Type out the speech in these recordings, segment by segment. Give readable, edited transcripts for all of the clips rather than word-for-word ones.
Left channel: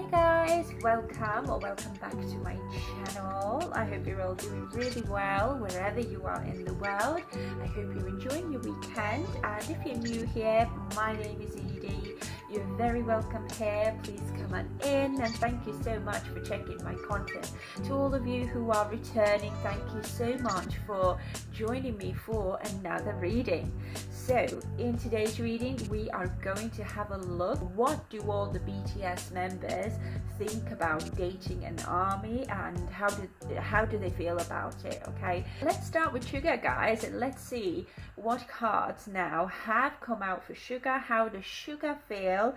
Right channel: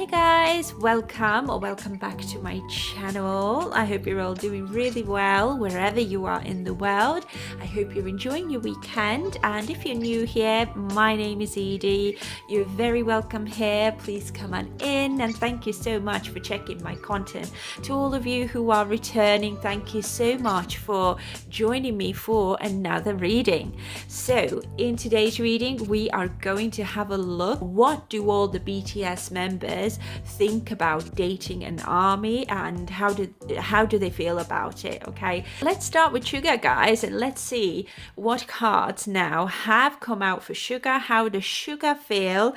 Hey guys, welcome back to my channel. I hope you're all doing really well wherever you are in the world. I hope you're enjoying your weekend, and if you're new here, my name is Edie. You're very welcome here. Please come on in, and thank you so much for checking my content. To all of you who are returning, thank you so much for joining me for another reading. So in today's reading, we are going to have a look, what do all the BTS members think about dating an army, and how do they feel about it? Okay, let's start with Suga, guys, and let's see what cards now have come out for Suga. How does Suga feel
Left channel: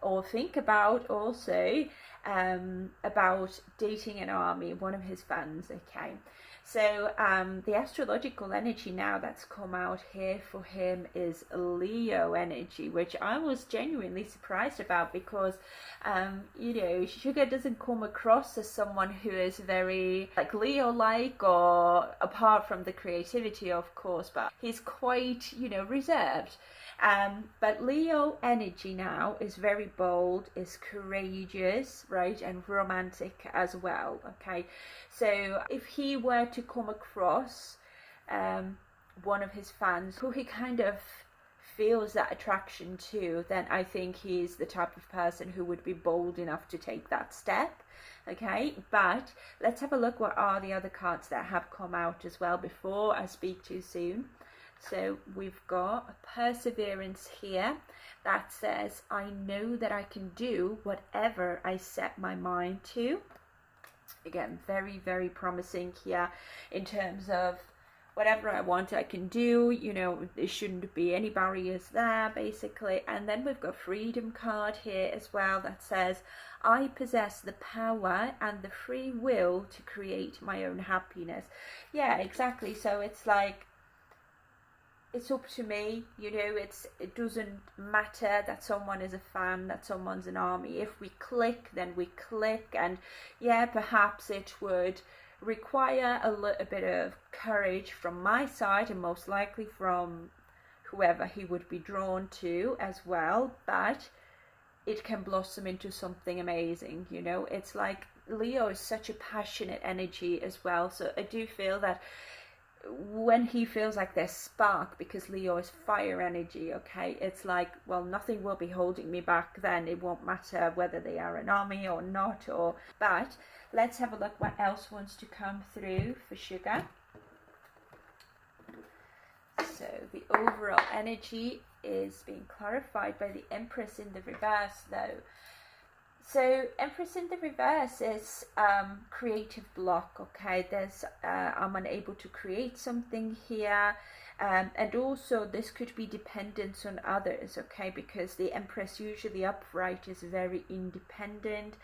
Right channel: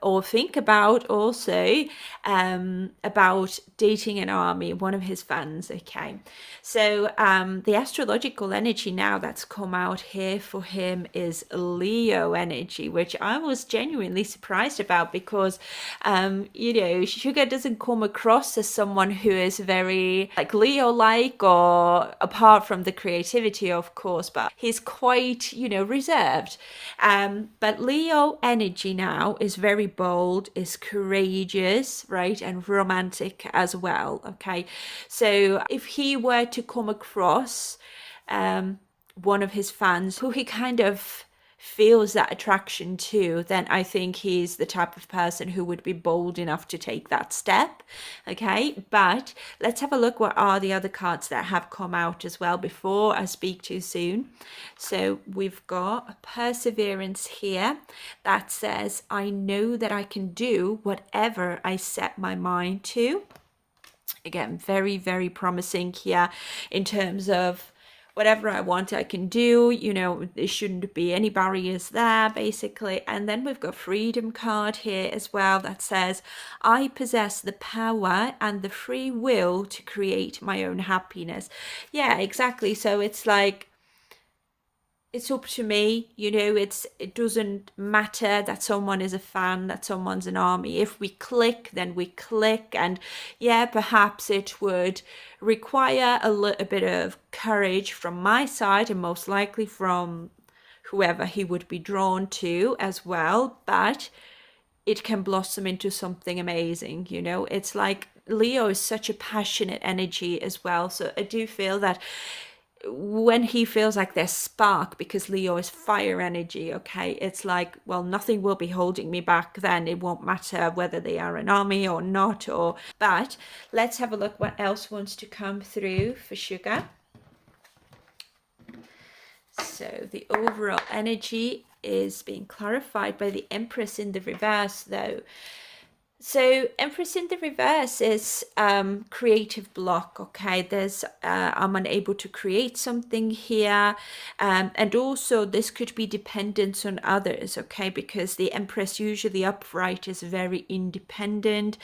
or think about also about dating an army, one of his fans? Okay, so the astrological energy now that's come out here for him is Leo energy, which I was genuinely surprised about because Suga doesn't come across as someone who is very like Leo-like, or apart from the creativity, of course, but he's quite, reserved. But Leo energy now is very bold, is courageous, right, and romantic as well. Okay, so if he were to come across one of his fans who he kind of feels that attraction to, then I think he's the type of person who would be bold enough to take that step. Okay, but let's have a look what are the other cards that have come out as well before I speak too soon. So we've got perseverance here that says, I know that I can do whatever I set my mind to. Again, very, very promising here in terms of whatever I want, I can do. There shouldn't be any barriers there, basically. And then we've got freedom card here as well that says, I possess the power and the free will to create my own happiness. Yeah, exactly. So it's like, it's up to me, it doesn't matter that someone is a fan, that someone's an army. If we click, then we click. And yeah, perhaps it would require a little bit of courage from my side, and most likely from whoever he would be drawn to as well, but it can blossom into something amazing. It's like Leo is such a passionate energy as well, so I do feel that when he feels like there's spark, because Leo is fire energy, okay, it's like, well, nothing will be holding me back. Then it won't matter whether they are an army or not. But let's have a look what else wants to come through for Suga. So the overall energy is being clarified by the Empress in the reverse, though. So Empress in the reverse is creative block. Okay, there's I'm unable to create something here, and also this could be dependence on others. Okay, because the Empress usually upright is very independent,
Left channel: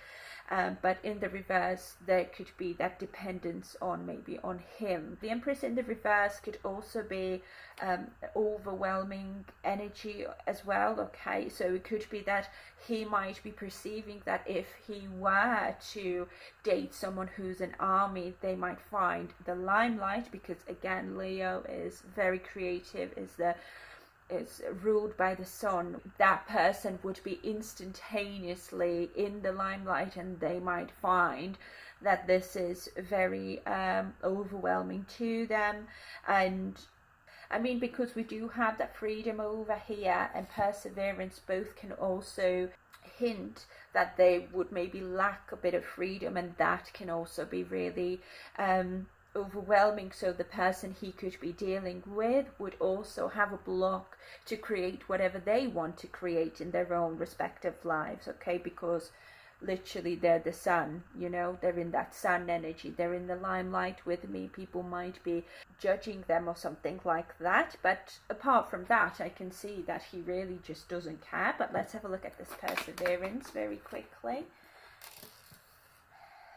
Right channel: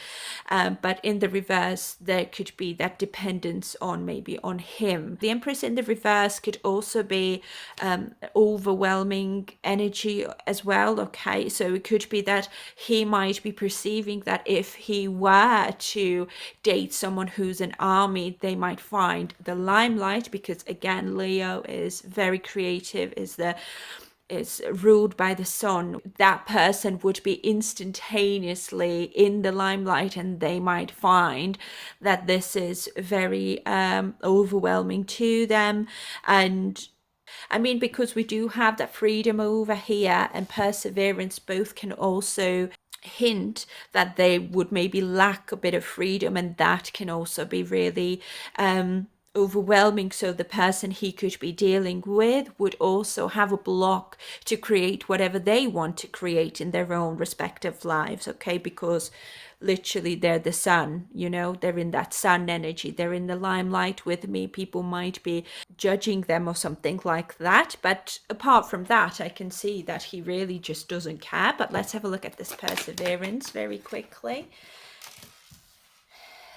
but in the reverse there could be that dependence on maybe on him. The Empress in the reverse could also be overwhelming energy as well. Okay, so it could be that he might be perceiving that if he were to date someone who's an army, they might find the limelight, because again, Leo is very creative, is ruled by the sun. That person would be instantaneously in the limelight, and they might find that this is very overwhelming to them. And I mean, because we do have that freedom over here and perseverance, both can also hint that they would maybe lack a bit of freedom, and that can also be really overwhelming. So the person he could be dealing with would also have a block to create whatever they want to create in their own respective lives. Okay, because literally they're the sun, they're in that sun energy, they're in the limelight with me. People might be judging them or something like that, but apart from that, I can see that he really just doesn't care. But let's have a look at this perseverance very quickly.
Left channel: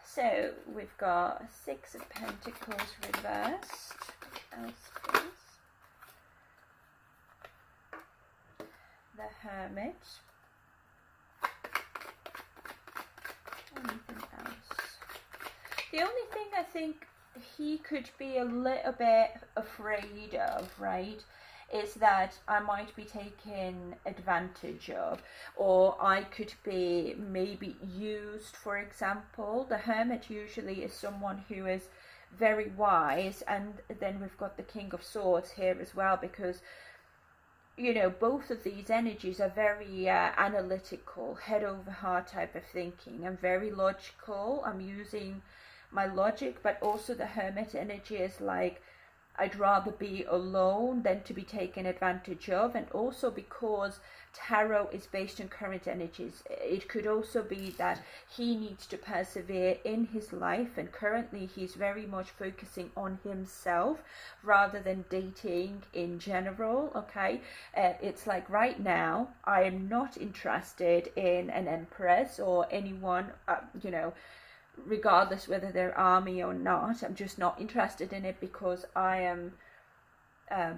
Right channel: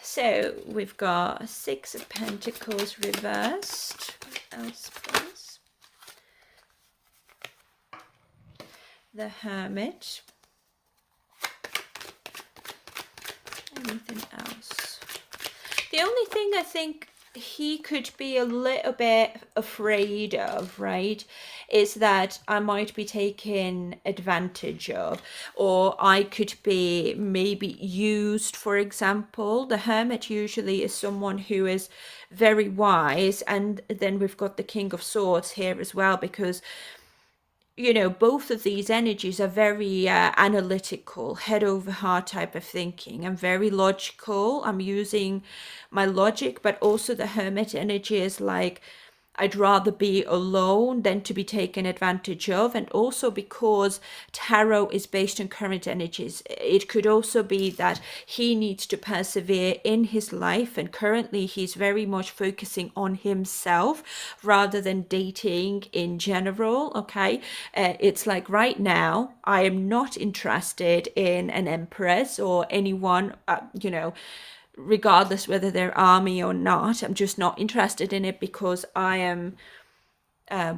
So we've got Six of Pentacles reversed. What else, please? The Hermit. Anything else? The only thing I think he could be a little bit afraid of, right, is that I might be taken advantage of, or I could be maybe used. For example, the Hermit usually is someone who is very wise, and then we've got the King of Swords here as well, because both of these energies are very analytical, head over heart type of thinking. I'm very logical. I'm using my logic, but also the Hermit energy is like, I'd rather be alone than to be taken advantage of. And also because tarot is based on current energies, it could also be that he needs to persevere in his life. And currently he's very much focusing on himself rather than dating in general. Okay. It's like right now, I am not interested in an Empress or anyone, regardless whether they're army or not. I'm just not interested in it because I am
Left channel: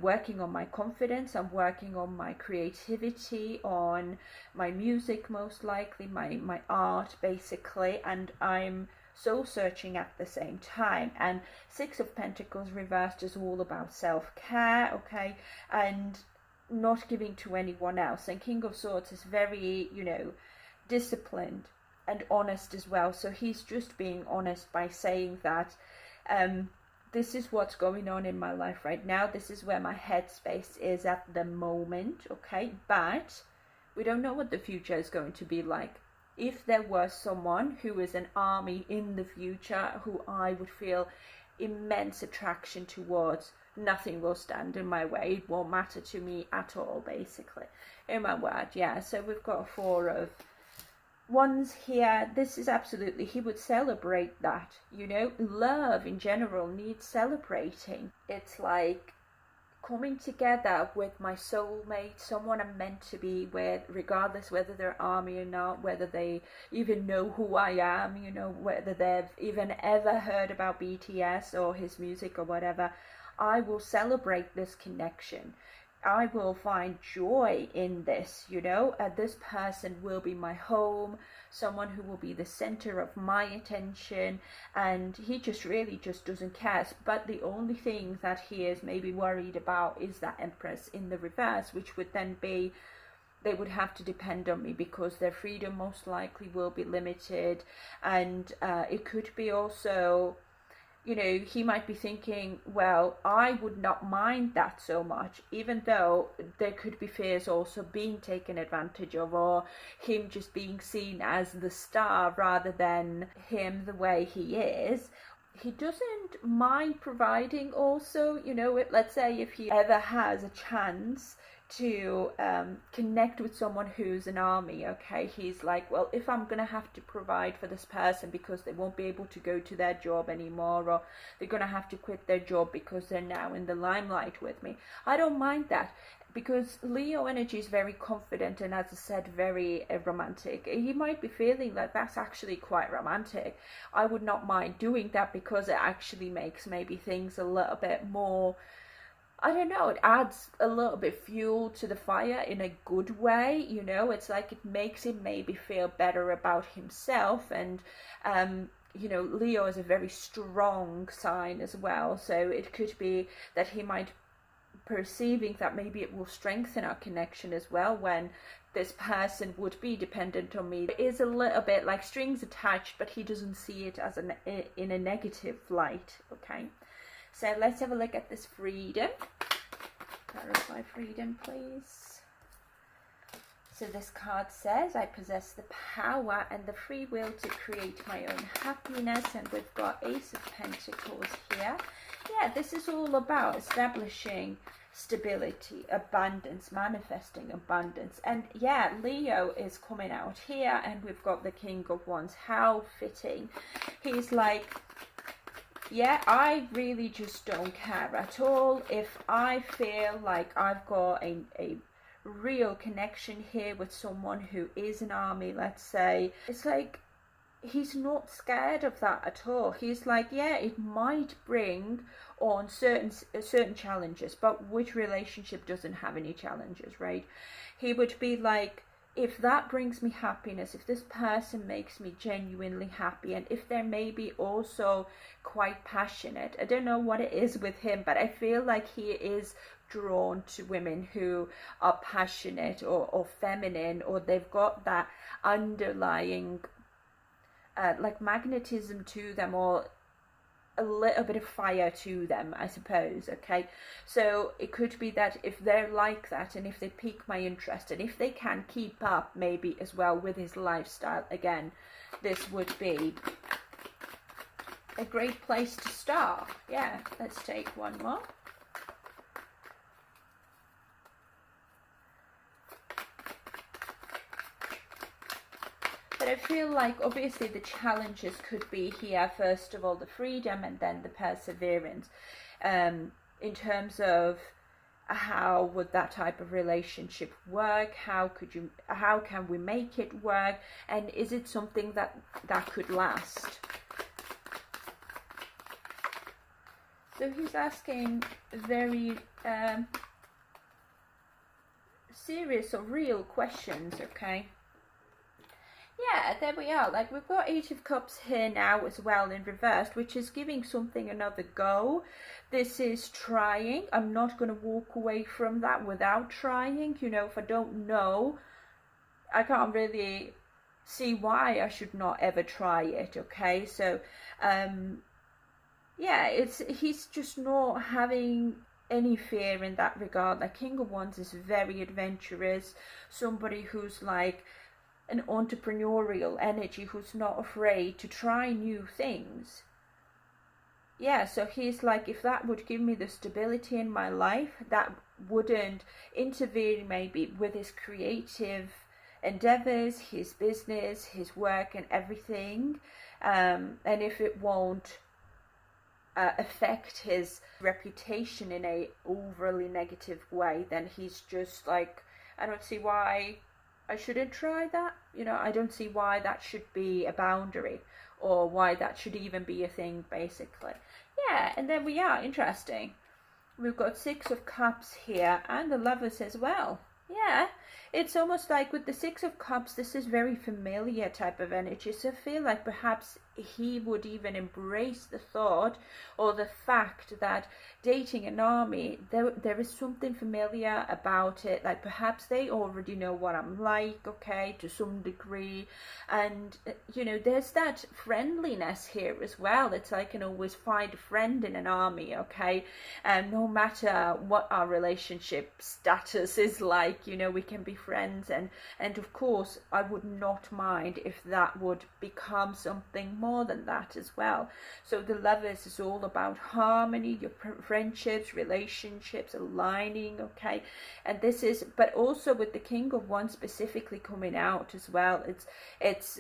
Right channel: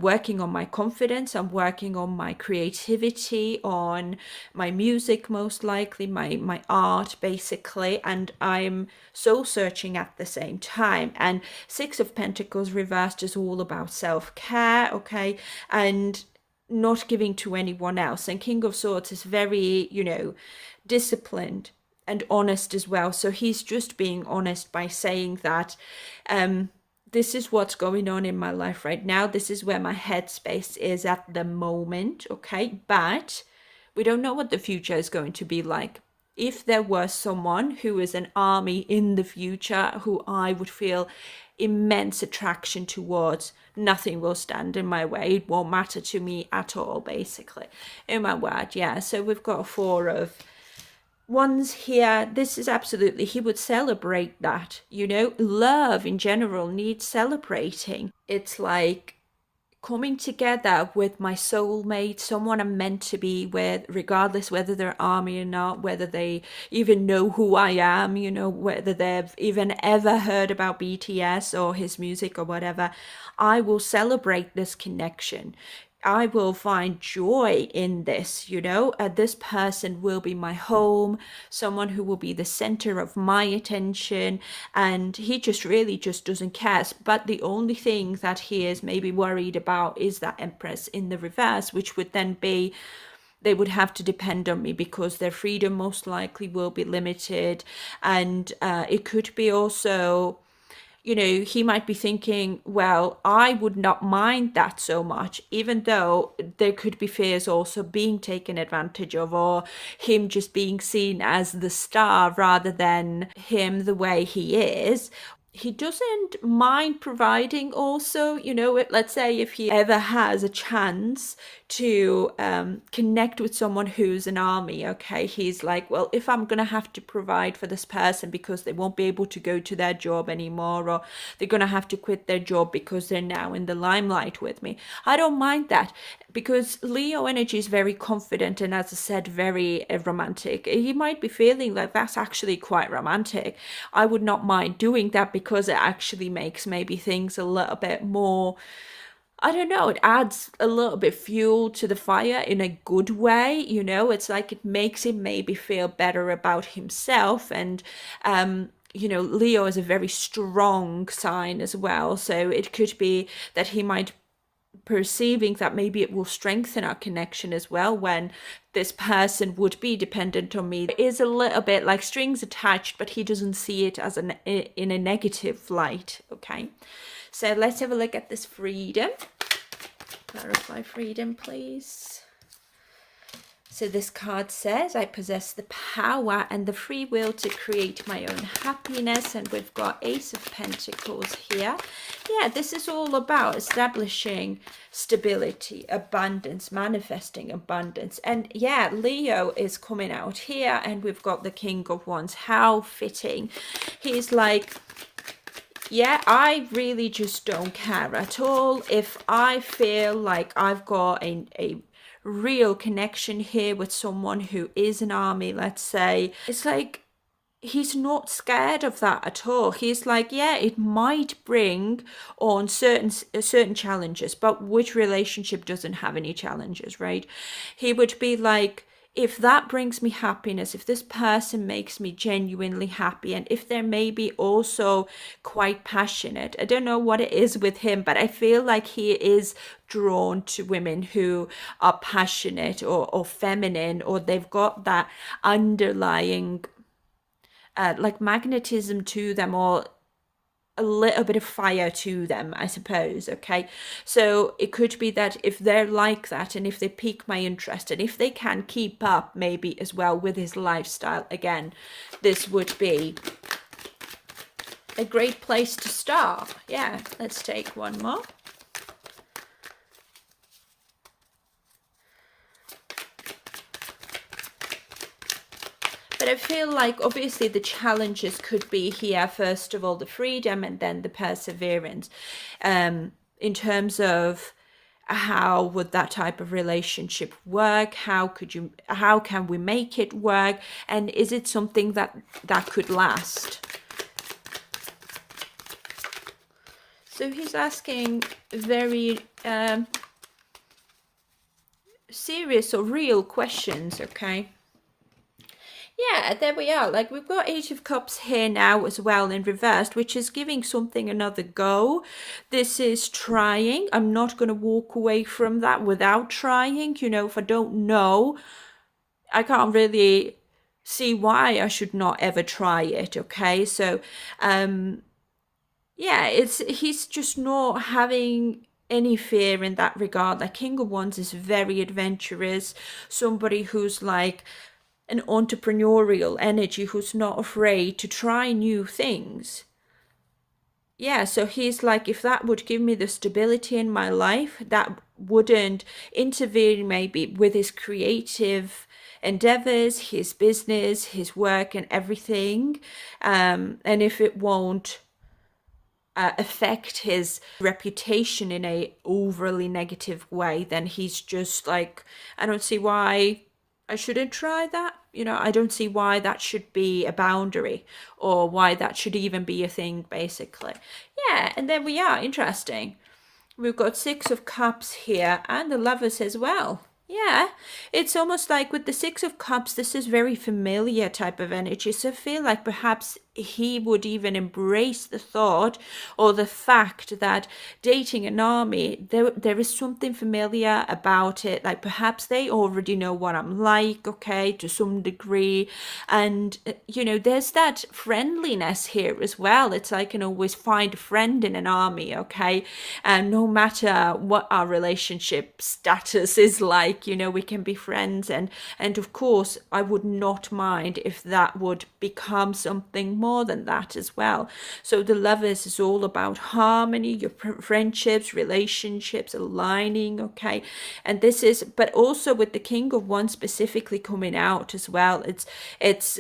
working on my confidence. I'm working on my creativity, on my music, most likely my art, basically, and I'm soul searching at the same time. And Six of Pentacles reversed is all about self-care, okay, and not giving to anyone else. And King of Swords is very, disciplined and honest as well. So he's just being honest by saying that this is what's going on in my life right now. This is where my headspace is at the moment, okay? But we don't know what the future is going to be like. If there was someone who is an army in the future who I would feel immense attraction towards, nothing will stand in my way. It won't matter to me at all, basically. Oh my word, yeah. So we've got a Four of Wands here. This is absolutely, he would celebrate that. Love in general needs celebrating. It's like coming together with my soulmate, someone I'm meant to be with, regardless whether they're army or not, whether they even know who I am, whether they've even ever heard about BTS or his music or whatever. I will celebrate this connection. I will find joy in this, this person will be my home, someone who will be the center of my attention, and he just really just doesn't care. But the only thing that he is maybe worried about is that Empress in the reverse, which would then be, they would have to depend on me because their freedom most likely will be limited. And it could be also, he might be thinking, well, I would not mind that so much, even though there could be fears also being taken advantage of, or him just being seen as the star rather than him the way he is. He doesn't mind providing also, let's say if he ever has a chance to connect with someone who's an army, okay, he's like, well, if I'm gonna have to provide for this person because they won't be able to go to their job anymore, or they're gonna have to quit their job because they're now in the limelight with me, I don't mind that, because Leo energy is very confident and, as I said, very romantic. He might be feeling like that's actually quite romantic. I would not mind doing that because it actually makes maybe things a little bit more, I don't know, it adds a little bit fuel to the fire in a good way. It's like it makes him maybe feel better about himself. And Leo is a very strong sign as well, so it could be that he might perceiving that maybe it will strengthen our connection as well when this person would be dependent on me. It is a little bit like strings attached, but he doesn't see it as in a negative light. Okay, so let's have a look at this freedom. Clarify freedom, please. So this card says, I possess the power and the free will to create my own happiness. And we've got Ace of Pentacles here. Yeah, this is all about establishing stability, abundance, manifesting abundance. And yeah, Leo is coming out here, and we've got the King of Wands. How fitting. He's like, yeah, I really just don't care at all. If I feel like I've got a real connection here with someone who is an army, let's say, it's like he's not scared of that at all. He's like, yeah, it might bring on certain challenges, but which relationship doesn't have any challenges, right? He would be like, if that brings me happiness, if this person makes me genuinely happy, and if they're maybe also quite passionate, I don't know what it is with him, but I feel like he is drawn to women who are passionate or feminine, or they've got that underlying like magnetism to them, or a little bit of fire to them, I suppose. Okay, so it could be that if they're like that, and if they pique my interest, and if they can keep up maybe as well with his lifestyle, again, this would be a great place to start. Yeah, let's take one more. But I feel like obviously the challenges could be here, first of all, the freedom, and then the perseverance, in terms of how would that type of relationship work, how can we make it work, and is it something that could last. So he's asking very serious or real questions. Okay. Yeah, there we are. Like, we've got Eight of Cups here now as well in reversed, which is giving something another go. This is trying. I'm not going to walk away from that without trying. You know, if I don't know, I can't really see why I should not ever try it. Okay, so yeah, he's just not having any fear in that regard. Like, King of Wands is very adventurous, somebody who's like an entrepreneurial energy, who's not afraid to try new things. Yeah, so he's like, if that would give me the stability in my life, that wouldn't interfere maybe with his creative endeavors, his business, his work, and everything. And if it won't affect his reputation in a overly negative way, then he's just like, I don't see why I shouldn't try that. You know, I don't see why that should be a boundary, or why that should even be a thing, basically. Yeah, and then we are, interesting. We've got Six of Cups here, and the Lovers as well. Yeah, it's almost like with the Six of Cups, this is very familiar type of energy. So I feel like perhaps he would even embrace the thought or the fact that dating an army, there is something familiar about it. Like, perhaps they already know what I'm like, okay, to some degree. And, you know, there's that friendliness here as well. It's like, I can always find a friend in an army, okay? And no matter what our relationship status is like, you know, we can be friends. And of course, I would not mind if that would become something more than that as well. So the Lovers is all about harmony, your friendships, relationships aligning, okay? And this is, but also with the King of Wands specifically coming out as well, it's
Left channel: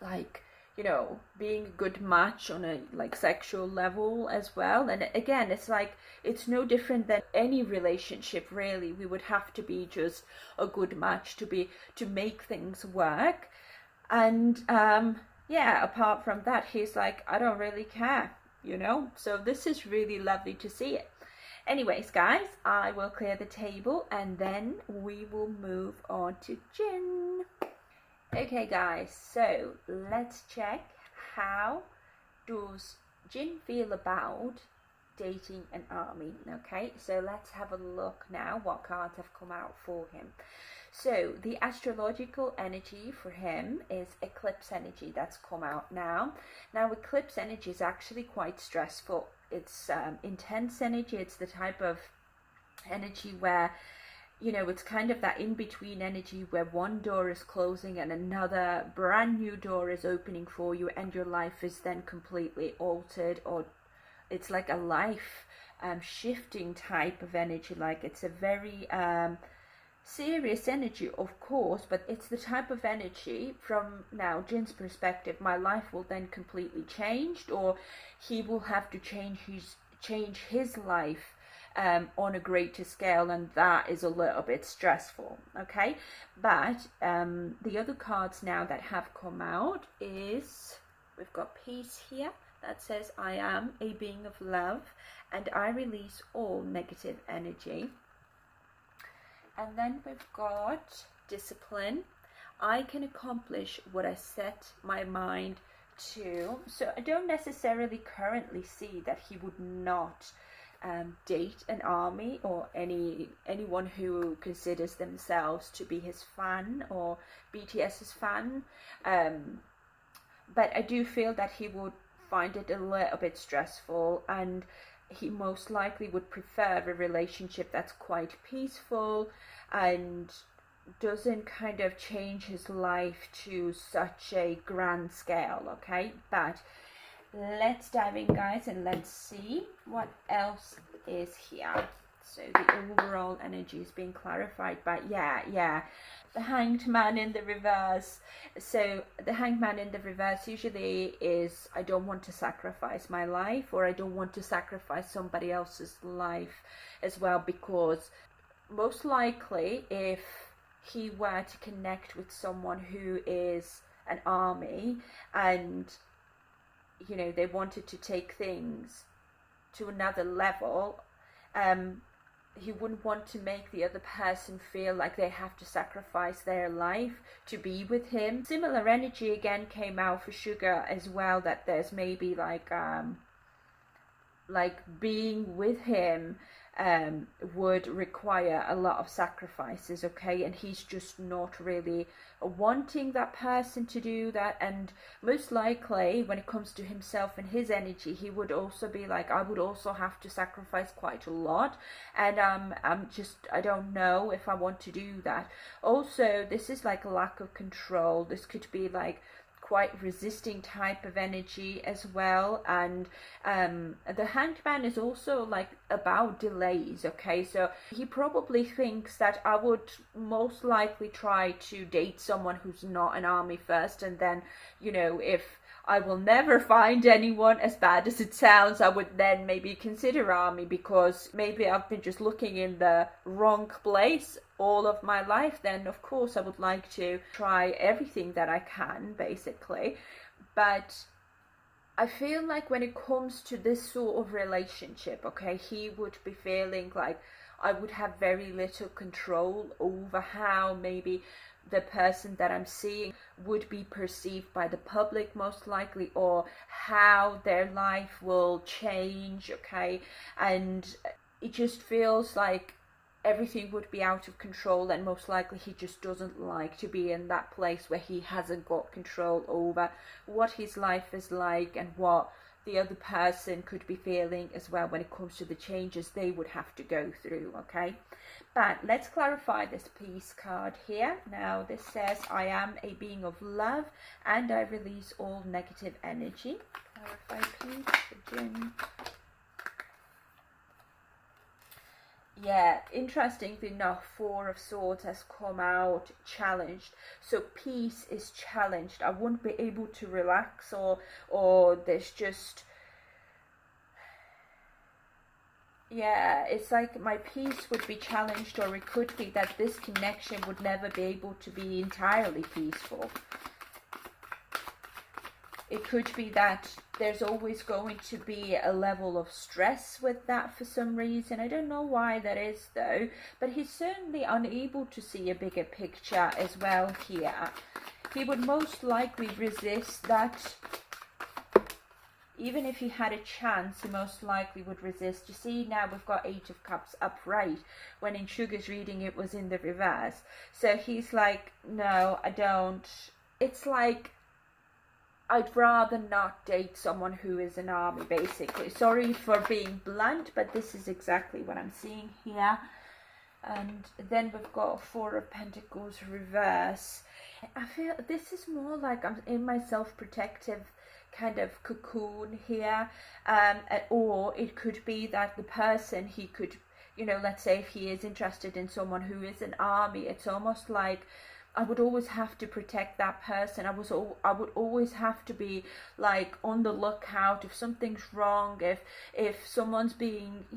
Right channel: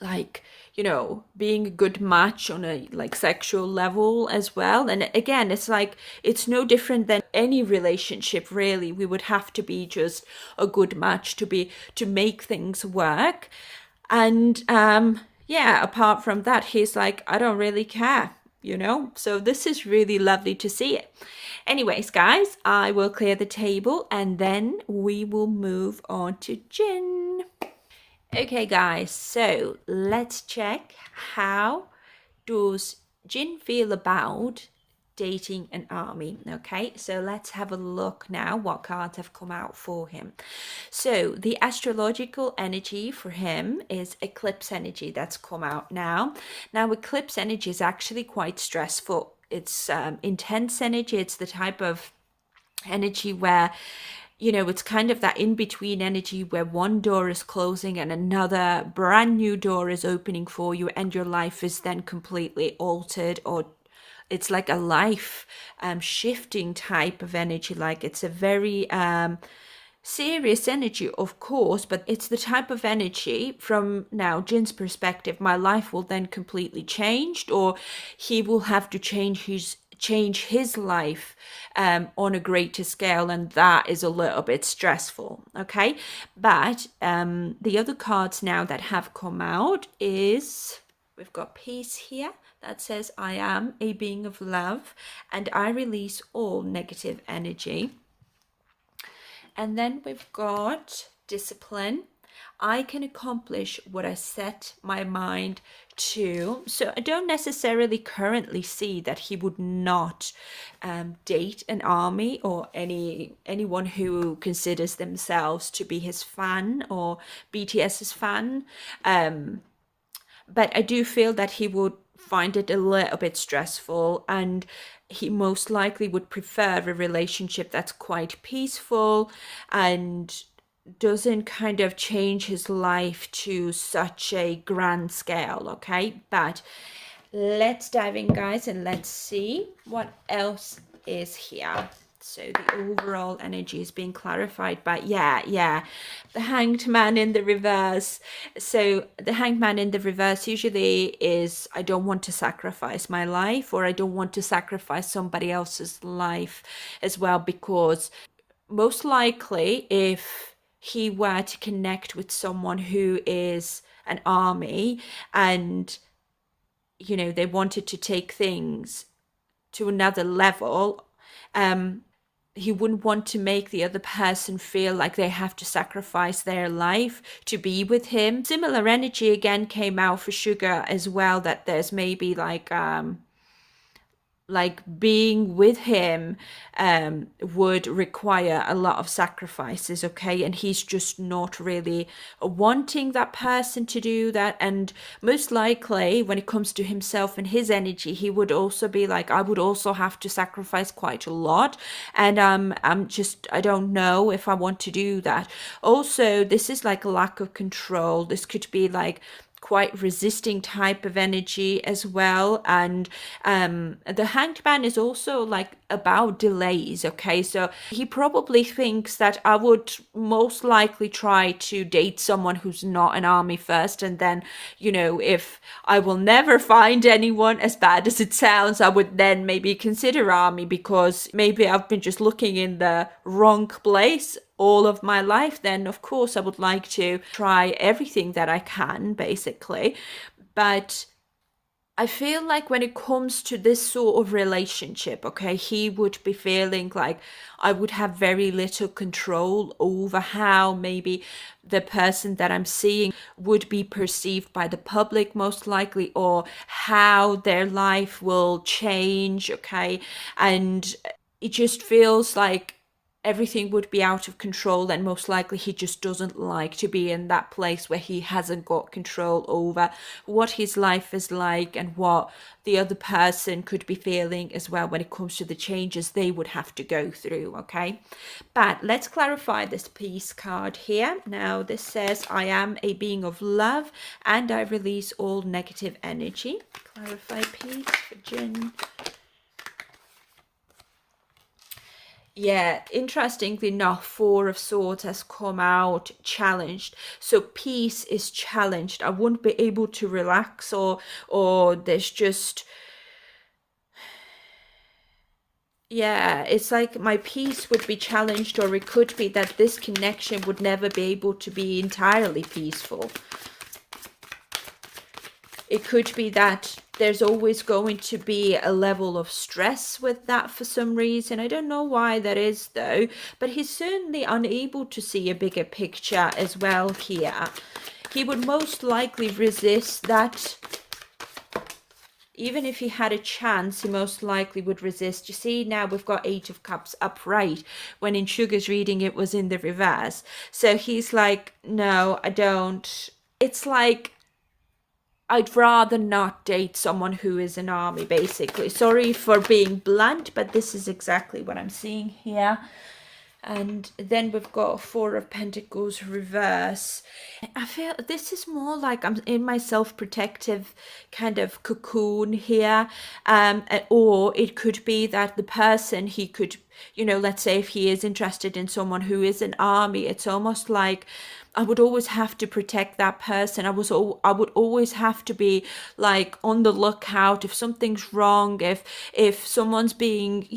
like, you know, being a good match on a like sexual level as well. And again, it's like, it's no different than any relationship, really. We would have to be just a good match to make things work. And yeah, apart from that, he's like, I don't really care, you know. So this is really lovely to see it. Anyways, guys, I will clear the table, and then we will move on to Jin. Okay, guys, so let's check, how does Jin feel about dating an army? Okay, so let's have a look now what cards have come out for him. So the astrological energy for him is eclipse energy that's come out now. Now, eclipse energy is actually quite stressful. It's intense energy. It's the type of energy where, you know, it's kind of that in-between energy where one door is closing and another brand new door is opening for you, and your life is then completely altered, or it's like a life shifting type of energy. Like, it's a very serious energy, of course, but it's the type of energy, from now Jin's perspective, my life will then completely change, or he will have to change his life on a greater scale, and that is a little bit stressful. Okay, but the other cards now that have come out is, we've got Peace here that says, I am a being of love and I release all negative energy. And then we've got discipline. I can accomplish what I set my mind to. So I don't necessarily currently see that he would not date an army or anyone who considers themselves to be his fan or BTS's fan. But I do feel that he would find it a little bit stressful, and he most likely would prefer a relationship that's quite peaceful and doesn't kind of change his life to such a grand scale. Okay, but let's dive in, guys, and let's see what else is here. So the overall energy is being clarified, but yeah, the Hanged Man in the reverse. So the Hanged Man in the reverse usually is, I don't want to sacrifice my life, or I don't want to sacrifice somebody else's life as well, because most likely if he were to connect with someone who is an army, and they wanted to take things to another level, he wouldn't want to make the other person feel like they have to sacrifice their life to be with him. Similar energy again came out for Sugar as well, that there's maybe like being with him would require a lot of sacrifices, okay, and he's just not really wanting that person to do that. And most likely when it comes to himself and his energy, he would also be like, I would also have to sacrifice quite a lot, and I don't know if I want to do that. Also, this is like a lack of control. This could be like quite resisting type of energy as well. And the Hanged Man is also like about delays, okay, so he probably thinks that I would most likely try to date someone who's not an army first, and then if I will never find anyone, as bad as it sounds, I would then maybe consider army, because maybe I've been just looking in the wrong place all of my life. Then of course I would like to try everything that I can, basically. But I feel like when it comes to this sort of relationship, okay, he would be feeling like I would have very little control over how maybe the person that I'm seeing would be perceived by the public, most likely, or how their life will change, okay. And it just feels like everything would be out of control, and most likely he just doesn't like to be in that place where he hasn't got control over what his life is like and what the other person could be feeling as well when it comes to the changes they would have to go through, okay. But let's clarify this peace card here. Now this says, I am a being of love and I release all negative energy. Clarify peace for Jin. Yeah, interestingly enough, Four of Swords has come out challenged. So peace is challenged. I wouldn't be able to relax, or there's just, yeah, it's like my peace would be challenged, or it could be that this connection would never be able to be entirely peaceful. It could be that there's always going to be a level of stress with that for some reason. I don't know why that is though, but he's certainly unable to see a bigger picture as well here. He would most likely resist that. Even if he had a chance, he most likely would resist. You see, now we've got Eight of Cups upright, when in Sugar's reading it was in the reverse. So he's like, no, I don't. It's like, I'd rather not date someone who is an army, basically. Sorry for being blunt, but this is exactly what I'm seeing here. And then we've got Four of Pentacles reverse. I feel this is more like I'm in my self-protective kind of cocoon here. Or it could be that the person, he could, let's say if he is interested in someone who is an army, it's almost like I would always have to protect that person. I would always have to be like on the lookout if something's wrong, if someone's being,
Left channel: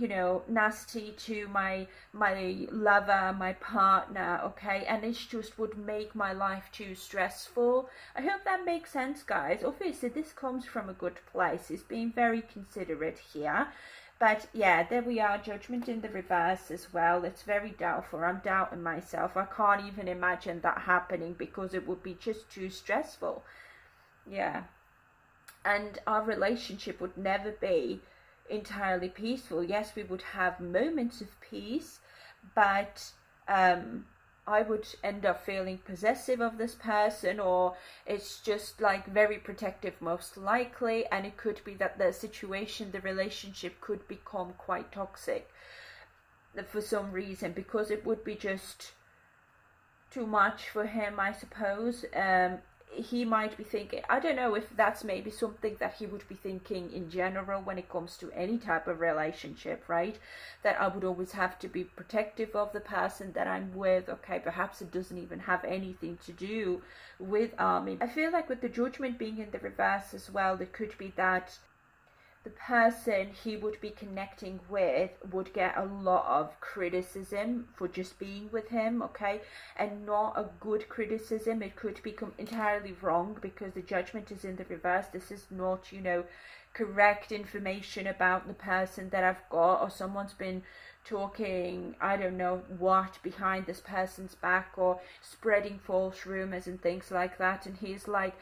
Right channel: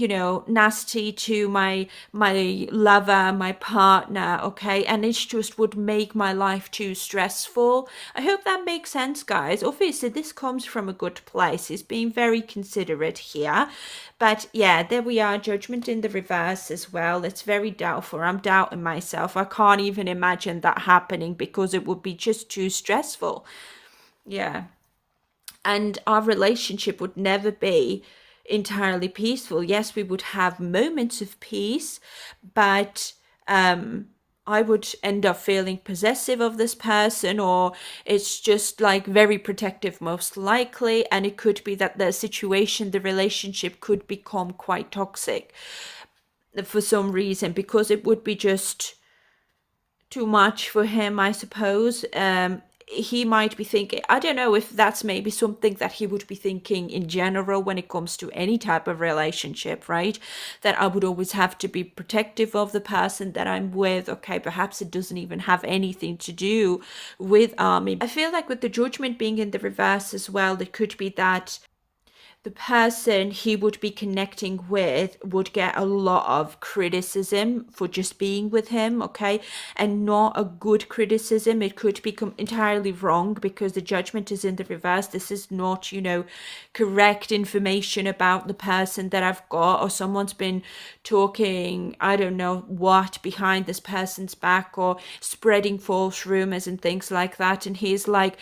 nasty to my lover, my partner, okay? And it just would make my life too stressful. I hope that makes sense, guys. Obviously, this comes from a good place. It's being very considerate here. But yeah, there we are, judgment in the reverse as well. It's very doubtful. I'm doubting myself. I can't even imagine that happening because it would be just too stressful. Yeah. And our relationship would never be entirely peaceful. Yes, we would have moments of peace, but I would end up feeling possessive of this person, or it's just like very protective, most likely. And it could be that the situation, the relationship could become quite toxic for some reason because it would be just too much for him, I suppose. He might be thinking, I don't know if that's maybe something that he would be thinking in general when it comes to any type of relationship, right? That I would always have to be protective of the person that I'm with. Okay, perhaps it doesn't even have anything to do with Army. I feel like with the judgment being in the reverse as well, it could be that the person he would be connecting with would get a lot of criticism for just being with him, okay? And not a good criticism. It could become entirely wrong because the judgment is in the reverse. This is not, correct information about the person that I've got, or someone's been talking, I don't know what, behind this person's back, or spreading false rumors and things like that. And he's like,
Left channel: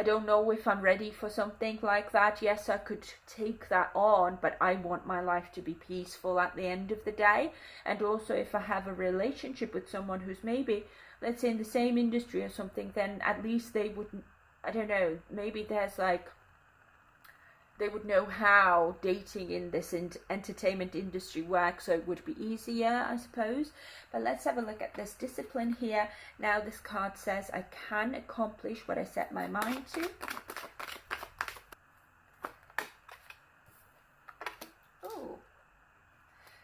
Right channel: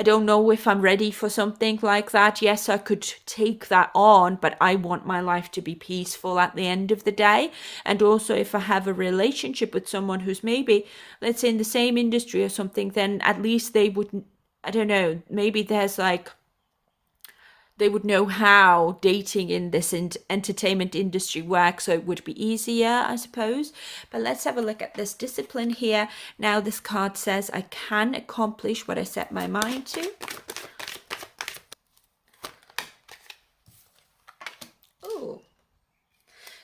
I don't know if I'm ready for something like that. Yes, I could take that on, but I want my life to be peaceful at the end of the day. And also, if I have a relationship with someone who's maybe, let's say, in the same industry or something, then at least they would, I don't know, maybe there's like, they would know how dating in this entertainment industry works, so it would be easier, I suppose. But let's have a look at this discipline here. Now this card says I can accomplish what I set my mind to. Oh,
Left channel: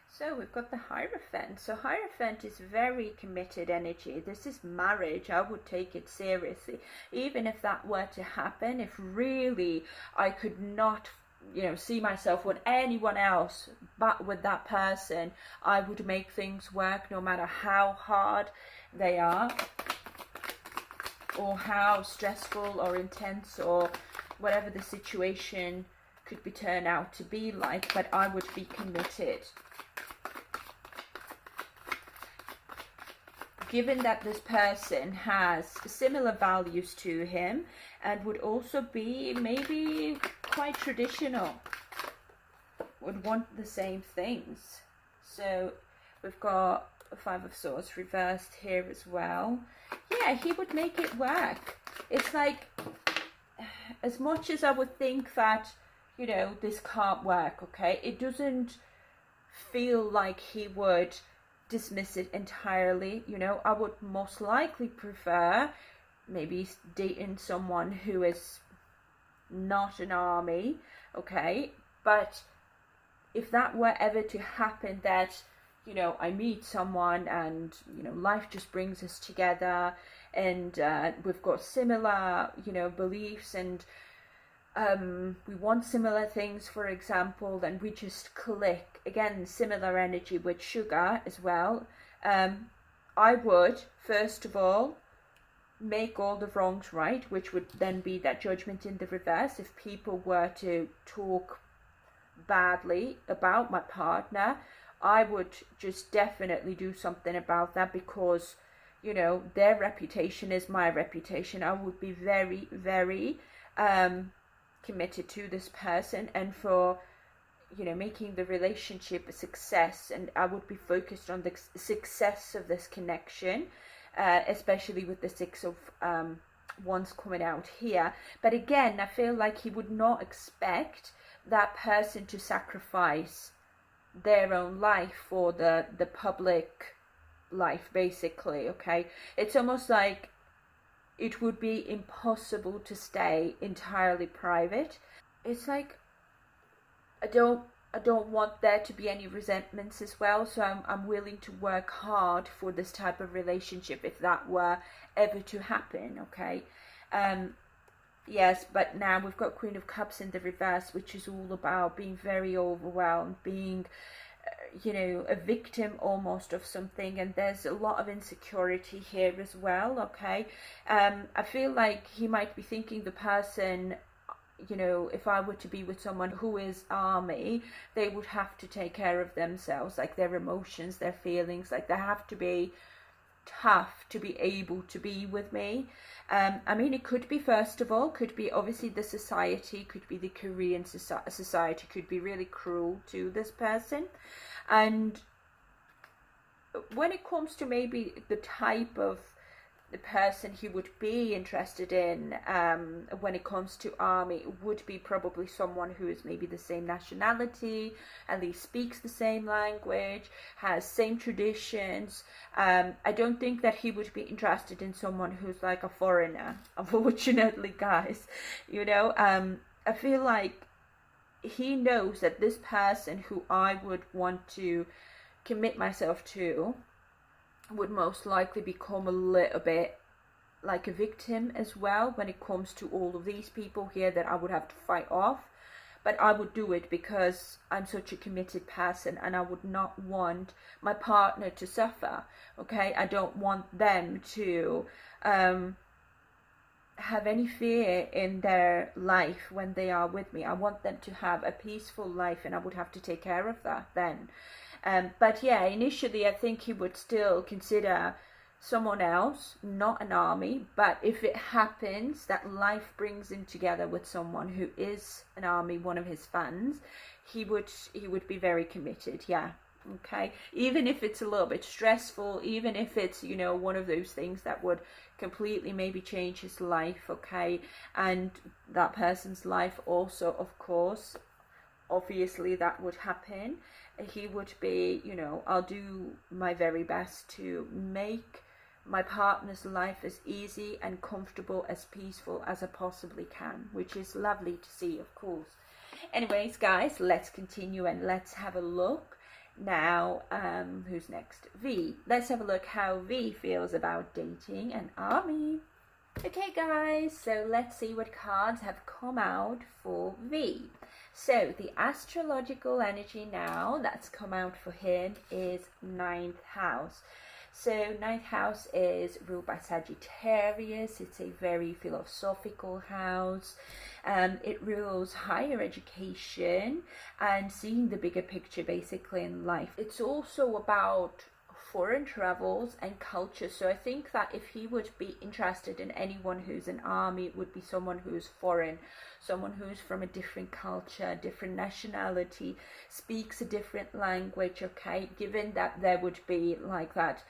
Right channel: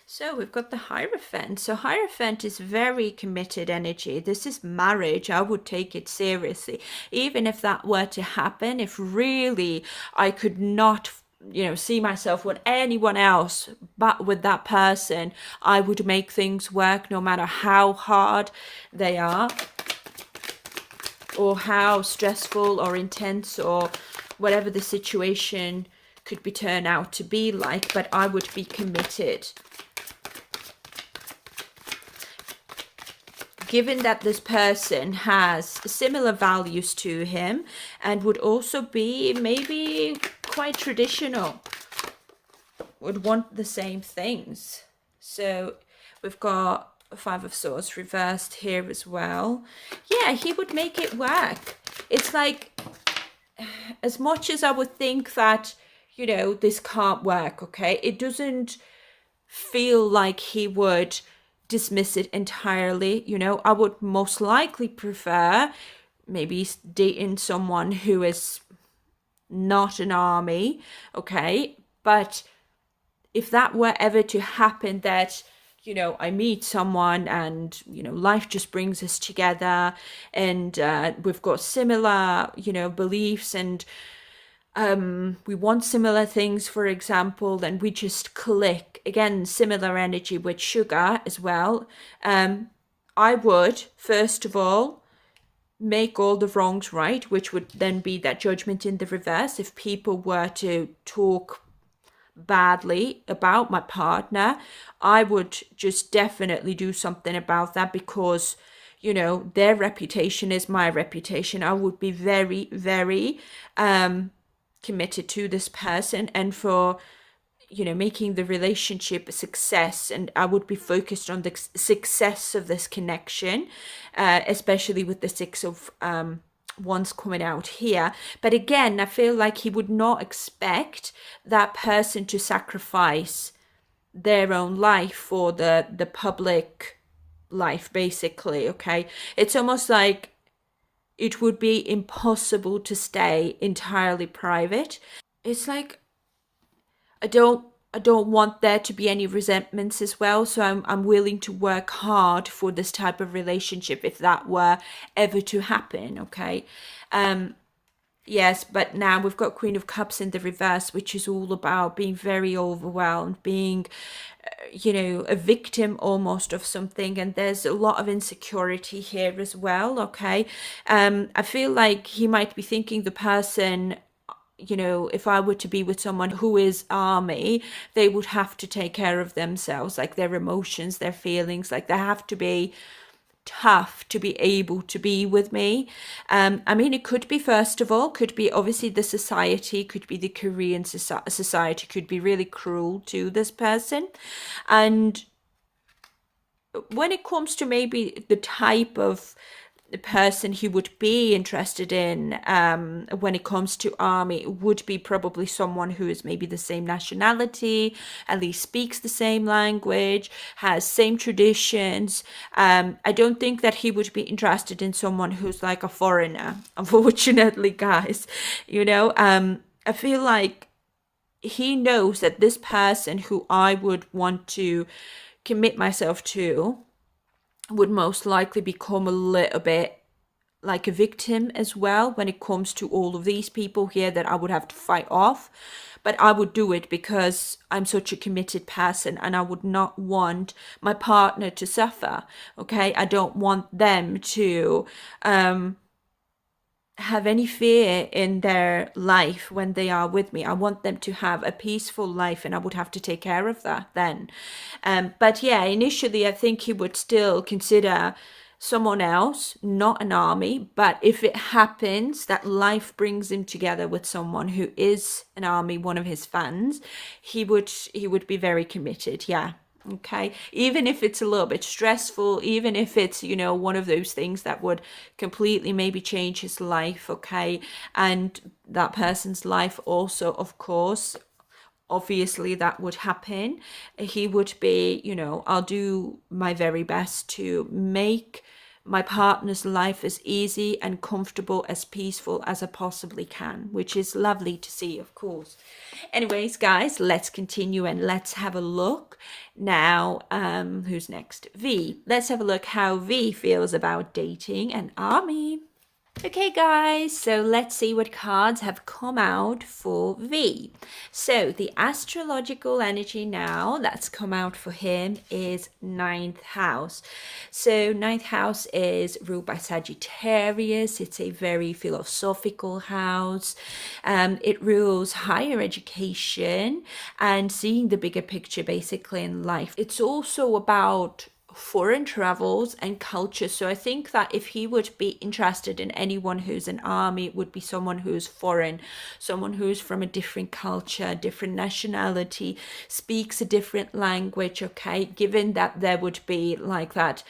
so we've got the Hierophant. So Hierophant is very committed energy. This is marriage. I would take it seriously. Even if that were to happen, if really I could not, see myself with anyone else but with that person, I would make things work no matter how hard they are, or how stressful or intense or whatever the situation could be turned out to be like, but I would be committed. Given that this person has similar values to him and would also be maybe quite traditional, would want the same things. So we've got Five of Swords reversed here as well. Yeah, he would make it work. It's like, as much as I would think that, this can't work, okay, it doesn't feel like he would dismiss it entirely. I would most likely prefer maybe dating someone who is not an army, okay? But if that were ever to happen, that I meet someone and life just brings us together, and we've got similar beliefs, and we want similar things, for example, then we just click. Again, similar energy with sugar as well. I would first of all make all the wrongs right, which would then be that judgment in the reverse. If people were to talk badly about my partner, I would just definitely do something about that, because their reputation is my reputation. I would be very, very committed to this person, and for making the relationship a success, and I would be focused on the success of this connection, especially with the Six of Wands coming out here. But again, I feel like he would not expect that person to sacrifice their own life for the public life, basically. Okay, it's almost like it would be impossible to stay entirely private. It's like, I don't I don't want there to be any resentments as well. So I'm willing to work hard for this type of relationship if that were ever to happen. Okay. Yes, but now we've got Queen of Cups in the reverse, which is all about being very overwhelmed, being, a victim almost of something. And there's a lot of insecurity here as well. Okay. I feel like he might be thinking the person, if I were to be with someone who is army, they would have to take care of themselves, like their emotions, their feelings, like they have to be tough to be able to be with me. I mean, it could be, first of all, could be obviously the society, could be the Korean society, could be really cruel to this person. And when it comes to maybe the type of the person he would be interested in, when it comes to army, it would be probably someone who is maybe the same nationality, at least speaks the same language, has same traditions. I don't think that he would be interested in someone who's like a foreigner, unfortunately, guys. I feel like he knows that this person who I would want to commit myself to would most likely become a little bit like a victim as well when it comes to all of these people here that I would have to fight off. But I would do it because I'm such a committed person and I would not want my partner to suffer. Okay, I don't want them to have any fear in their life when they are with me. I want them to have a peaceful life, and I would have to take care of that then. But yeah, initially I think he would still consider someone else, not an army. But if it happens that life brings him together with someone who is an army, one of his fans, he would be very committed. Yeah. Okay, even if it's a little bit stressful, even if it's, one of those things that would completely maybe change his life. Okay, and that person's life also, of course, obviously that would happen. He would be, I'll do my very best to make my partner's life as easy and comfortable, as peaceful as I possibly can, which is lovely to see, of course. Anyways, guys, let's continue and let's have a look now. Who's next? V. Let's have a look how V feels about dating an army. Okay, guys, so let's see what cards have come out for V. So the astrological energy now that's come out for him is ninth house. So ninth house is ruled by Sagittarius. It's a very philosophical house. It rules higher education and seeing the bigger picture basically in life. It's also about foreign travels and culture. So I think that if he would be interested in anyone who's an army, it would be someone who's foreign, someone who's from a different culture, different nationality, speaks a different language. Okay, given that there would be like that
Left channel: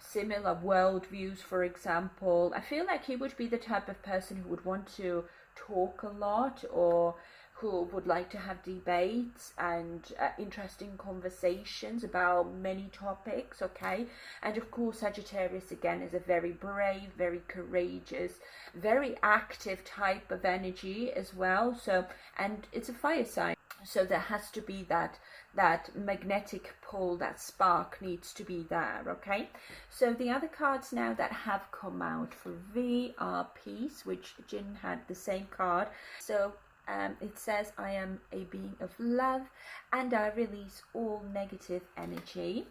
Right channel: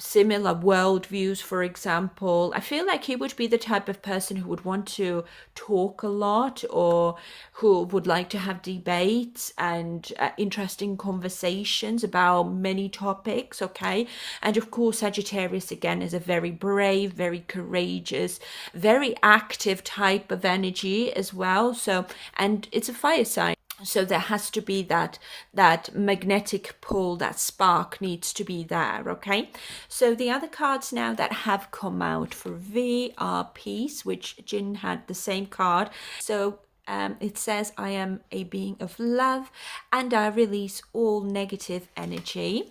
similar worldviews, for example. I feel like he would be the type of person who would want to talk a lot, or who would like to have debates and interesting conversations about many topics. Okay, and of course Sagittarius again is a very brave, very courageous, very active type of energy as well. So, and it's a fire sign, so there has to be that magnetic pull, that spark needs to be there. Okay, so the other cards now that have come out for V are Peace, which Jin had the same card. So it says, I am a being of love and I release all negative energy.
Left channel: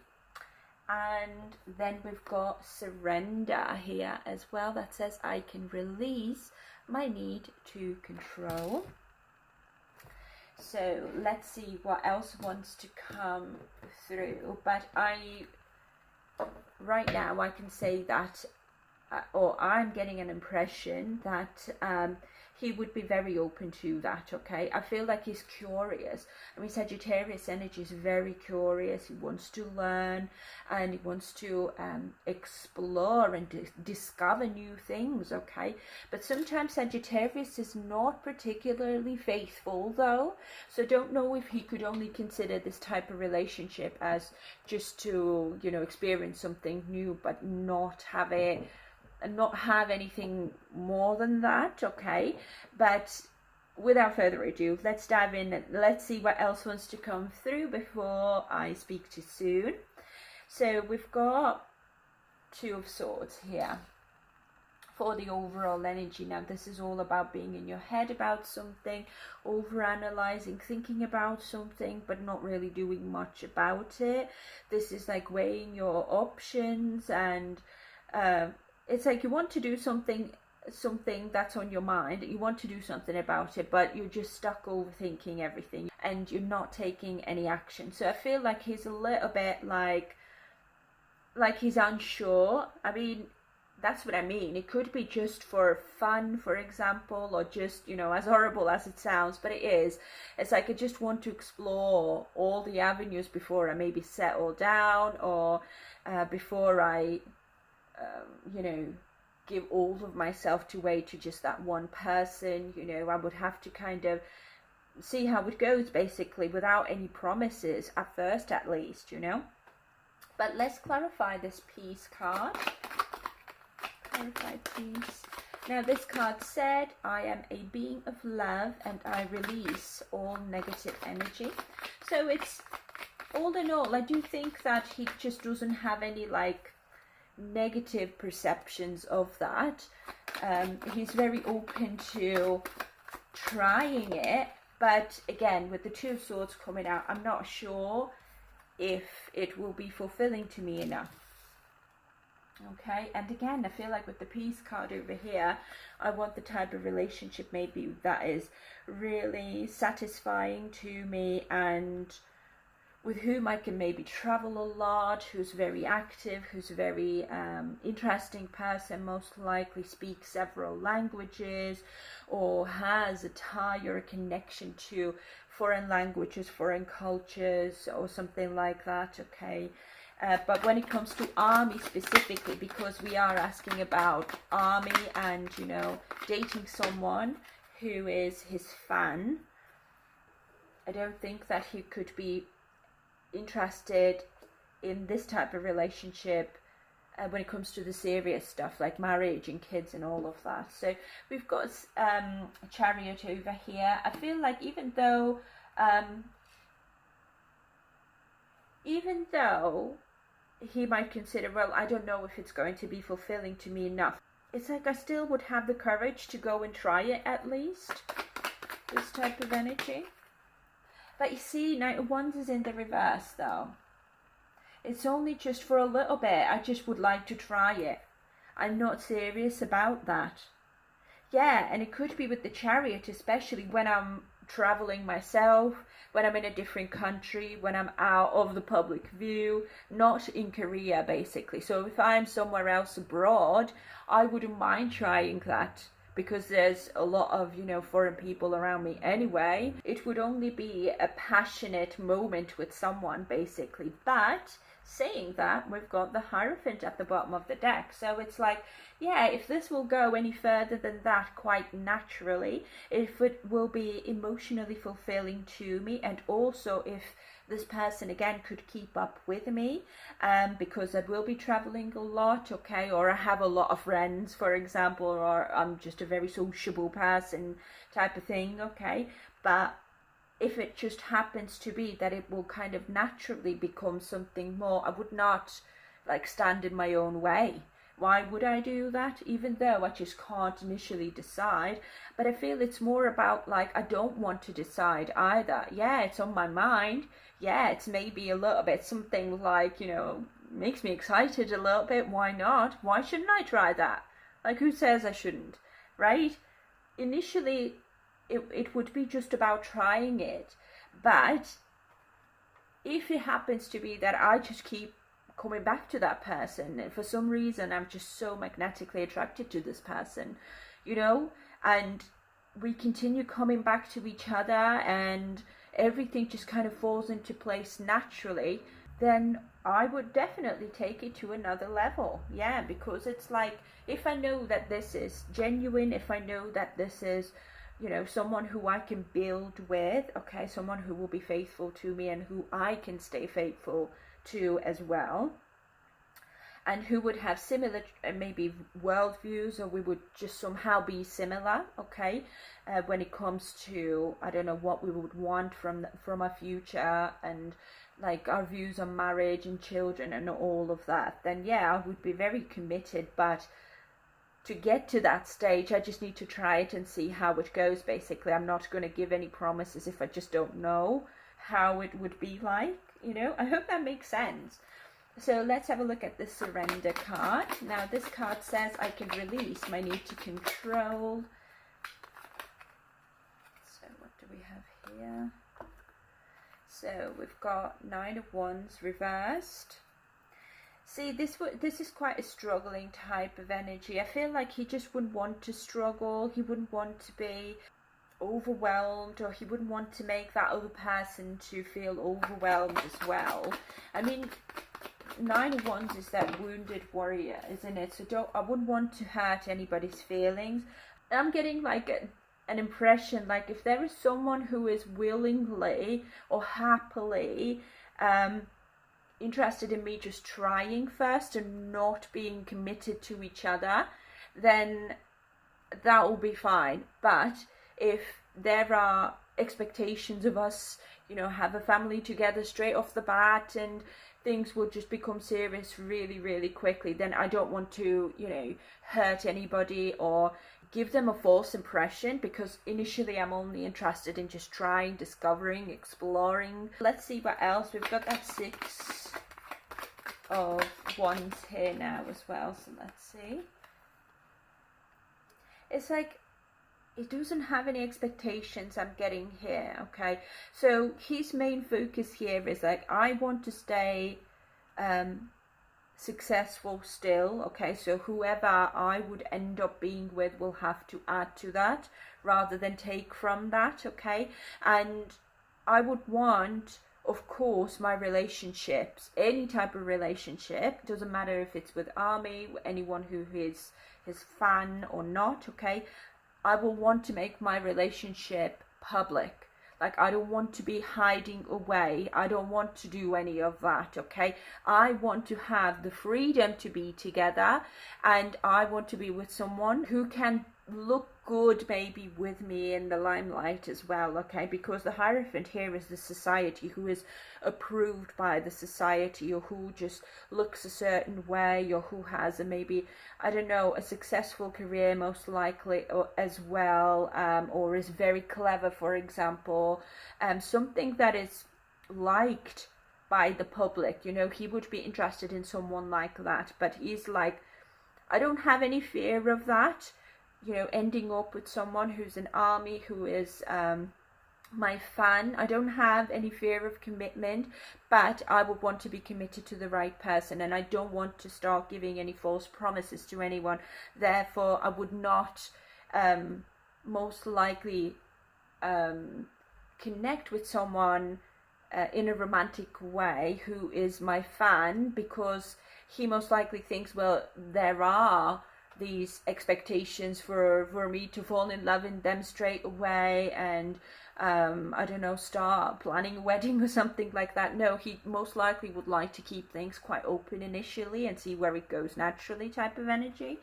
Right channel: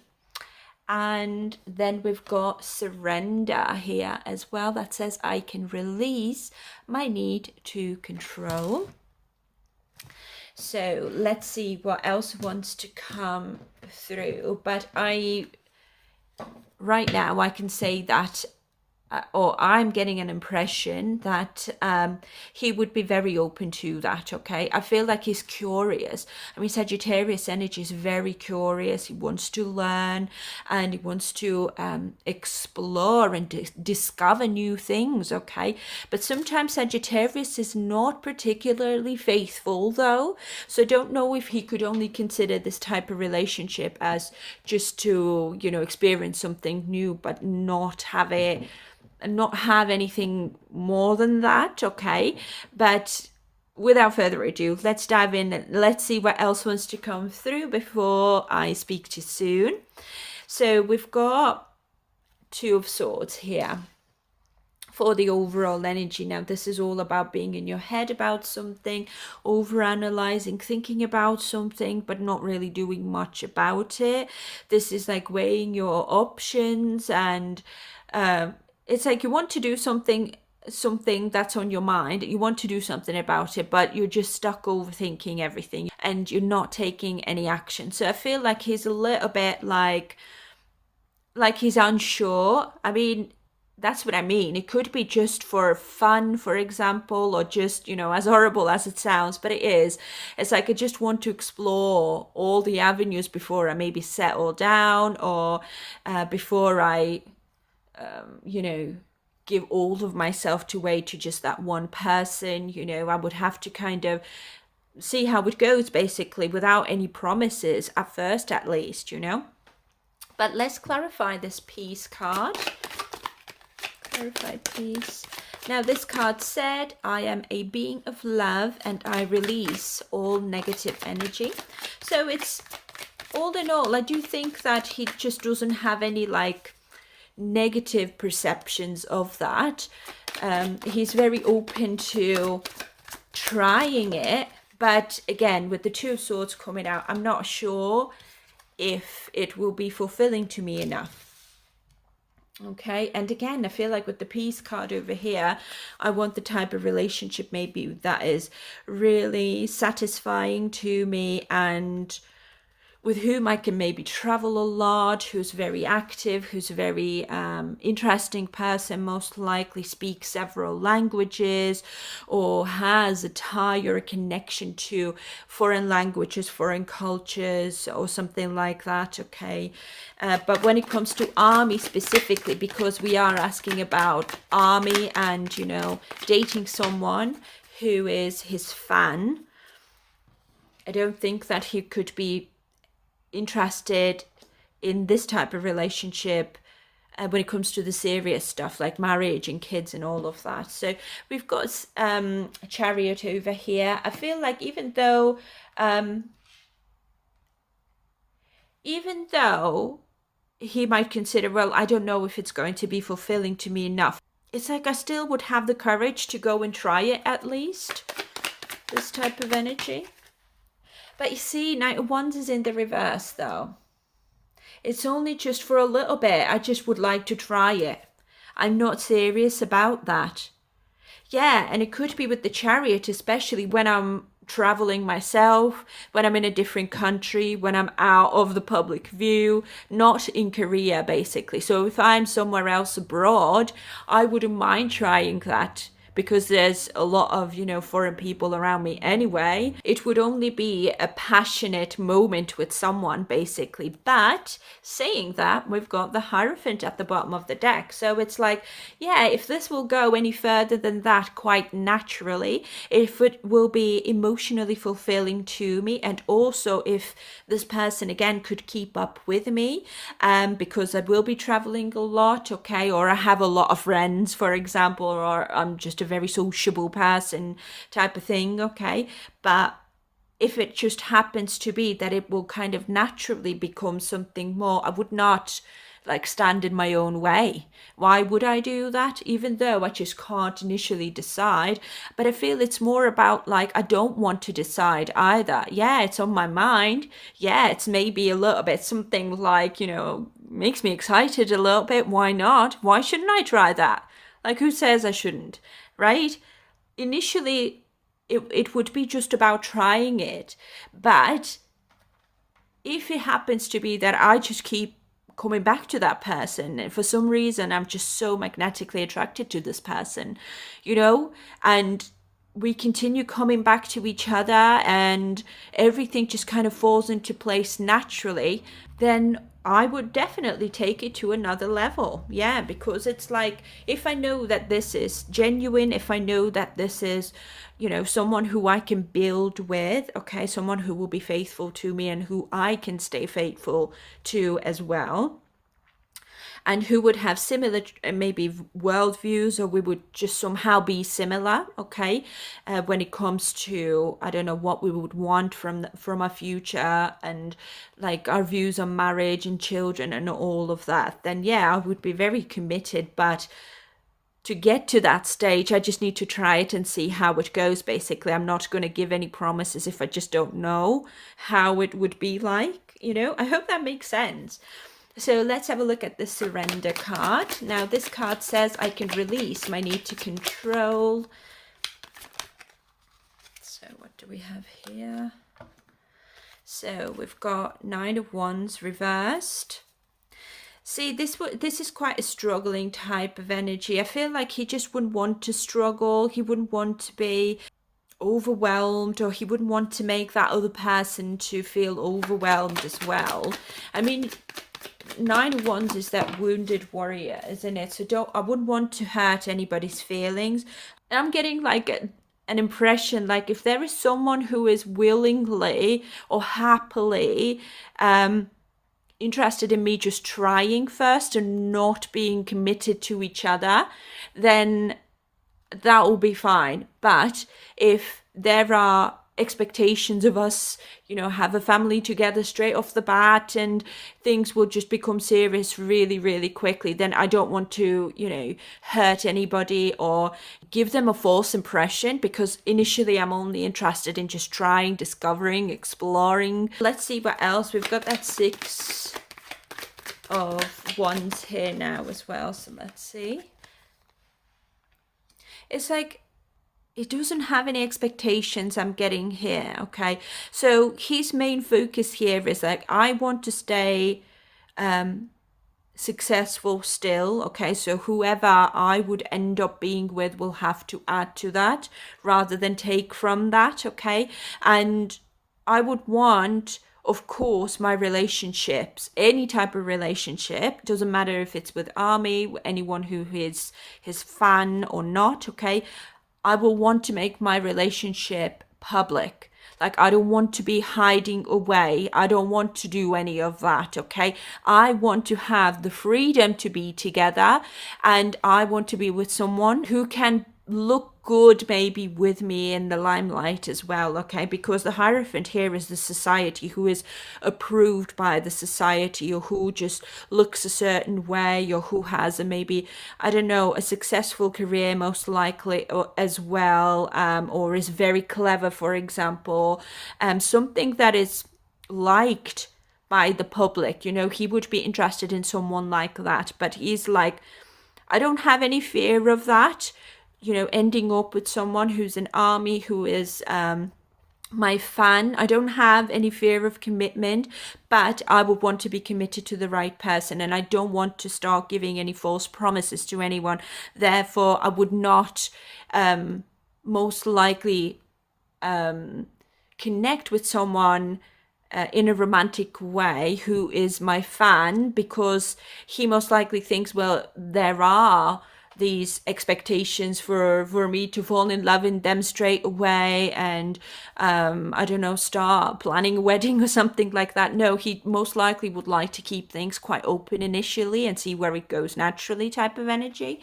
And then we've got Surrender here as well, that says I can release my need to control. So let's see what else wants to come through. But right now I can say that, or I'm getting an impression that he would be very open to that. Okay, I feel like he's curious. I mean, Sagittarius energy is very curious. He wants to learn and he wants to explore and discover new things. Okay, but sometimes Sagittarius is not particularly faithful though, so don't know if he could only consider this type of relationship as just to experience something new, but not have anything more than that. Okay, but without further ado, let's dive in and let's see what else wants to come through before I speak to you soon. So we've got Two of Swords here for the overall energy. Now, this is all about being in your head about something, over analyzing, thinking about something, but not really doing much about it. This is like weighing your options, and it's like you want to do something that's on your mind, you want to do something about it, but you're just stuck overthinking everything and you're not taking any action. So I feel like he's a little bit like he's unsure. I mean, that's what I mean. It could be just for fun, for example, or just, as horrible as it sounds, but it is. It's like I just want to explore all the avenues before I maybe settle down, or before I, give all of myself away to just that one person. I would have to kind of see how it goes, basically, without any promises at first, at least. But let's clarify this peace card. Clarify peace. Now, this card said, I am a being of love and I release all negative energy. So it's, all in all, I do think that he just doesn't have any negative perceptions of that. He's very open to trying it. But again, with the Two of Swords coming out, I'm not sure if it will be fulfilling to me enough. Okay, and again, I feel like with the peace card over here, I want the type of relationship maybe that is really satisfying to me, and with whom I can maybe travel a lot, who's very active, who's a very interesting person, most likely speaks several languages, or has a tie or a connection to foreign languages, foreign cultures, or something like that, okay? But when it comes to army specifically, because we are asking about army and, dating someone who is his fan, I don't think that he could be interested in this type of relationship when it comes to the serious stuff like marriage and kids and all of that. So we've got a Chariot over here. I feel like even though he might consider, well, I don't know if it's going to be fulfilling to me enough, it's like I still would have the courage to go and try it at least, this type of energy. But you see, Knight of Wands is in the reverse, though. It's only just for a little bit. I just would like to try it. I'm not serious about that. Yeah, and it could be with the Chariot, especially when I'm traveling myself, when I'm in a different country, when I'm out of the public view, not in Korea, basically. So if I'm somewhere else abroad, I wouldn't mind trying that, because there's a lot of, foreign people around me anyway. It would only be a passionate moment with someone, basically. But saying that, we've got the Hierophant at the bottom of the deck. So it's like, yeah, if this will go any further than that quite naturally, if it will be emotionally fulfilling to me, and also if this person, again, could keep up with me, because I will be traveling a lot, okay, or I have a lot of friends, for example, or I'm just a very sociable person type of thing, okay? But if it just happens to be that it will kind of naturally become something more, I would not stand in my own way. Why would I do that? Even though I just can't initially decide. But I feel it's more about I don't want to decide either. Yeah, it's on my mind. Yeah, it's maybe a little bit something makes me excited a little bit. Why not? Why shouldn't I try that? Who says I shouldn't? Right? Initially, it would be just about trying it. But if it happens to be that I just keep coming back to that person, and for some reason I'm just so magnetically attracted to this person, and we continue coming back to each other and everything just kind of falls into place naturally, then I would definitely take it to another level. Yeah, because it's if I know that this is genuine, if I know that this is, someone who I can build with, okay, someone who will be faithful to me and who I can stay faithful to as well. and who would have similar maybe worldviews, or we would just somehow be similar, okay, when it comes to, I don't know, what we would want from our future, and like our views on marriage and children and all of that, then yeah, I would be very committed. But to get to that stage, I just need to try it and see how it goes. Basically, I'm not going to give any promises if I just don't know how it would be like, I hope that makes sense. So let's have a look at the surrender card. Now this card says I can release my need to control. So what do we have here? So we've got 9 of Wands reversed. See, this is quite a struggling type of energy. I feel like he just wouldn't want to struggle. He wouldn't want to be overwhelmed, or he wouldn't want to make that other person to feel overwhelmed as well. I mean, 9 of Wands is that wounded warrior, isn't it? So I wouldn't want to hurt anybody's feelings. I'm getting like an impression, like if there is someone who is willingly or happily interested in me just trying first and not being committed to each other, then that will be fine. But if there are expectations of us, have a family together straight off the bat, and things will just become serious really, really quickly, then I don't want to, hurt anybody or give them a false impression, because initially I'm only interested in just trying, discovering, exploring. Let's see what else. We've got that 6 of Wands here now as well. So let's see. It's like he doesn't have any expectations, I'm getting here, okay? So his main focus here is like, I want to stay successful still, okay? So whoever I would end up being with will have to add to that rather than take from that, okay? And I would want, of course, my relationships, any type of relationship, doesn't matter if it's with Army, anyone who is his fan or not, okay? I will want to make my relationship public. Like, I don't want to be hiding away. I don't want to do any of that, okay? I want to have the freedom to be together, and I want to be with someone who can look good maybe with me in the limelight as well, okay? Because the Hierophant here is the society, who is approved by the society, or who just looks a certain way, or who has a maybe, I don't know, a successful career most likely, or as well, or is very clever, for example, something that is liked by the public. He would be interested in someone like that. But he's like, I don't have any fear of that, ending up with someone who's an Army, who is my fan. I don't have any fear of commitment, but I would want to be committed to the right person, and I don't want to start giving any false promises to anyone. Therefore, I would not most likely connect with someone in a romantic way who is my fan, because he most likely thinks, well, there are these expectations for me to fall in love in them straight away, and I don't know, start planning a wedding or something like that. No, he most likely would like to keep things quite open initially and see where it goes naturally, type of energy.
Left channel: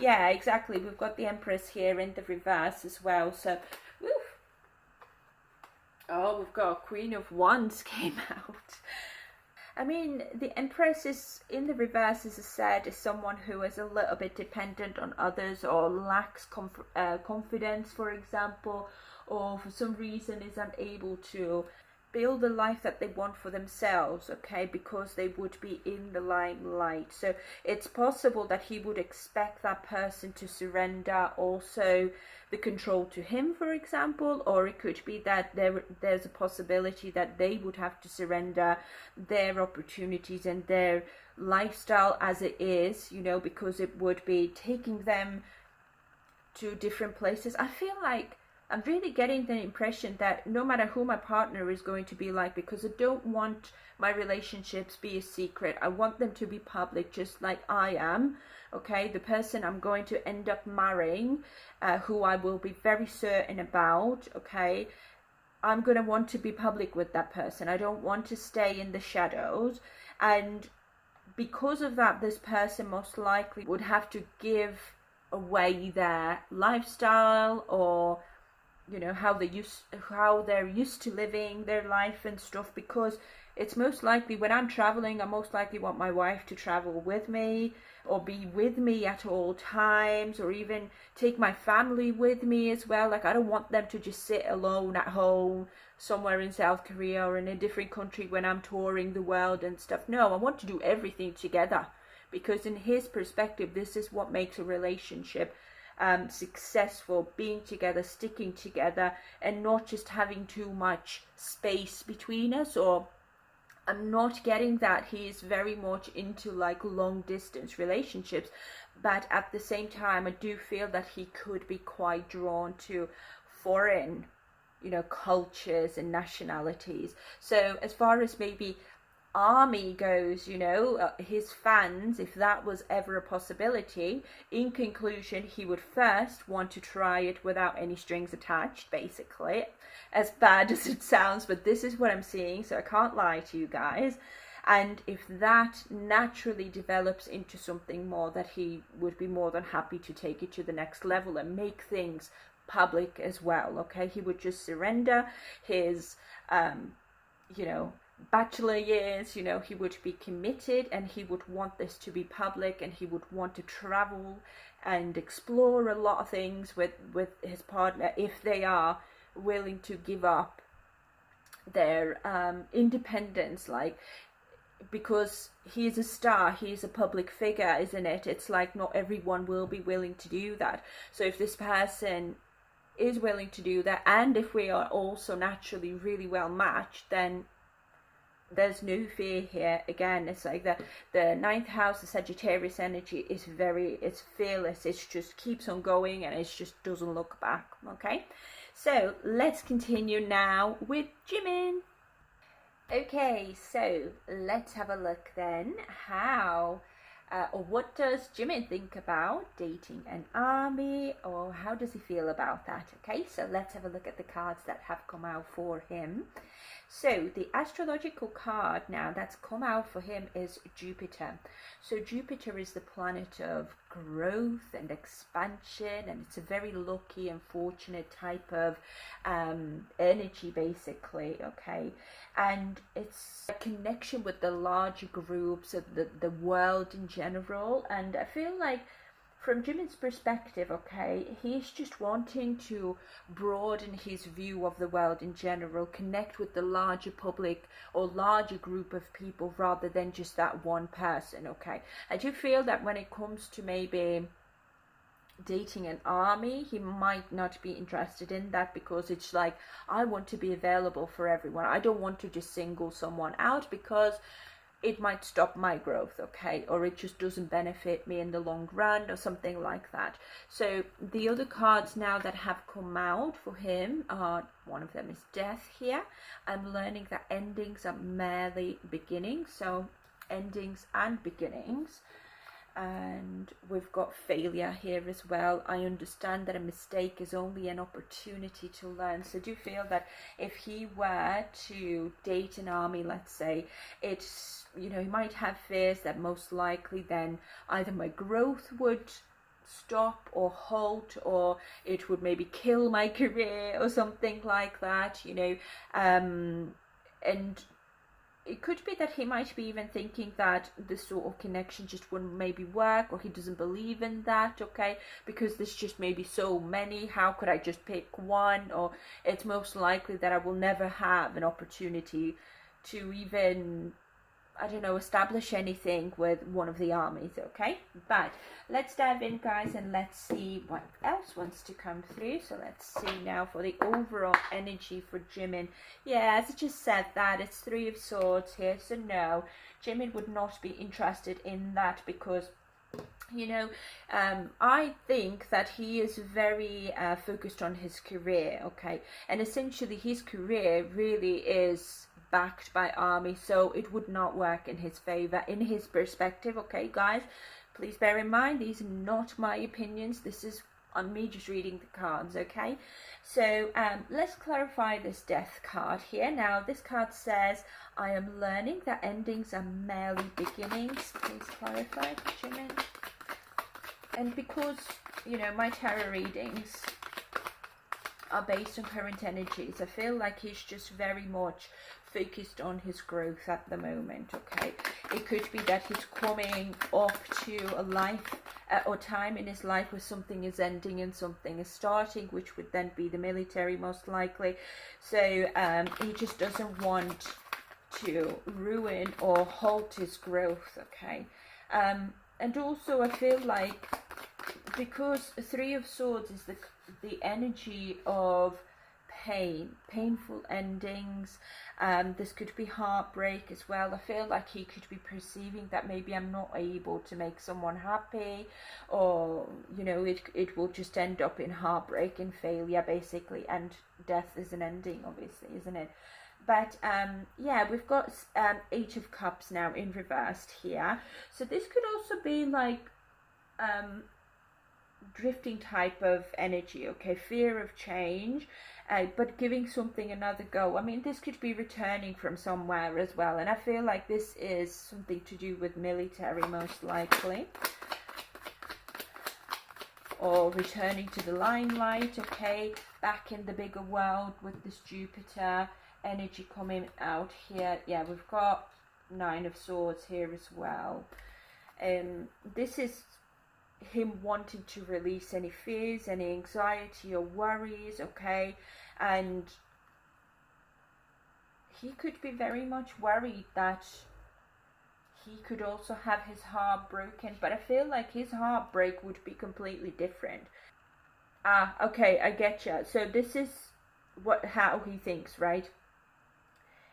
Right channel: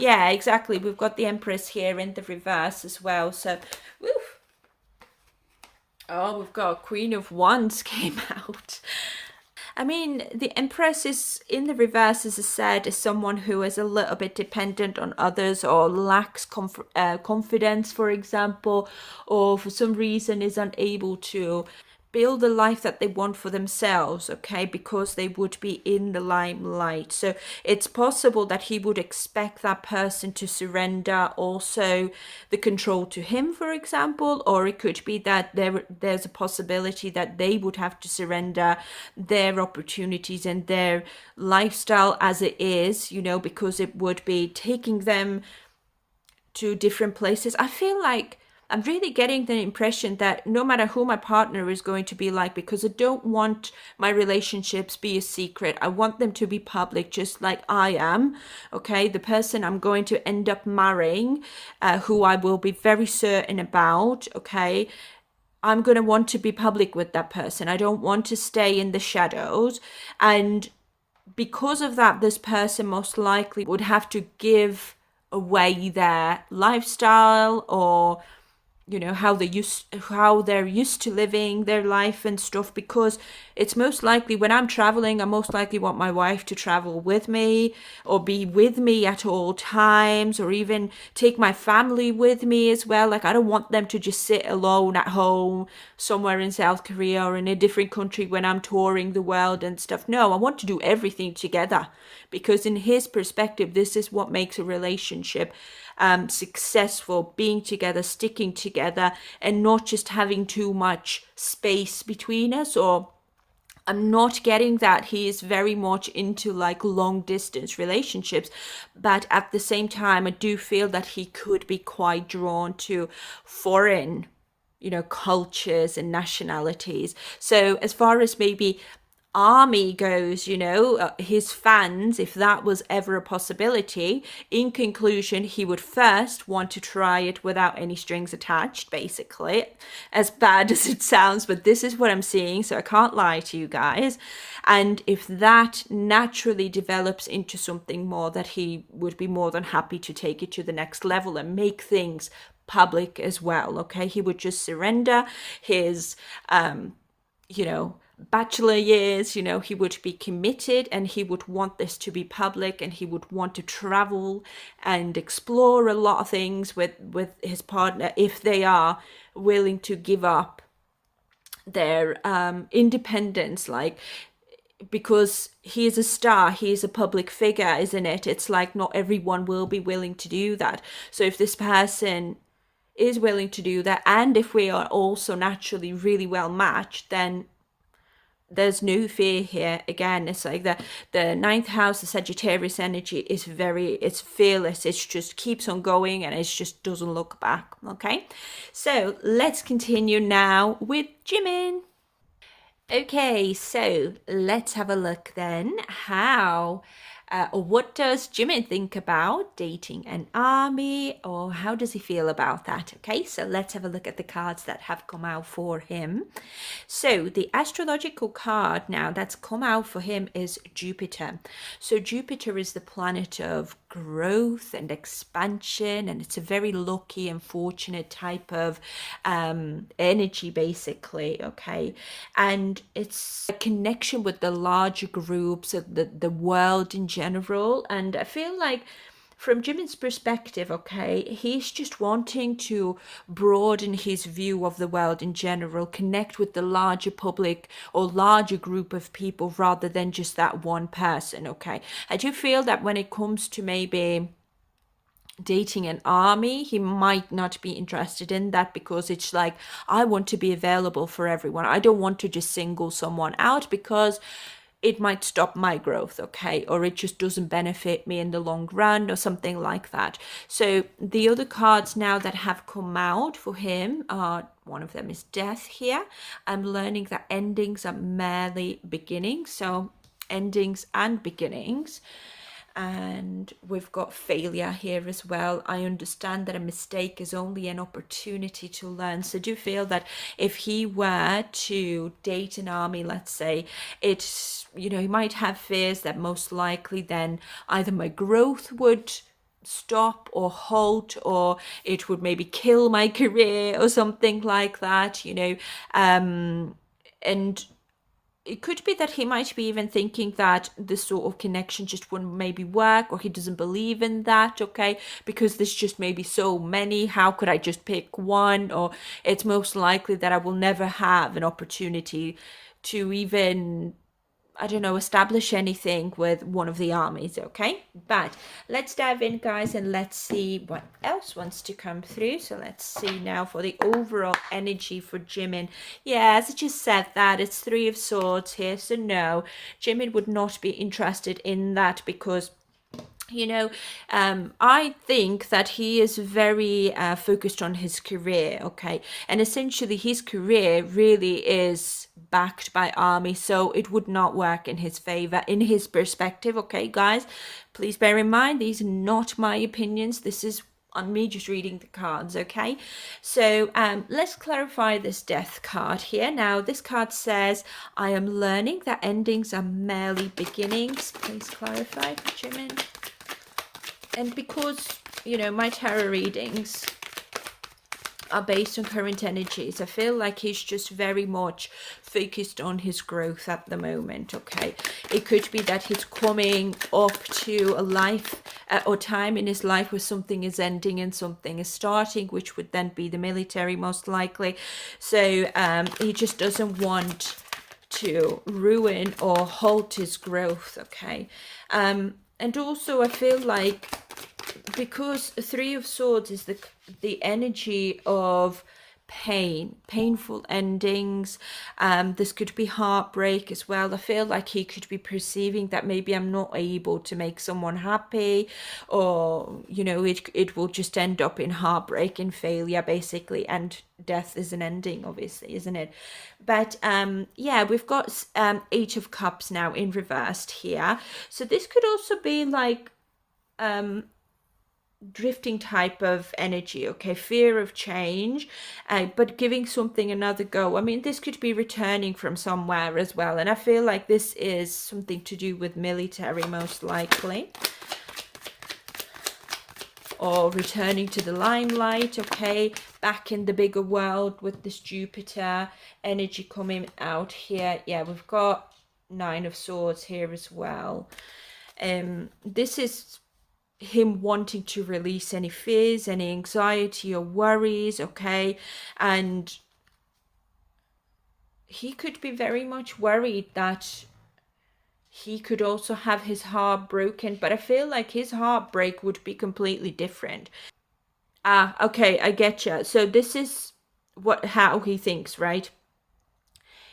Yeah, exactly. We've got the Empress here in the reverse as well. So, woo. Oh, we've got Queen of Wands came out. I mean, the Empress is in the reverse, as I said, is someone who is a little bit dependent on others, or lacks confidence, for example, or for some reason is unable to build the life that they want for themselves, okay, because they would be in the limelight. So it's possible that he would expect that person to surrender also the control to him, for example, or it could be that there's a possibility that they would have to surrender their opportunities and their lifestyle as it is, because it would be taking them to different places. I feel like I'm really getting the impression that no matter who my partner is going to be like, because I don't want my relationships be a secret. I want them to be public, just like I am, okay? The person I'm going to end up marrying, who I will be very certain about, okay? I'm going to want to be public with that person. I don't want to stay in the shadows. And because of that, this person most likely would have to give away their lifestyle, or how they're used to living their life and stuff, because it's most likely when I'm traveling, I most likely want my wife to travel with me or be with me at all times, or even take my family with me as well. Like, I don't want them to just sit alone at home somewhere in South Korea or in a different country when I'm touring the world and stuff. No, I want to do everything together, because in his perspective, this is what makes a relationship successful: being together, sticking together, and not just having too much space between us. Or I'm not getting that he is very much into like long distance relationships, but at the same time, I do feel that he could be quite drawn to foreign, cultures and nationalities. So as far as maybe army goes, his fans, if that was ever a possibility, in conclusion, he would first want to try it without any strings attached, basically. As bad as it sounds, but this is what I'm seeing, so I can't lie to you guys. And if that naturally develops into something more, that he would be more than happy to take it to the next level and make things public as well. Okay, he would just surrender his you know bachelor years. He would be committed, and he would want this to be public, and he would want to travel and explore a lot of things with his partner, if they are willing to give up their independence. Like, because he is a star, he is a public figure, isn't it? It's like not everyone will be willing to do that. So if this person is willing to do that, and if we are also naturally really well matched, then there's no fear here. Again, it's like the ninth house, the Sagittarius energy, is it's fearless. It just keeps on going, and it just doesn't look back. Okay, so let's continue now with Jimin. Okay, so let's have a look then. Or what does Jimin think about dating an army, or how does he feel about that? Okay, so let's have a look at the cards that have come out for him. So the astrological card now that's come out for him is Jupiter. So Jupiter is the planet of growth and expansion, and it's a very lucky and fortunate type of energy, basically. Okay, and it's a connection with the larger groups of the world in general. And I feel like, from Jimin's perspective, okay, he's just wanting to broaden his view of the world in general, connect with the larger public or larger group of people rather than just that one person. Okay, I do feel that when it comes to maybe dating an army, he might not be interested in that, because it's like, I want to be available for everyone. I don't want to just single someone out, because it might stop my growth, okay, or it just doesn't benefit me in the long run, or something like that. So the other cards now that have come out for him are, one of them is death here. I'm learning that endings are merely beginnings, so endings and beginnings. And we've got failure here as well. I understand that a mistake is only an opportunity to learn. So I do feel that if he were to date an army, let's say, it's, he might have fears that most likely then either my growth would stop or halt, or it would maybe kill my career or something like that. And it could be that he might be even thinking that this sort of connection just wouldn't maybe work, or he doesn't believe in that, okay, because there's just maybe so many. How could I just pick one? Or it's most likely that I will never have an opportunity to even, I don't know, establish anything with one of the armies. Okay, but let's dive in, guys, and let's see what else wants to come through. So let's see now for the overall energy for Jimin. Yeah, as I just said, that it's Three of Swords here, so no, Jimin would not be interested in that, because I think that he is very focused on his career, okay? And essentially his career really is backed by army, so it would not work in his favor, in his perspective, okay, guys? Please bear in mind, these are not my opinions. This is on me just reading the cards. Okay, so let's clarify this death card here. Now this card says, I am learning that endings are merely beginnings. Please clarify, Jimin. And because, you know, my tarot readings are based on current energies, I feel like he's just very much focused on his growth at the moment. Okay, it could be that he's coming up to a life or time in his life where something is ending and something is starting, which would then be the military most likely. So he just doesn't want to ruin or halt his growth. Okay, and also I feel like, because Three of Swords is the energy of painful endings, this could be heartbreak as well. I feel like he could be perceiving that maybe I'm not able to make someone happy, or you know, it will just end up in heartbreak and failure basically, and death is an ending, obviously, isn't it? But yeah, we've got Eight of Cups now in reversed here, so this could also be like drifting type of energy. Okay, fear of change, but giving something another go. I mean, this could be returning from somewhere as well, and I feel like this is something to do with military most likely, or returning to the limelight. Okay, back in the bigger world with this Jupiter energy coming out here. Yeah, we've got Nine of Swords here as well. This is him wanting to release any fears, any anxiety or worries. Okay, and he could be very much worried that he could also have his heart broken, but I feel like his heartbreak would be completely different. Okay, I get you. So this is how he thinks, right?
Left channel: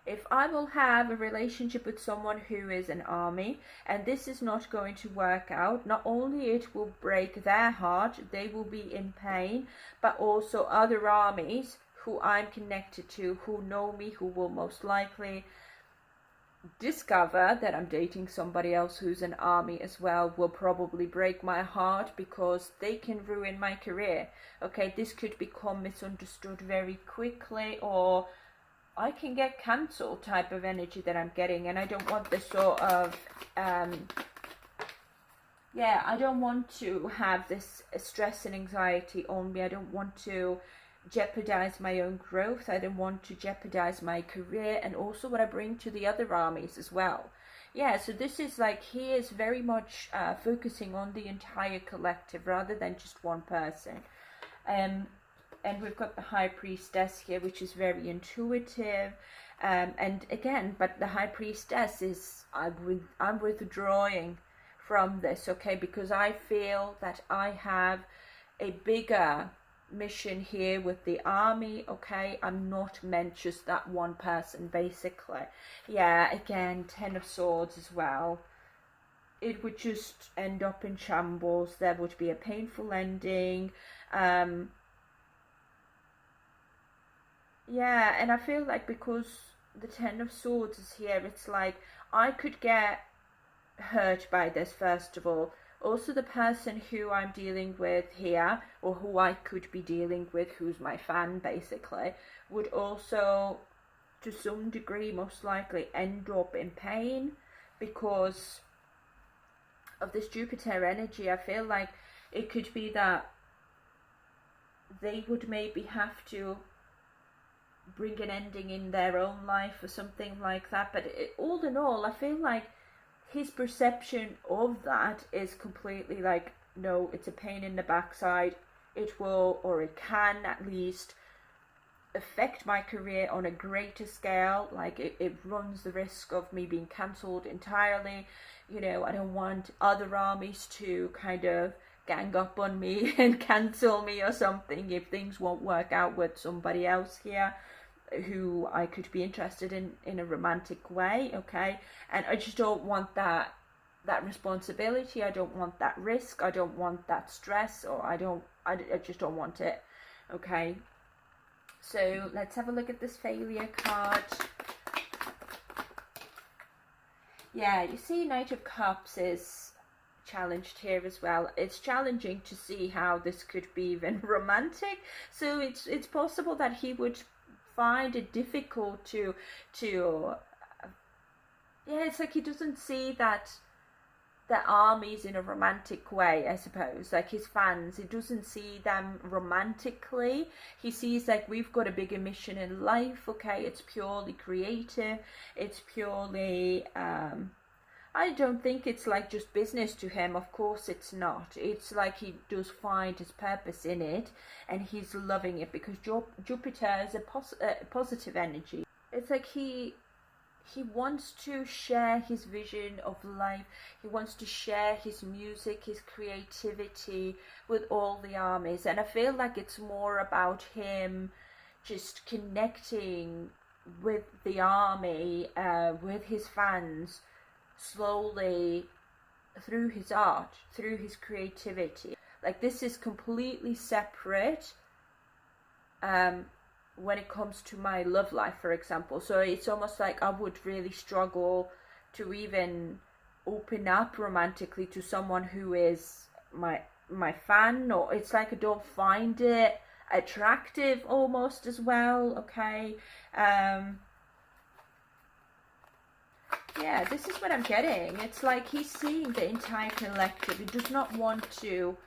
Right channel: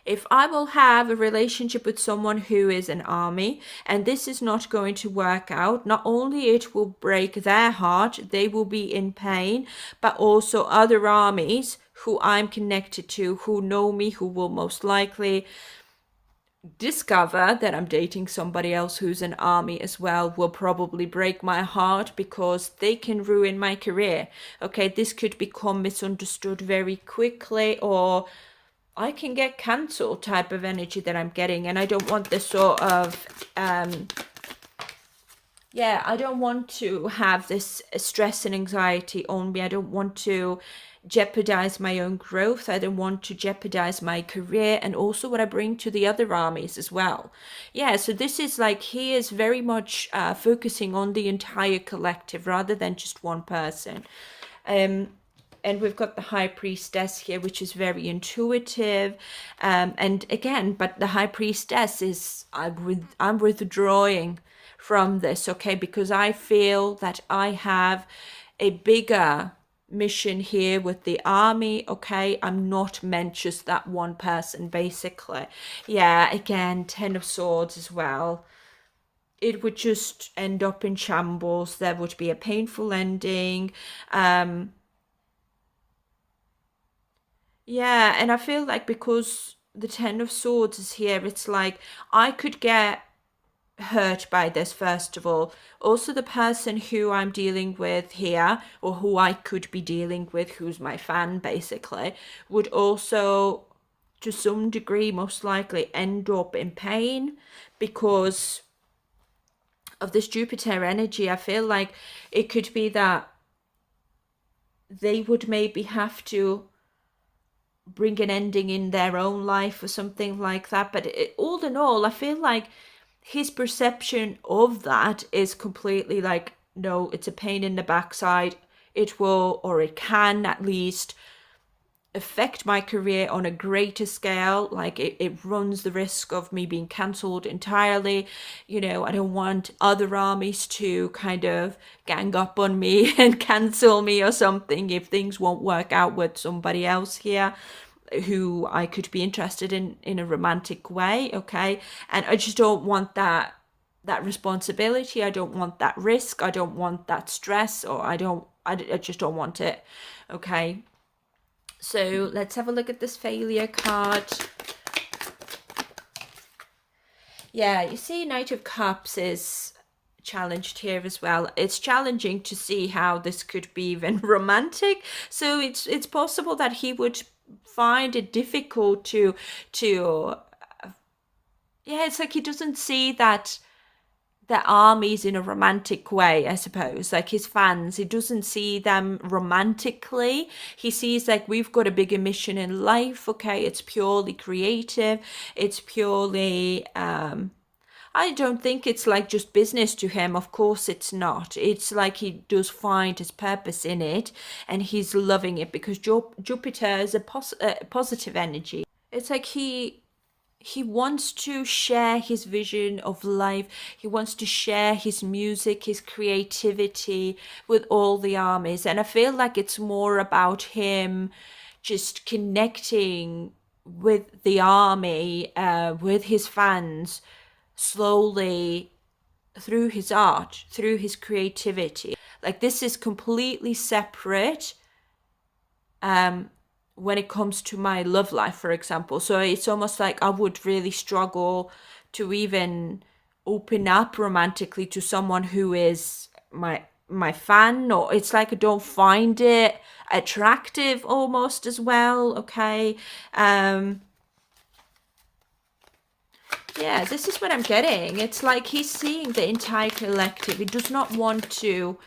If I will have a relationship with someone who is an army and this is not going to work out, not only it will break their heart, they will be in pain, but also other armies who I'm connected to, who know me, who will most likely discover that I'm dating somebody else who's an army as well, will probably break my heart because they can ruin my career. Okay, this could become misunderstood very quickly, or I can get cancelled type of energy that I'm getting, and I don't want this sort of yeah, I don't want to have this stress and anxiety on me. I don't want to jeopardize my own growth. I don't want to jeopardize my career, and also what I bring to the other armies as well. Yeah, so this is like, he is very much focusing on the entire collective rather than just one person. And we've got the High Priestess here, which is very intuitive, and again, but the High Priestess is, I'm withdrawing from this, okay, because I feel that I have a bigger mission here with the army. Okay, I'm not meant just that one person basically. Yeah, again, Ten of Swords as well. It would just end up in shambles. There would be a painful ending. Yeah, and I feel like because the Ten of Swords is here, it's like I could get hurt by this, first of all. Also, the person who I'm dealing with here, or who I could be dealing with, who's my fan basically, would also to some degree most likely end up in pain because of this Jupiter energy. I feel like it could be that they would maybe have to bring an ending in their own life or something like that. But all in all, I feel like his perception of that is completely like, no, it's a pain in the backside. It will, or it can at least, affect my career on a greater scale. Like it runs the risk of me being cancelled entirely. You know, I don't want other armies to kind of gang up on me and cancel me or something if things won't work out with somebody else here who I could be interested in a romantic way. Okay, and I just don't want that responsibility. I don't want that risk. I don't want that stress, or I just don't want it. Okay, so let's have a look at this failure card. Yeah, you see, Knight of Cups is challenged here as well. It's challenging to see how this could be even romantic. So it's possible that he would find it difficult to yeah, it's like he doesn't see that the armies in a romantic way, I suppose. Like his fans, he doesn't see them romantically. He sees like we've got a bigger mission in life. Okay, it's purely creative. It's purely I don't think it's like just business to him. Of course it's not. It's like he does find his purpose in it and he's loving it because Jupiter is a positive energy. It's like he wants to share his vision of life. He wants to share his music, his creativity with all the armies. And I feel like it's more about him just connecting with the army, with his fans, slowly through his art, through his creativity. Like this is completely separate. When it comes to my love life, for example. So it's almost like I would really struggle to even open up romantically to someone who is my fan, or it's like I don't find it attractive almost as well. Okay. Yeah, this is what I'm getting. It's like he's seeing the entire collective. He does not want to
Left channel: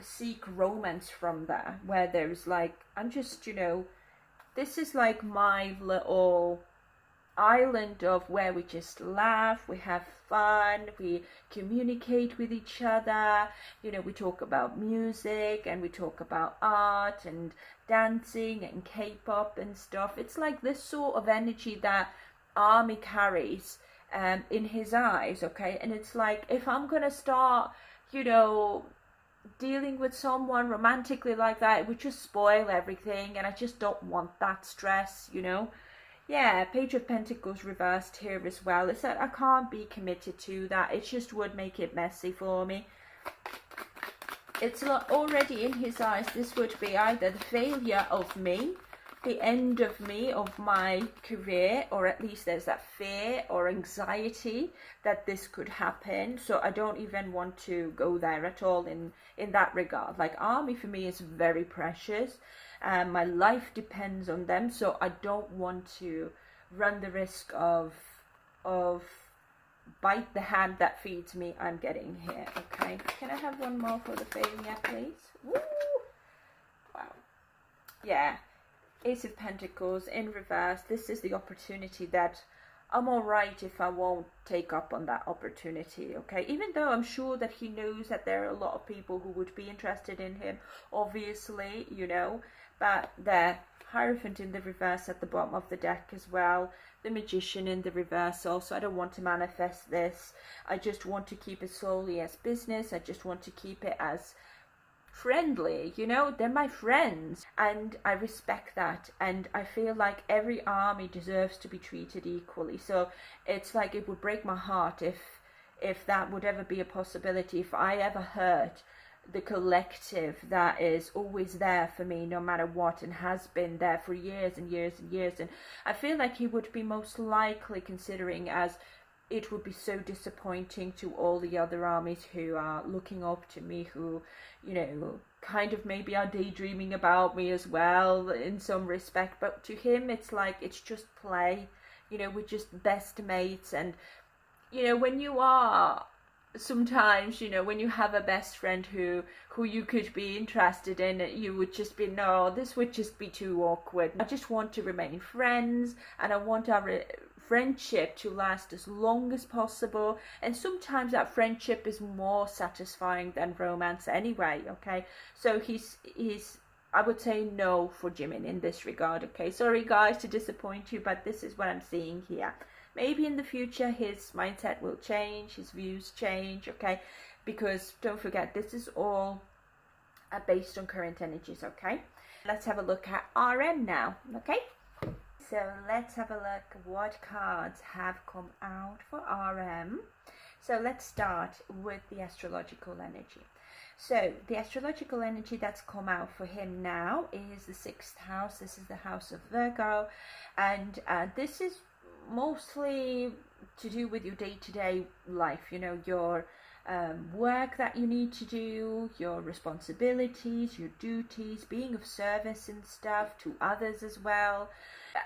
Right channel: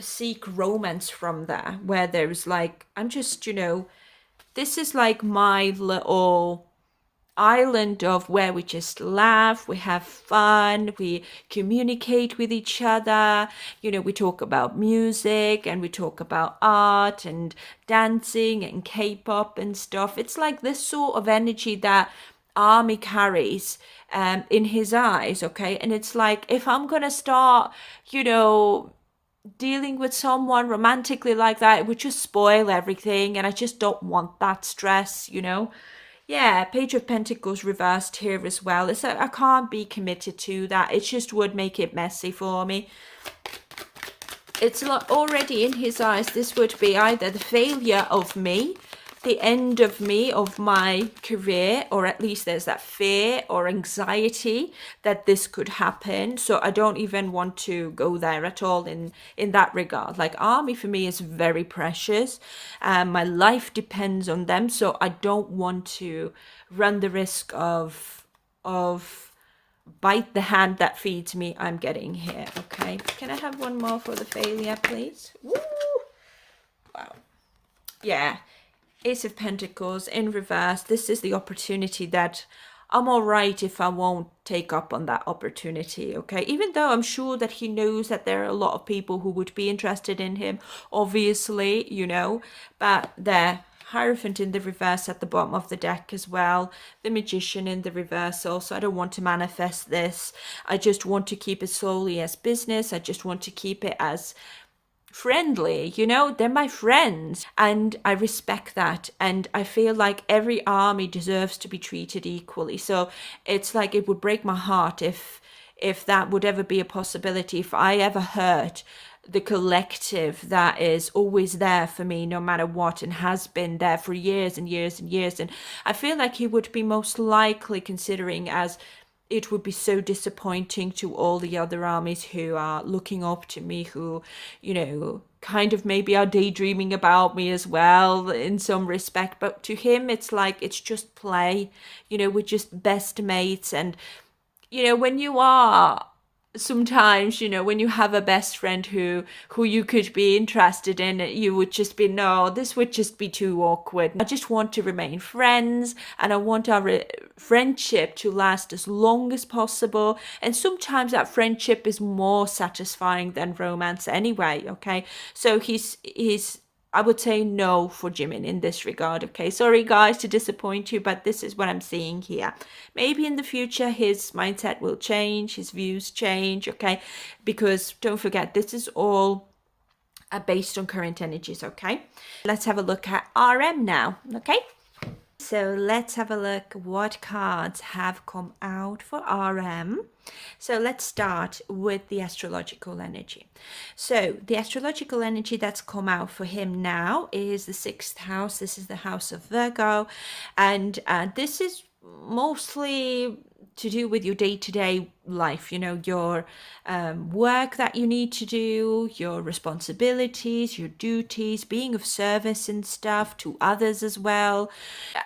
seek romance from there, where there's like, I'm just, this is like my little island of where we just laugh, we have fun, we communicate with each other, we talk about music and we talk about art and dancing and K-pop and stuff. It's like this sort of energy that Army carries in his eyes. Okay, and it's like if I'm gonna start dealing with someone romantically like that, it would just spoil everything, and I just don't want that stress. Yeah, Page of Pentacles reversed here as well. It's like I can't be committed to that. It just would make it messy for me. It's already in his eyes, this would be either the failure of me, the end of me, of my career, or at least there's that fear or anxiety that this could happen. So I don't even want to go there at all in that regard. Like Army for me is very precious, and my life depends on them, so I don't want to run the risk of bite the hand that feeds me. I'm getting here. Okay, can I have one more for the failure, please? Woo! Wow. Yeah, Ace of Pentacles in reverse. This is the opportunity that I'm all right if I won't take up on that opportunity. Okay, even though I'm sure that he knows that there are a lot of people who would be interested in him, obviously, but the Hierophant in the reverse at the bottom of the deck as well, the Magician in the reverse also. I don't want to manifest this. I just want to keep it solely as business. I just want to keep it as friendly. They're my friends and I respect that, and I feel like every army deserves to be treated equally. So it's like it would break my heart if that would ever be a possibility, if I ever hurt the collective that is always there for me no matter what, and has been there for years and years and years. And I feel like he would be most likely considering, as it would be so disappointing to all the other armies who are looking up to me, who, kind of maybe are daydreaming about me as well in some respect. But to him, it's like, it's just play, we're just best mates. And, when you are sometimes, when you have a best friend who you could be interested in, you would just be, no, this would just be too awkward. I just want to remain friends, and I want our friendship to last as long as possible. And sometimes that friendship is more satisfying than romance anyway. Okay, so he's I would say no for Jimin in this regard. Okay, sorry guys to disappoint you, but this is what I'm seeing here. Maybe in the future his mindset will change, his views change. Okay, because don't forget, this is all based on current energies. Okay, let's have a look at RM now. Okay, so let's have a look what cards have come out for RM. So let's start with the astrological energy. So the astrological energy that's come out for him now is the 6th house. This is the house of Virgo, and this is mostly to do with your day-to-day life, your work that you need to do, your responsibilities, your duties, being of service and stuff to others as well.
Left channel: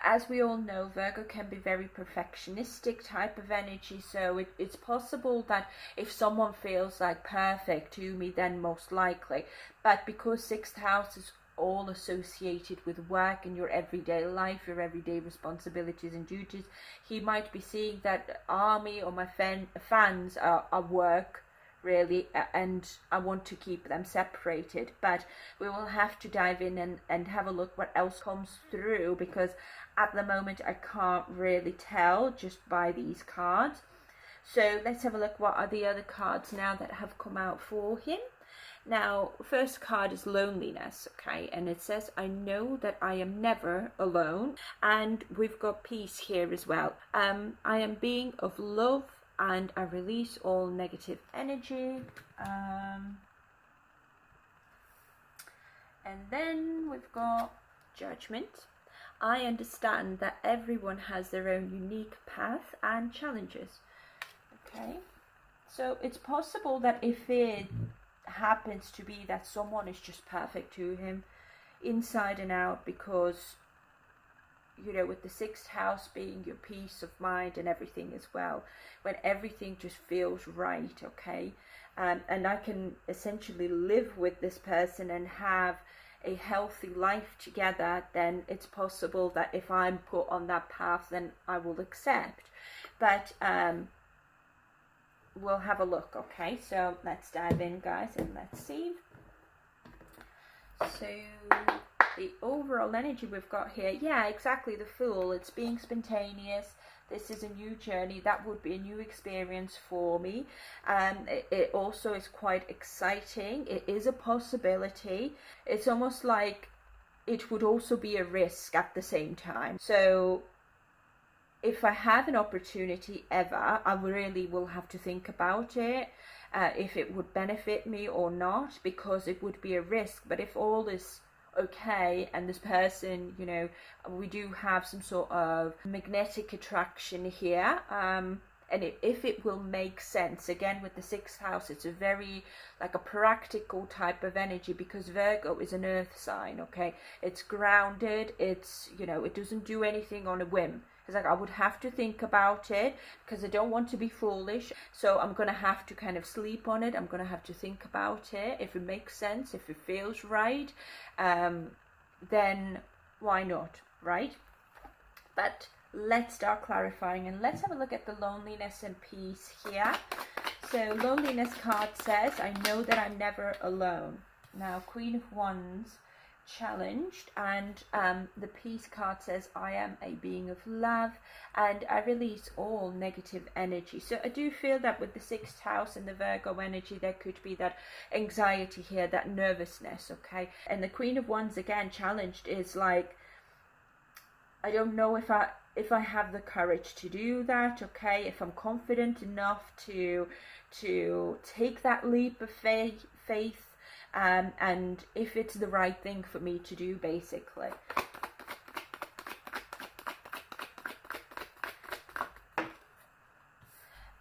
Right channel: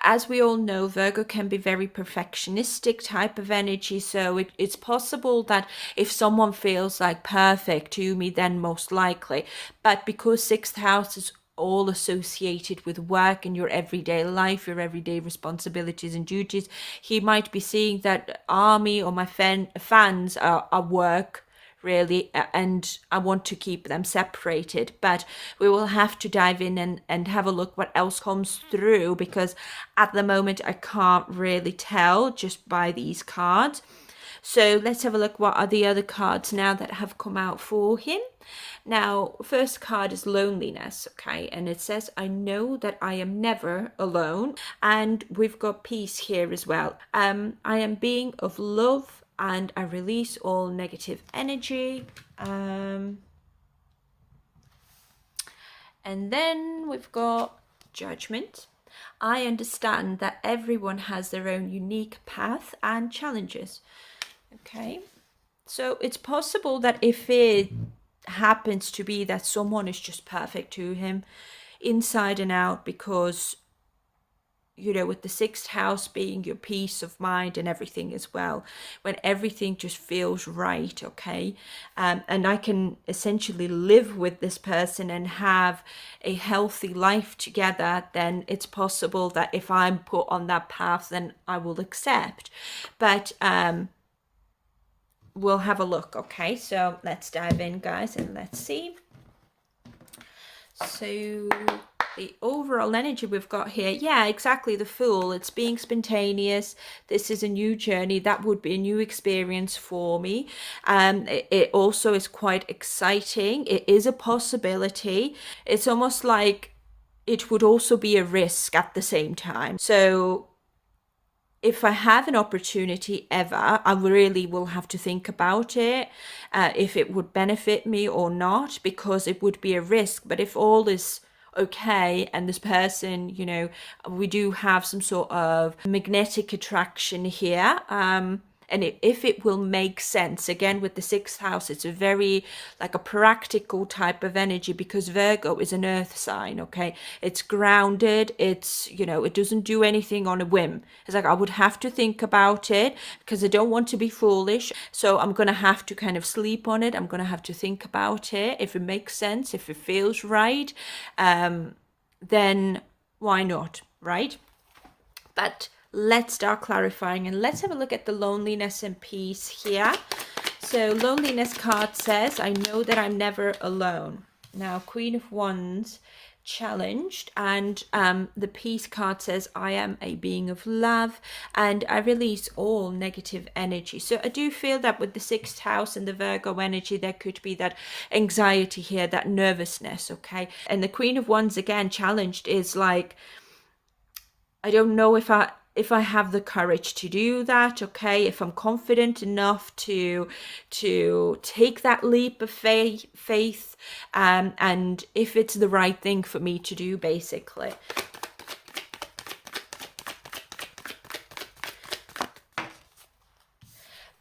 As we all know, Virgo can be very perfectionistic type of energy, so it's possible that if someone feels like perfect to me, then most likely, but because sixth house is all associated with work and your everyday life, your everyday responsibilities and duties, he might be seeing that army or my fans are work really, and I want to keep them separated. But we will have to dive in and have a look what else comes through, because at the moment I can't really tell just by these cards. So let's have a look what are the other cards now that have come out for him. Now, first card is loneliness, okay, and it says, I know that I am never alone. And we've got peace here as well. I am being of love and I release all negative energy. And then we've got judgment. I understand that everyone has their own unique path and challenges. Okay, so it's possible that if it happens to be that someone is just perfect to him inside and out, because with the sixth house being your peace of mind and everything as well, when everything just feels right, okay, and I can essentially live with this person and have a healthy life together, then it's possible that if I'm put on that path, then I will accept. But we'll have a look. Okay, so let's dive in, guys, and let's see. So the overall energy we've got here, yeah, exactly, the Fool. It's being spontaneous. This is a new journey. That would be a new experience for me. It also is quite exciting. It is a possibility. It's almost like it would also be a risk at the same time. So if I have an opportunity ever, I really will have to think about it, if it would benefit me or not, because it would be a risk. But if all is okay and this person, we do have some sort of magnetic attraction here, and if it will make sense, again with the sixth house, it's a very like a practical type of energy, because Virgo is an earth sign, okay, it's grounded, it's it doesn't do anything on a whim. It's like I would have to think about it, because I don't want to be foolish, so I'm gonna have to kind of sleep on it. I'm gonna have to think about it. If it makes sense, if it feels right, then why not, right? But let's start clarifying and let's have a look at the loneliness and peace here. So loneliness card says, I know that I'm never alone. Now Queen of Wands challenged, and the peace card says, I am a being of love and I release all negative energy. So I do feel that with the sixth house and the Virgo energy, there could be that anxiety here, that nervousness, okay. And the Queen of Wands again challenged is like, I don't know if I have the courage to do that, okay, if I'm confident enough to take that leap of faith, and if it's the right thing for me to do, basically.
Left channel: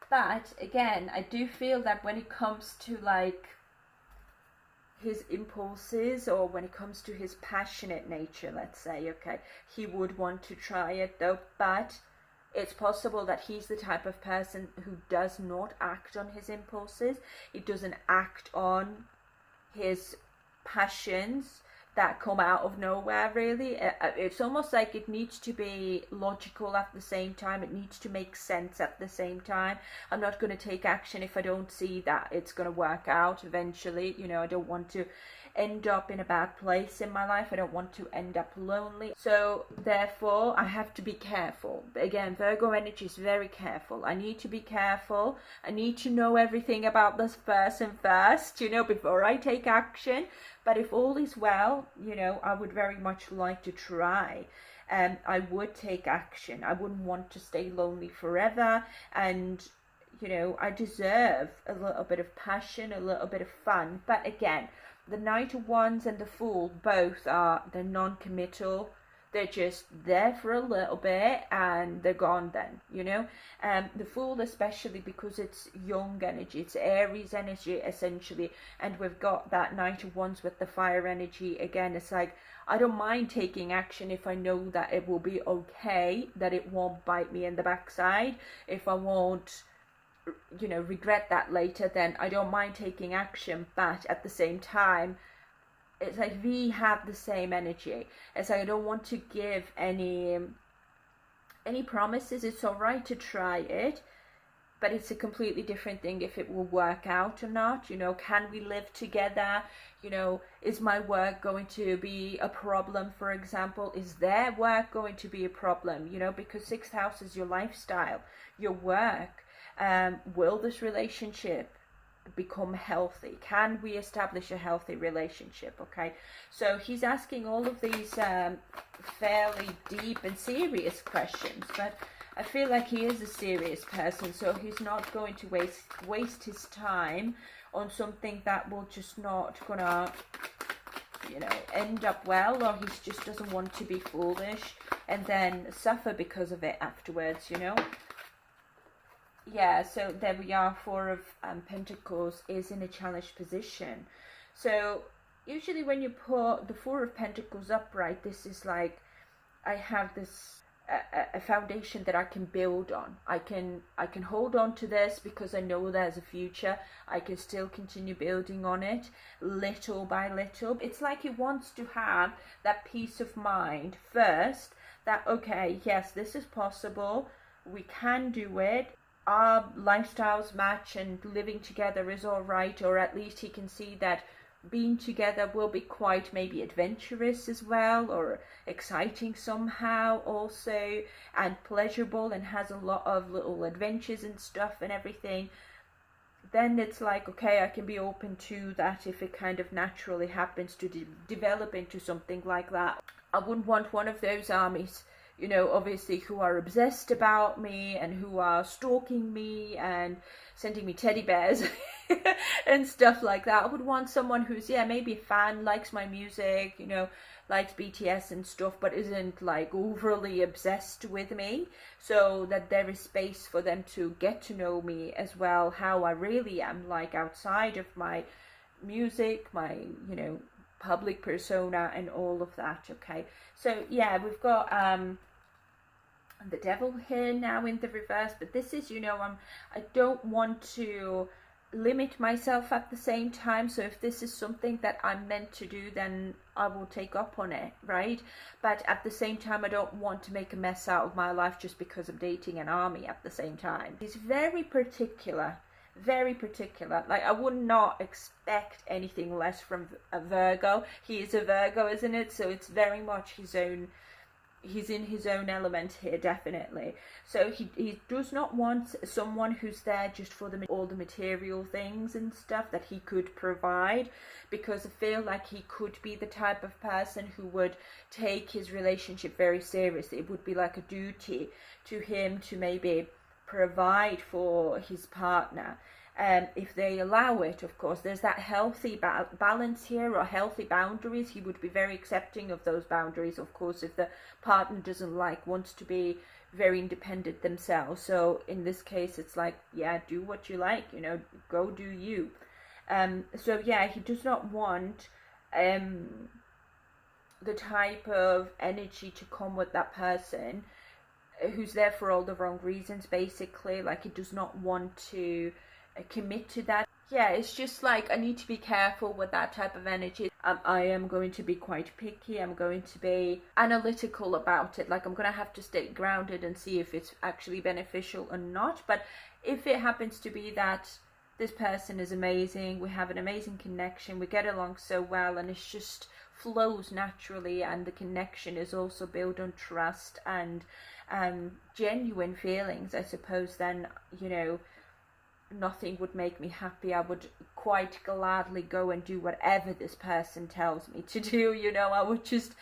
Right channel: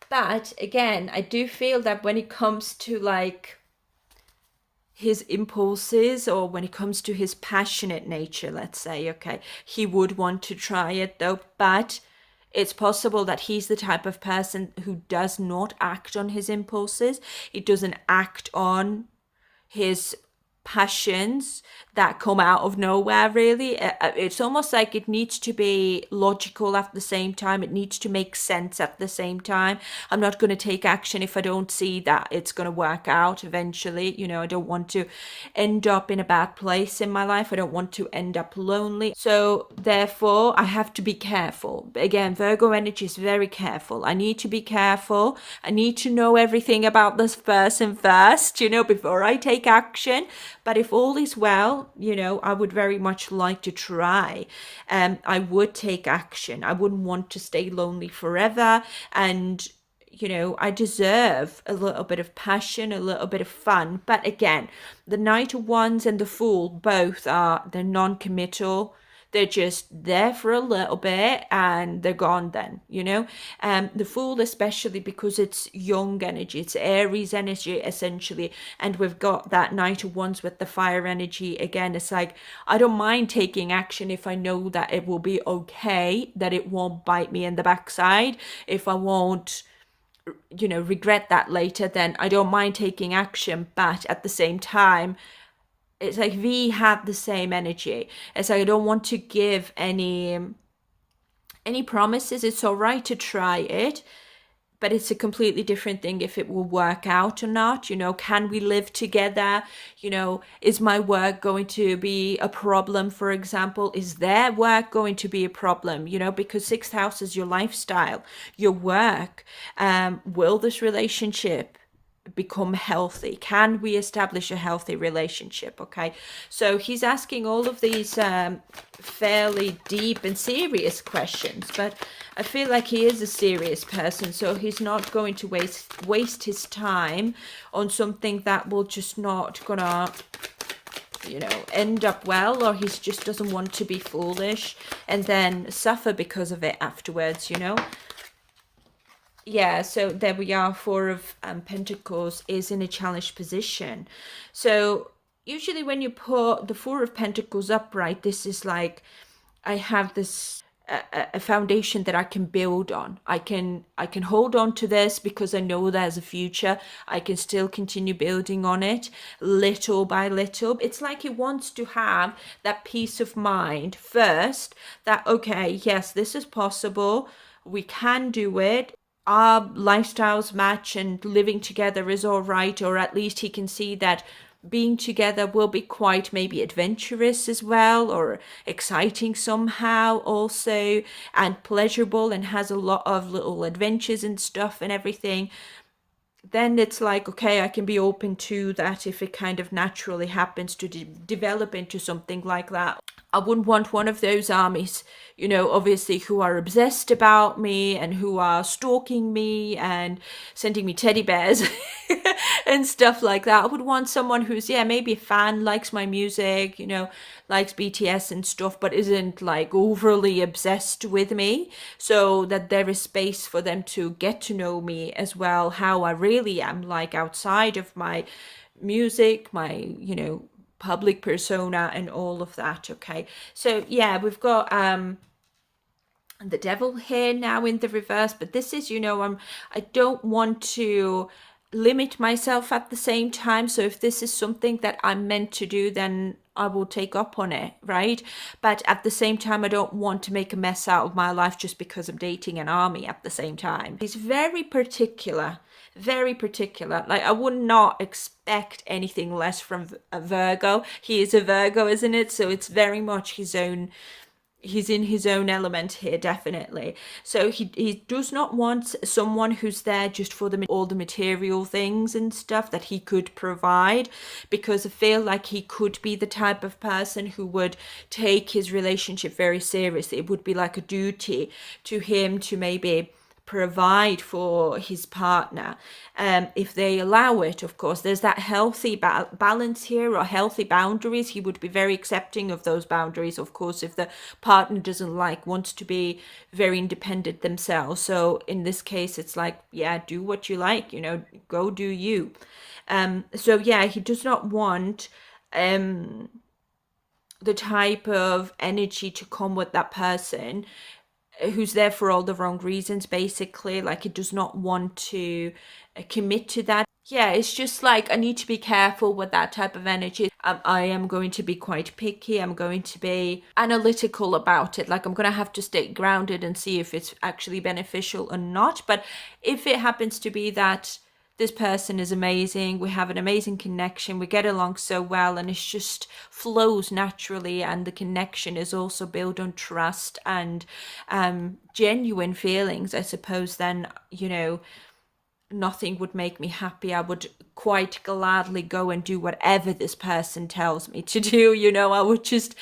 But again, I do feel that when it comes to like his impulses, or when it comes to his passionate nature, let's say, okay, he would want to try it though. But it's possible that he's the type of person who does not act on his impulses. He doesn't act on his passions that come out of nowhere, really. It's almost like it needs to be logical at the same time. It needs to make sense at the same time. I'm not going to take action if I don't see that it's going to work out eventually. I don't want to end up in a bad place in my life. I don't want to end up lonely. So therefore I have to be careful. Again, Virgo energy is very careful. I need to be careful. I need to know everything about this person first, before I take action. But if all is well, I would very much like to try. I would take action. I wouldn't want to stay lonely forever. And, I deserve a little bit of passion, a little bit of fun. But again, the Knight of Wands and the Fool, both they're non-committal. They're just there for a little bit and they're gone then, you know. The Fool, especially because it's young energy, it's Aries energy essentially, and we've got that Knight of Wands with the fire energy again. It's like, I don't mind taking action if I know that it will be okay, that it won't bite me in the backside, if I won't, you know, regret that later, then I don't mind taking action. But at the same time, it's like we have the same energy. It's like I don't want to give any promises. It's all right to try it, but it's a completely different thing if it will work out or not. You know, can we live together? You know, is my work going to be a problem, for example? Is their work going to be a problem? You know, because sixth house is your lifestyle, your work. Will this relationship become healthy? Can we establish a healthy relationship? Okay, so he's asking all of these fairly deep and serious questions, but I feel like he is a serious person, so he's not going to waste his time on something that will just not gonna, you know, end up well, or he just doesn't want to be foolish and then suffer because of it afterwards, you know. Yeah, so there we are. Four of Pentacles is in a challenged position. So usually when you put the Four of Pentacles upright, this is like, I have this a foundation that I can build on. I can hold on to this because I know there's a future. I can still continue building on it little by little. It's like he wants to have that peace of mind first, that okay, yes, this is possible. We can do it. Our lifestyles match and living together is all right, or at least he can see that being together will be quite maybe adventurous as well, or exciting somehow also, and pleasurable, and has a lot of little adventures and stuff and everything. Then it's like, okay, I can be open to that if it kind of naturally happens to develop into something like that. I wouldn't want one of those armies, you know, obviously, who are obsessed about me and who are stalking me and sending me teddy bears and stuff like that. I would want someone who's, yeah, maybe a fan, likes my music, you know, likes BTS and stuff, but isn't like overly obsessed with me, so that there is space for them to get to know me as well, how I really am like outside of my music, my, you know, public persona and all of that. Okay, so yeah, we've got the Devil here now in the reverse, but this is, you know, I don't want to limit myself at the same time. So if this is something that I'm meant to do, then I will take up on it, right? But at the same time, I don't want to make a mess out of my life just because I'm dating an army at the same time. He's very particular, very particular. Like, I would not expect anything less from a Virgo. He is a Virgo, isn't it? So it's very much his own, he's in his own element here, definitely. So he does not want someone who's there just for all the material things and stuff that he could provide, because I feel like he could be the type of person who would take his relationship very seriously. It would be like a duty to him to maybe provide for his partner, if they allow it. Of course, there's that healthy balance here, or healthy boundaries. He would be very accepting of those boundaries, of course, if the partner doesn't wants to be very independent themselves. So in this case, it's like, yeah, do what you like, you know, go do you. So yeah, he does not want the type of energy to come with that person who's there for all the wrong reasons, basically. Like, he does not want to commit to that. Yeah, it's just like, I need to be careful with that type of energy. I am going to be quite picky. I'm going to be analytical about it. Like, I'm going to have to stay grounded and see if it's actually beneficial or not. But if it happens to be that this person is amazing, we have an amazing connection, we get along so well, and it just flows naturally, and the connection is also built on trust and genuine feelings, I suppose, then, you know, nothing would make me happy. I would quite gladly go and do whatever this person tells me to do, you know. I would just,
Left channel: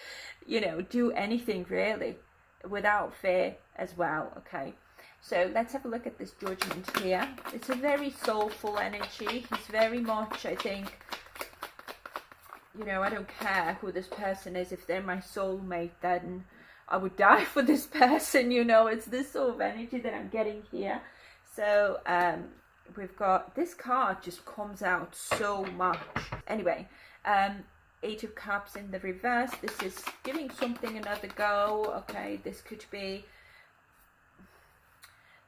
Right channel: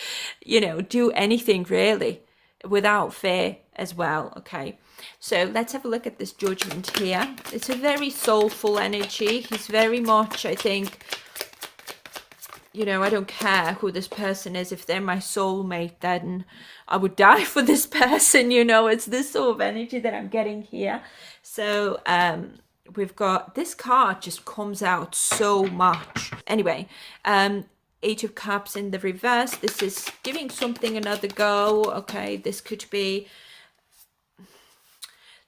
you know, do anything really without fear as well. Okay, so let's have a look at this Judgment here. It's a very soulful energy. He's very much, I think, you know, I don't care who this person is. If they're my soulmate, then I would die for this person, you know. It's this sort of energy that I'm getting here. So we've got this card just comes out so much. Anyway, Eight of Cups in the reverse. This is giving something another go. Okay, this could be,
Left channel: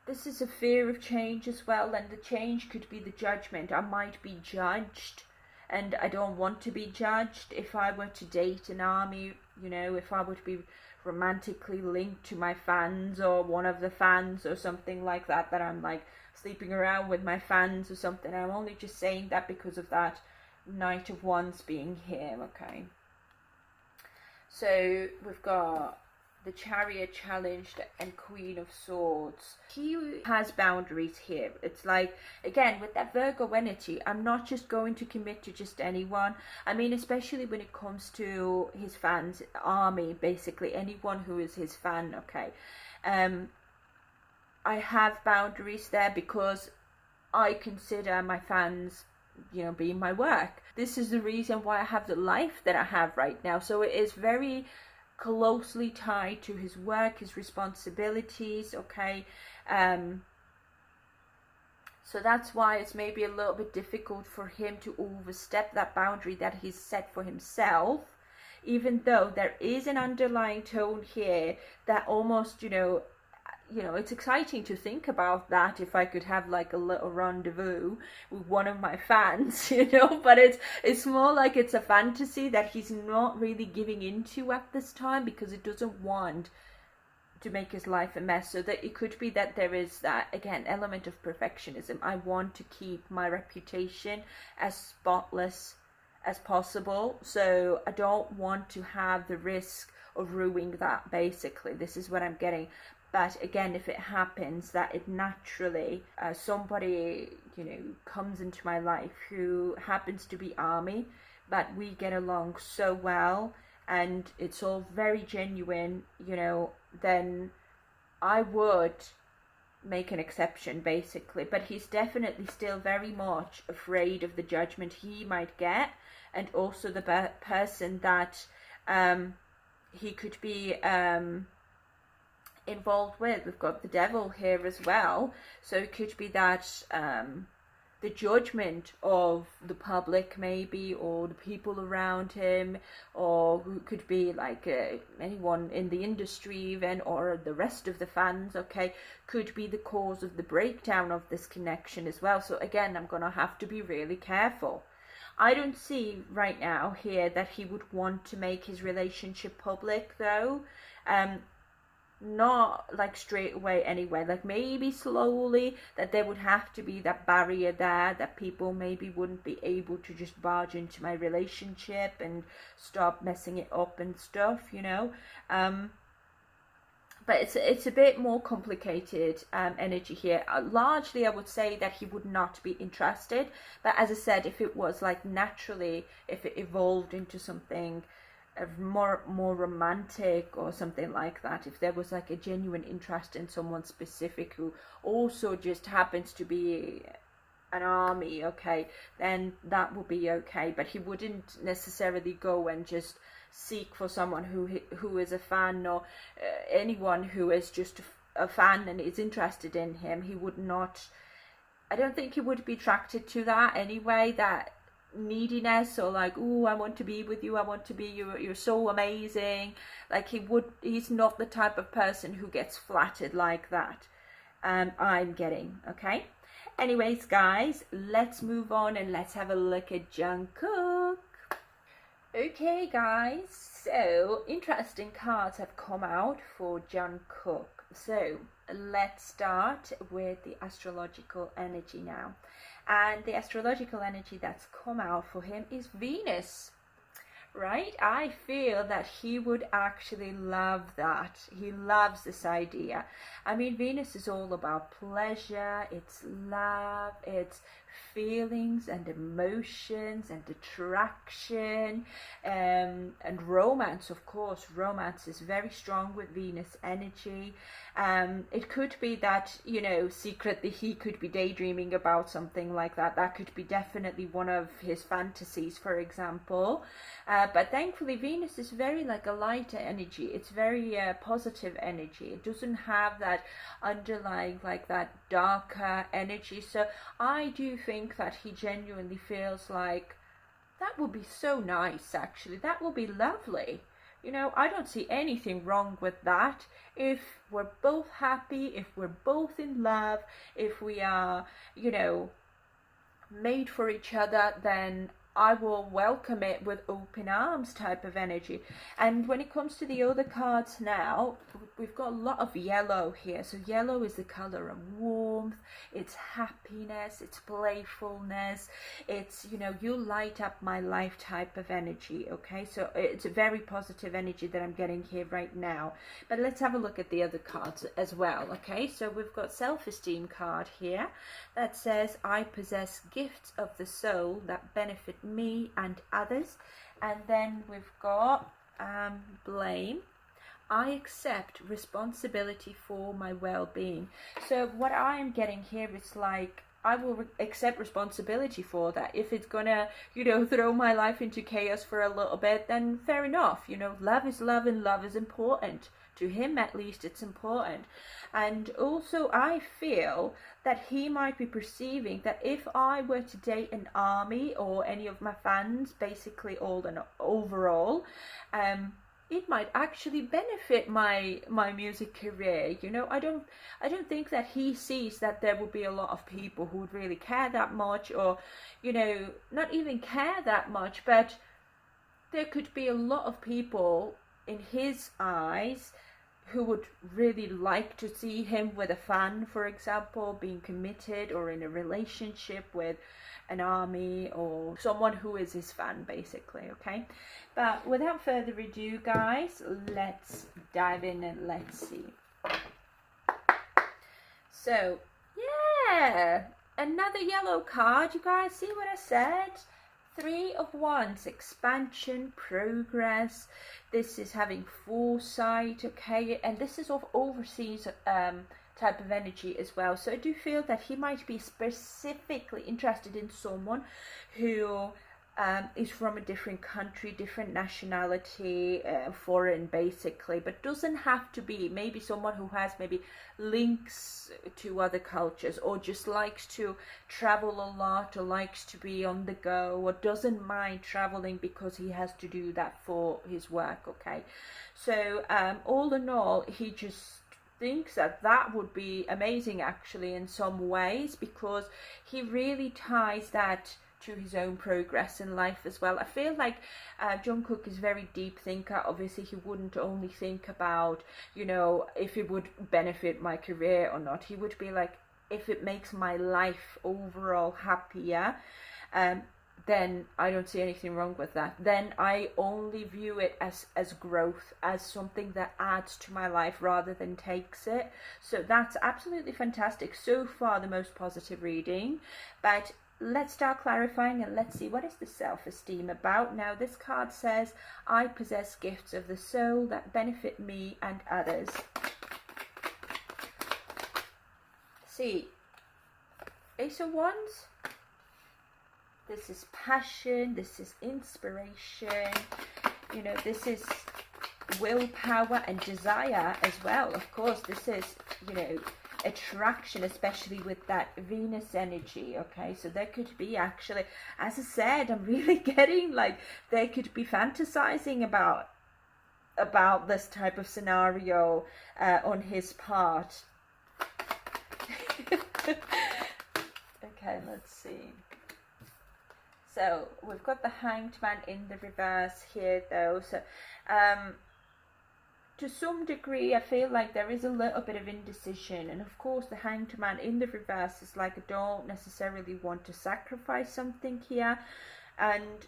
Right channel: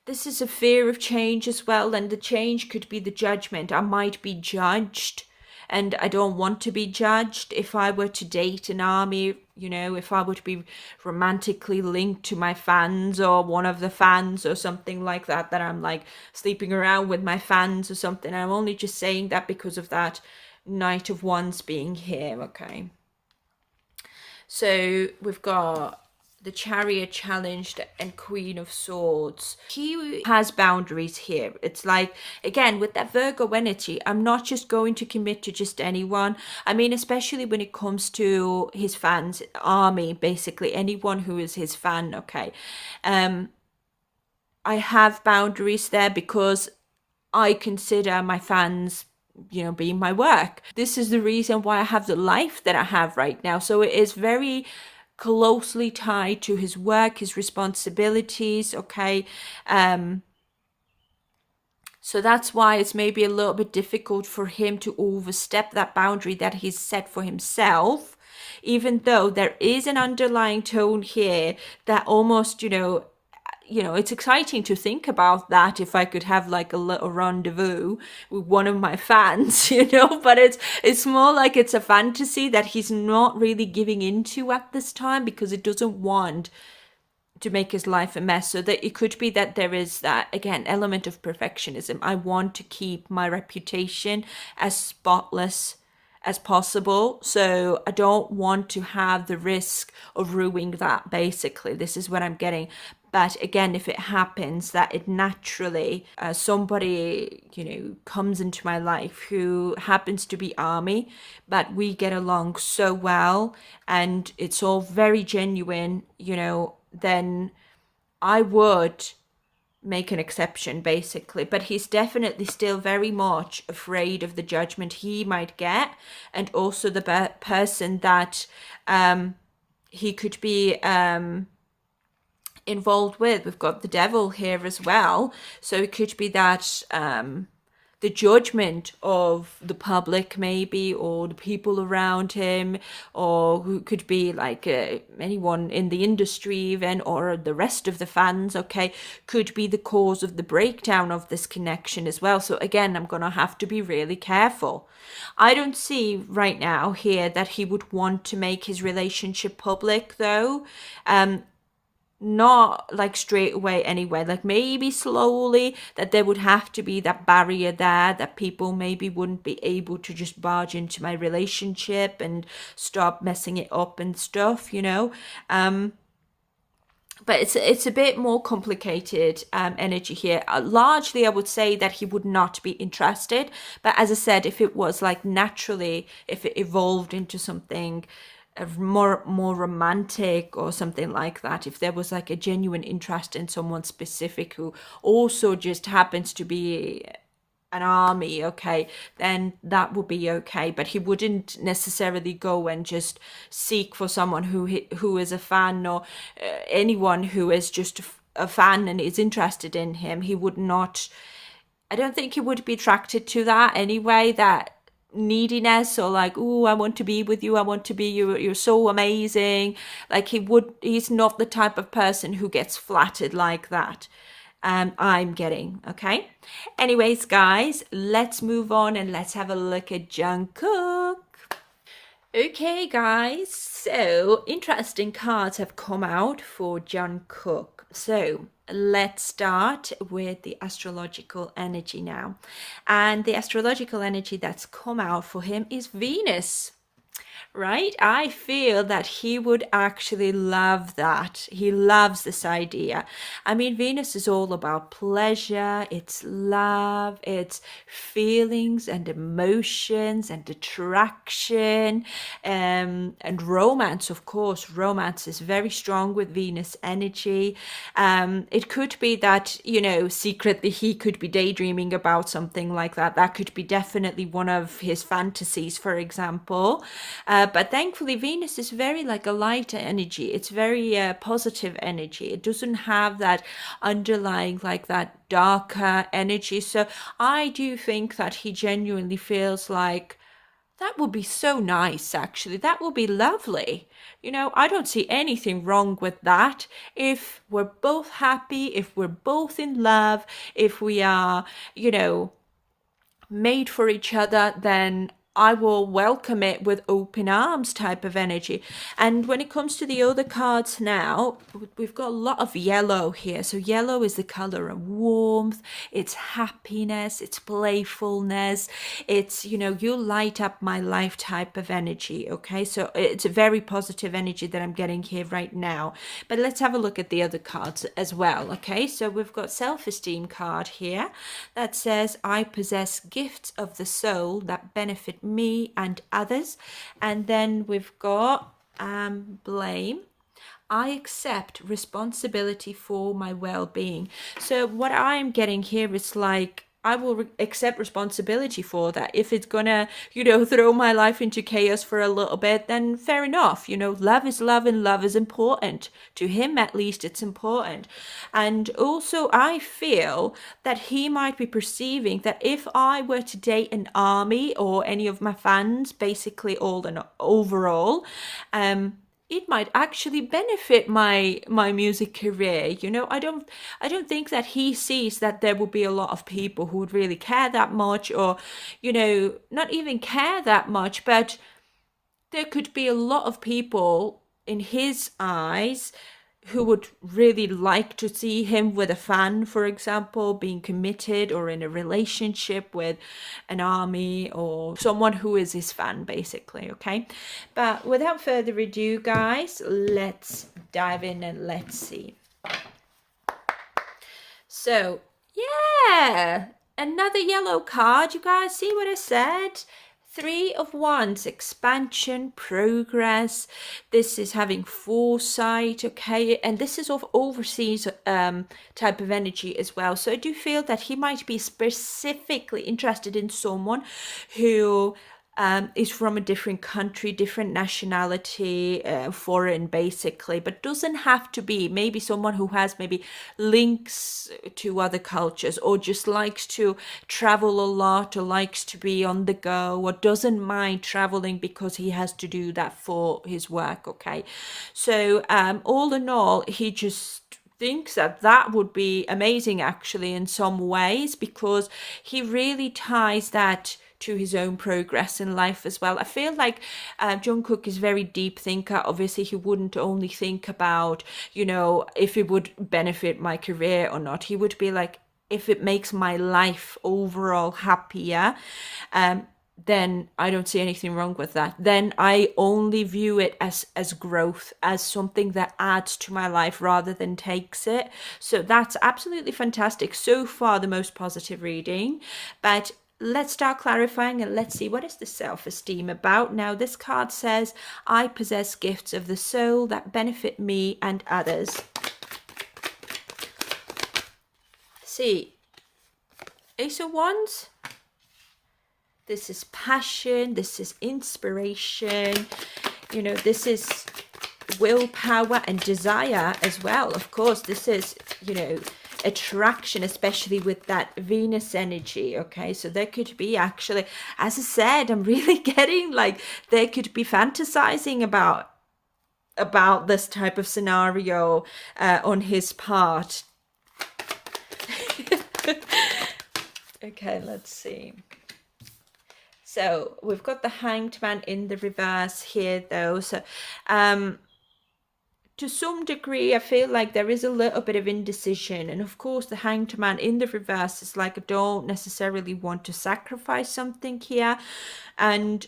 this is a fear of change as well, and the change could be the judgment. I might be judged, and I don't want to be judged. If I were to date an army, you know, if I were to be romantically linked to my fans or one of the fans or something like that, that I'm like sleeping around with my fans or something. I'm only just saying that because of that Knight of Wands being here. Okay, so we've got the Chariot challenged and Queen of Swords. He has boundaries here. It's like, again, with that Virgo energy, I'm not just going to commit to just anyone. I mean, especially when it comes to his fans, army, basically anyone who is his fan. Okay, I have boundaries there because I consider my fans, you know, being my work. This is the reason why I have the life that I have right now. So it is very closely tied to his work, his responsibilities. Okay, so that's why it's maybe a little bit difficult for him to overstep that boundary that he's set for himself, even though there is an underlying tone here that almost, you know, it's exciting to think about that, if I could have like a little rendezvous with one of my fans, you know, but it's more like it's a fantasy that he's not really giving into at this time because it doesn't want to make his life a mess. So that it could be that there is that, again, element of perfectionism. I want to keep my reputation as spotless as possible, so I don't want to have the risk of ruining that. Basically, this is what I'm getting. But again, if it happens that it naturally somebody, you know, comes into my life who happens to be army, but we get along so well and it's all very genuine, you know, then I would make an exception, basically. But he's definitely still very much afraid of the judgment he might get, and also the person that he could be involved with. We've got the devil here as well, so it could be that the judgment of the public, maybe, or the people around him, or who could be like anyone in the industry even, or the rest of the fans, okay, could be the cause of the breakdown of this connection as well. So again, I'm gonna have to be really careful. I don't see right now here that he would want to make his relationship public, though. Not like straight away anyway, like maybe slowly, that there would have to be that barrier there, that people maybe wouldn't be able to just barge into my relationship and start messing it up and stuff, you know. But it's a bit more complicated energy here. Largely, I would say that he would not be interested, but as I said, if it was like naturally, if it evolved into something more romantic or something like that, if there was like a genuine interest in someone specific who also just happens to be an army, okay, then that would be okay. But he wouldn't necessarily go and just seek for someone who is a fan, or anyone who is just a fan and is interested in him. He would not, I don't think he would be attracted to that anyway, that neediness, or like, oh, I want to be with you, I want to be you, you're so amazing. Like he's not the type of person who gets flattered like that. I'm getting, okay. Anyways, guys, let's move on and let's have a look at Jungkook. Okay, guys, so interesting cards have come out for Jungkook. So let's start with the astrological energy now. And the astrological energy that's come out for him is Venus right? I feel that he would actually love that. He loves this idea. I mean, Venus is all about pleasure, it's love, it's feelings and emotions and attraction, and romance, of course. Romance is very strong with Venus energy. It could be that, secretly he could be daydreaming about something like that. That could be definitely one of his fantasies, for example. But thankfully, Venus is very like a light energy. It's very positive energy. It doesn't have that underlying, like that darker energy. So I do think that he genuinely feels like that would be so nice, actually. That would be lovely. I don't see anything wrong with that. If we're both happy, if we're both in love, if we are, you know, made for each other, then I will welcome it with open arms type of energy. And when it comes to the other cards now, we've got a lot of yellow here. So yellow is the color of warmth, it's happiness, it's playfulness, it's, you light up my life type of energy. Okay, so it's a very positive energy that I'm getting here right now. But let's have a look at the other cards as well. Okay, so we've got self-esteem card here that says, I possess gifts of the soul that benefit me and others. And then we've got blame. I accept responsibility for my well-being. So what I'm getting here is like, I will accept responsibility for that. If it's gonna, throw my life into chaos for a little bit, then fair enough. Love is love, and love is important. To him, at least, it's important. And also, I feel that he might be perceiving that if I were to date an army or any of my fans, basically all and overall, it might actually benefit my music career. I don't think that he sees that there would be a lot of people who would really care that much, or not even care that much, but there could be a lot of people in his eyes who would really like to see him with a fan, for example, being committed or in a relationship with an army or someone who is his fan, basically. Okay, but without further ado, guys, let's dive in and let's see. So yeah, another yellow card. You guys see what I said? Three of Wands, expansion, progress. This is having foresight, okay? And this is of overseas type of energy as well. So I do feel that he might be specifically interested in someone who is from a different country, different nationality, foreign basically, but doesn't have to be. Maybe someone who has maybe links to other cultures, or just likes to travel a lot, or likes to be on the go, or doesn't mind traveling because he has to do that for his work. Okay, so all in all, he just thinks that that would be amazing actually in some ways, because he really ties that to his own progress in life as well. I feel like Jungkook is very deep thinker. Obviously, he wouldn't only think about, if it would benefit my career or not. He would be like, if it makes my life overall happier, then I don't see anything wrong with that. Then I only view it as growth, as something that adds to my life rather than takes it. So that's absolutely fantastic. So far, the most positive reading. But let's start clarifying and let's see, what is the self-esteem about. Now, this card says, I possess gifts of the soul that benefit me and others. See, Ace of Wands. This is passion, this is inspiration, this is willpower and desire as well. Of course, this is, attraction, especially with that Venus energy. Okay, so there could be actually, as I said, I'm really getting like there could be fantasizing about this type of scenario on his part. Okay, let's see. So we've got the Hanged Man in the reverse here, though. So to some degree, I feel like there is a little bit of indecision. And of course, the Hanged Man in the reverse is like, I don't necessarily want to sacrifice something here. And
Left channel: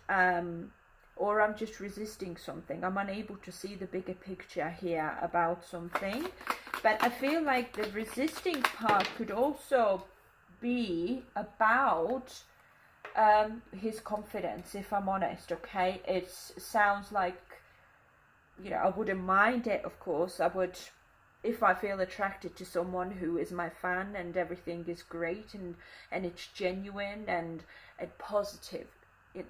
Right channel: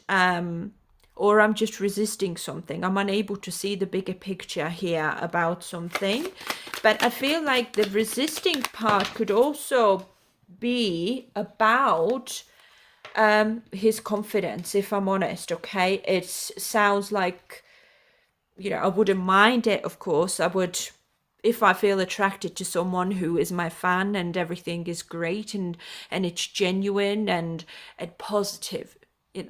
or I'm just resisting something. I'm unable to see the bigger picture here about something. But I feel like the resisting part could also be about his confidence, if I'm honest. Okay, it sounds like, you know, I wouldn't mind it, of course. I would, if I feel attracted to someone who is my fan and everything is great and it's genuine and positive,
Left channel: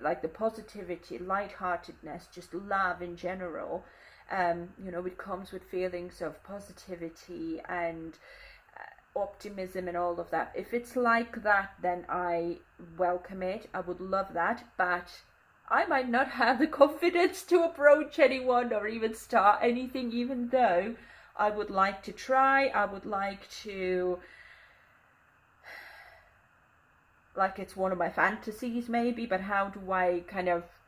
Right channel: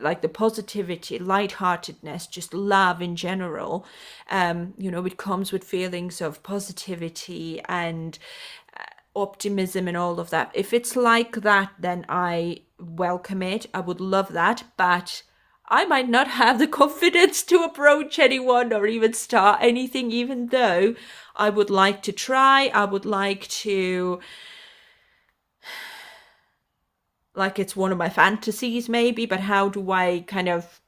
like the positivity, lightheartedness, just love in general. You know, it comes with feelings of positivity and optimism and all of that. If it's like that, then I welcome it. I would love that, but I might not have the confidence to approach anyone or even start anything, even though I would like to try. I would like to, like, it's one of my fantasies maybe, but how do I kind of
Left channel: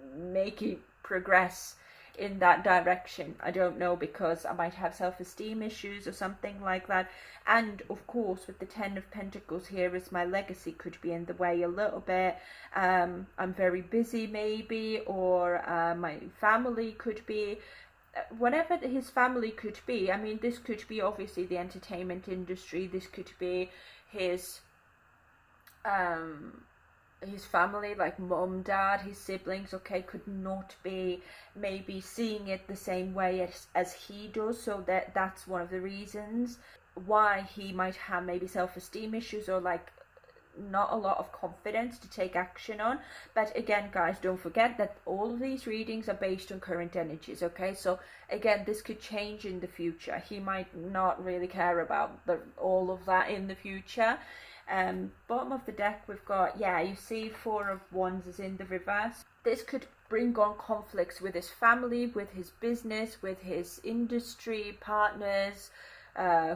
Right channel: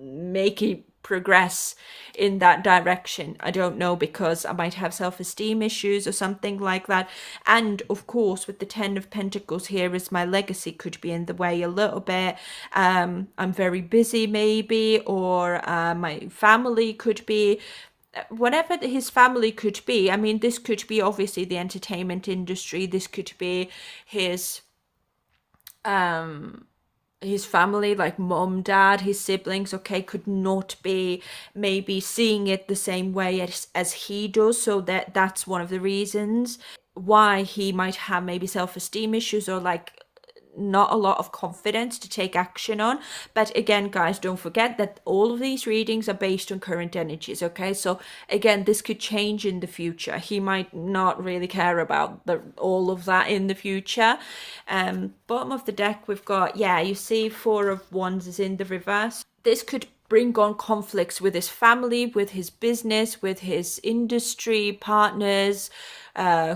make it progress in that direction? I don't know, because I might have self-esteem issues or something like that. And of course, with the 10 of Pentacles here, is my legacy could be in the way a little bit. I'm very busy maybe, or my family could be, whatever his family could be. I mean, this could be obviously the entertainment industry, this could be his family, like mom, dad, his siblings, okay, could not be maybe seeing it the same way as he does. So that's one of the reasons why he might have maybe self-esteem issues, or like not a lot of confidence to take action on. But again, guys, don't forget that all of these readings are based on current energies, okay? So again, this could change in the future. He might not really care about all of that in the future. Bottom of the deck, we've got, yeah, you see 4 of Wands is in the reverse. This could bring on conflicts with his family, with his business, with his industry partners,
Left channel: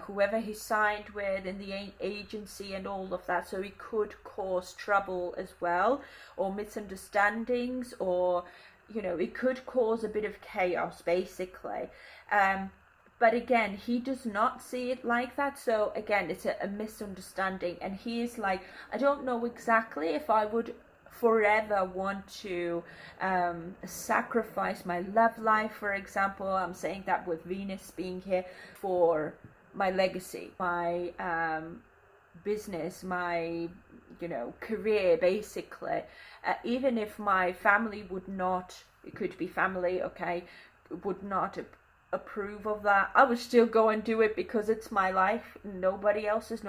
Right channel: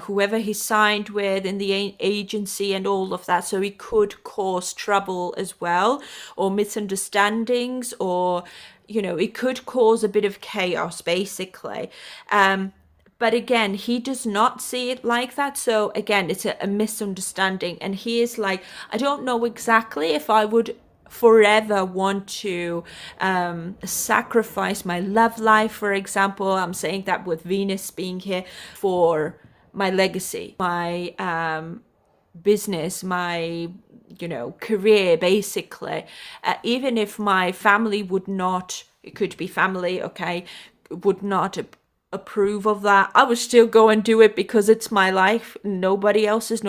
whoever he signed with in the agency and all of that. So it could cause trouble as well, or misunderstandings, or, you know, it could cause a bit of chaos basically. But again, he does not see it like that. So again, it's a misunderstanding. And he is like, I don't know exactly if I would forever want to sacrifice my love life, for example. I'm saying that with Venus being here, for my legacy, my business, my, you know, career basically. Even if my family would not, it could be family, okay, would not approve of that, I would still go and do it because it's my life. Nobody else's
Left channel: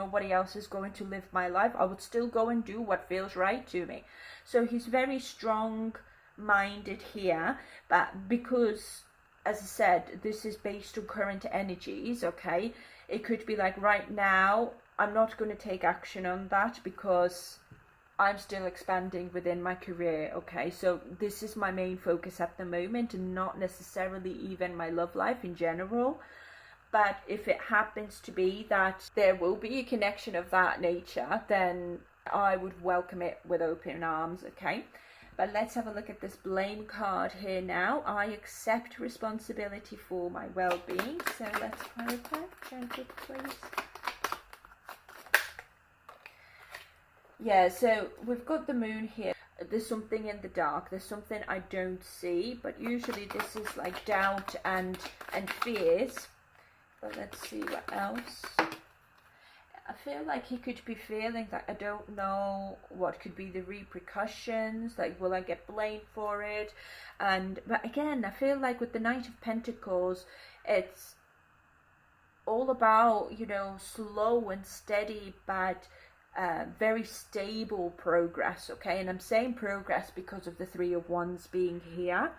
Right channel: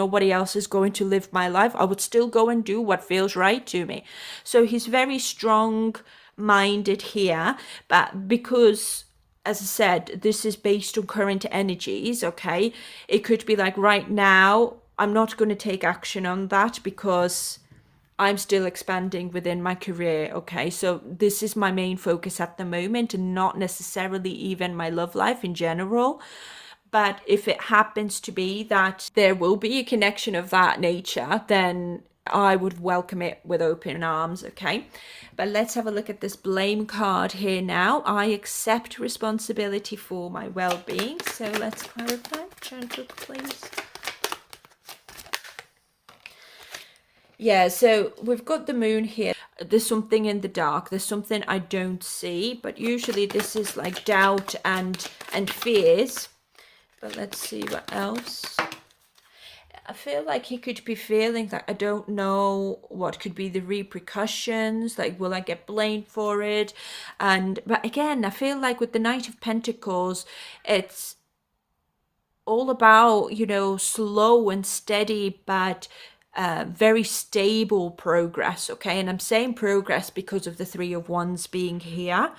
going to live my life. I would still go and do what feels right to me. So he's very strong minded here, but because, as I said, this is based on current energies, okay, it could be like, right now I'm not going to take action on that because I'm still expanding within my career, okay? So this is my main focus at the moment, and not necessarily even my love life in general. But if it happens to be that there will be a connection of that nature, then I would welcome it with open arms, okay? But let's have a look at this blame card here now. I accept responsibility for my well-being. So let's clarify. Gentle, please. Yeah, so we've got the moon here. There's something in the dark. There's something I don't see, but usually this is like doubt and fears. But let's see what else. I feel like he could be feeling that I don't know what could be the repercussions, like will I get blamed for it? But again, I feel like with the Knight of Pentacles, it's all about, you know, slow and steady, but very stable progress, okay? And I'm saying progress because of the 3 of Wands being here.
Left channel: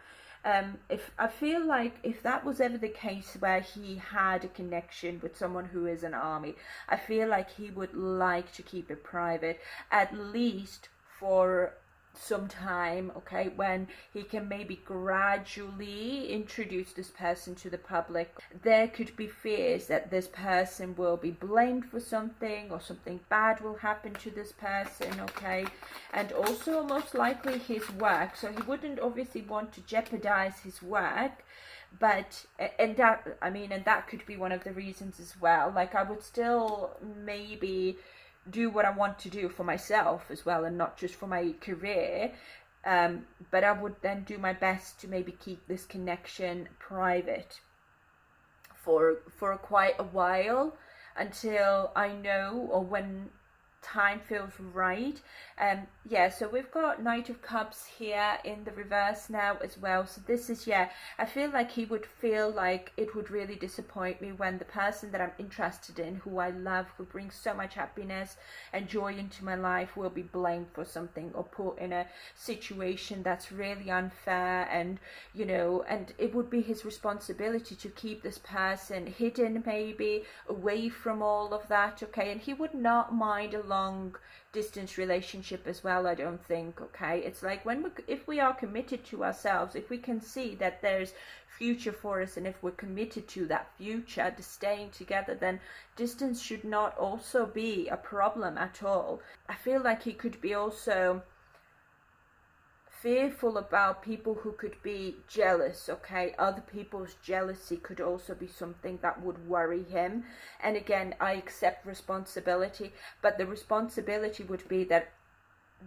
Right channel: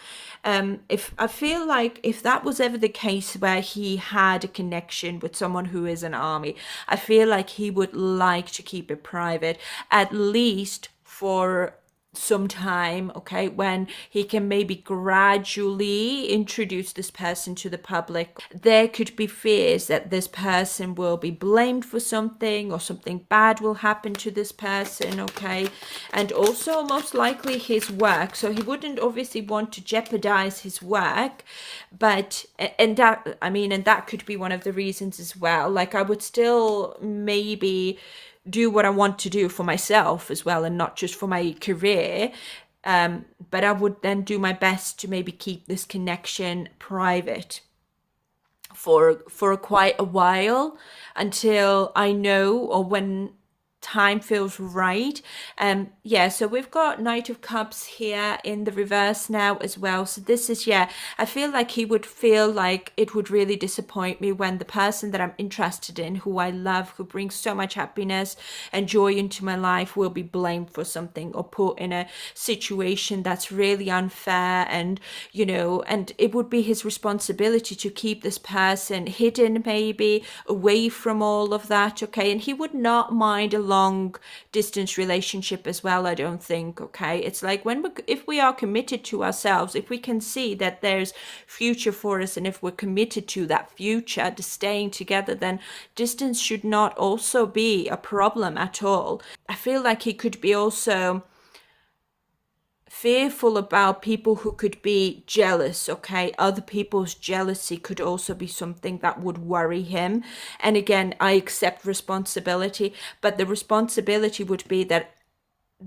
If I feel like if that was ever the case where he had a connection with someone who is an army, I feel like he would like to keep it private, at least for some time, okay, when he can maybe gradually introduce this person to the public. There could be fears that this person will be blamed for something, or something bad will happen to this person, okay? And also most likely his work. So he wouldn't obviously want to jeopardize his work, but and that could be one of the reasons as well. Like, I would still maybe do what I want to do for myself as well, and not just for my career. But I would then do my best to maybe keep this connection private for quite a while, until I know, or when time feels right. Yeah, so we've got Knight of Cups here in the reverse now as well. So this is, yeah, I feel like he would feel like it would really disappoint me when the person that I'm interested in, who I love, who brings so much happiness and joy into my life, will be blamed for something or put in a situation that's really unfair. And and it would be his responsibility to keep this person hidden, maybe away from all of that. Okay, and he would not mind a long distance relationship as well, I don't think. Okay, it's like, if we are committed to ourselves, if we can see that there's future for us, and if we're committed to that future, to staying together, then distance should not also be a problem at all. I feel like he could be also fearful about people who could be jealous. Okay, other people's jealousy could also be something that would worry him. And again, I accept responsibility, but the responsibility would be that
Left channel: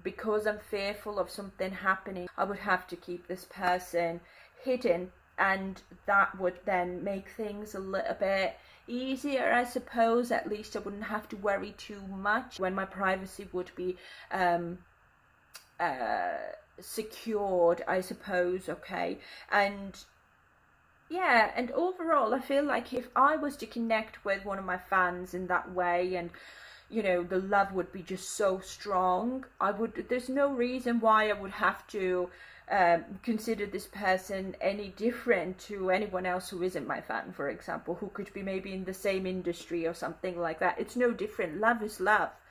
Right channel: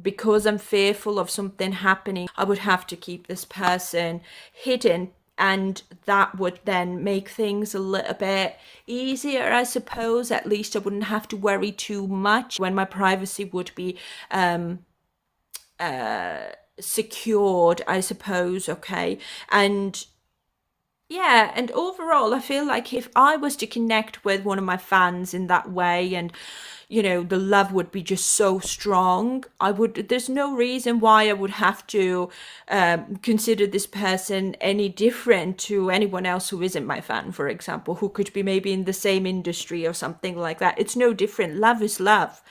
because I'm fearful of something happening, I would have to keep this person hidden, and that would then make things a little bit easier, I suppose. At least I wouldn't have to worry too much, when my privacy would be secured, I suppose. Okay, and yeah, and overall, I feel like if I was to connect with one of my fans in that way, and the love would be just so strong, there's no reason why I would have to consider this person any different to anyone else who isn't my fan, for example, who could be maybe in the same industry or something like that. It's no different. Love is love.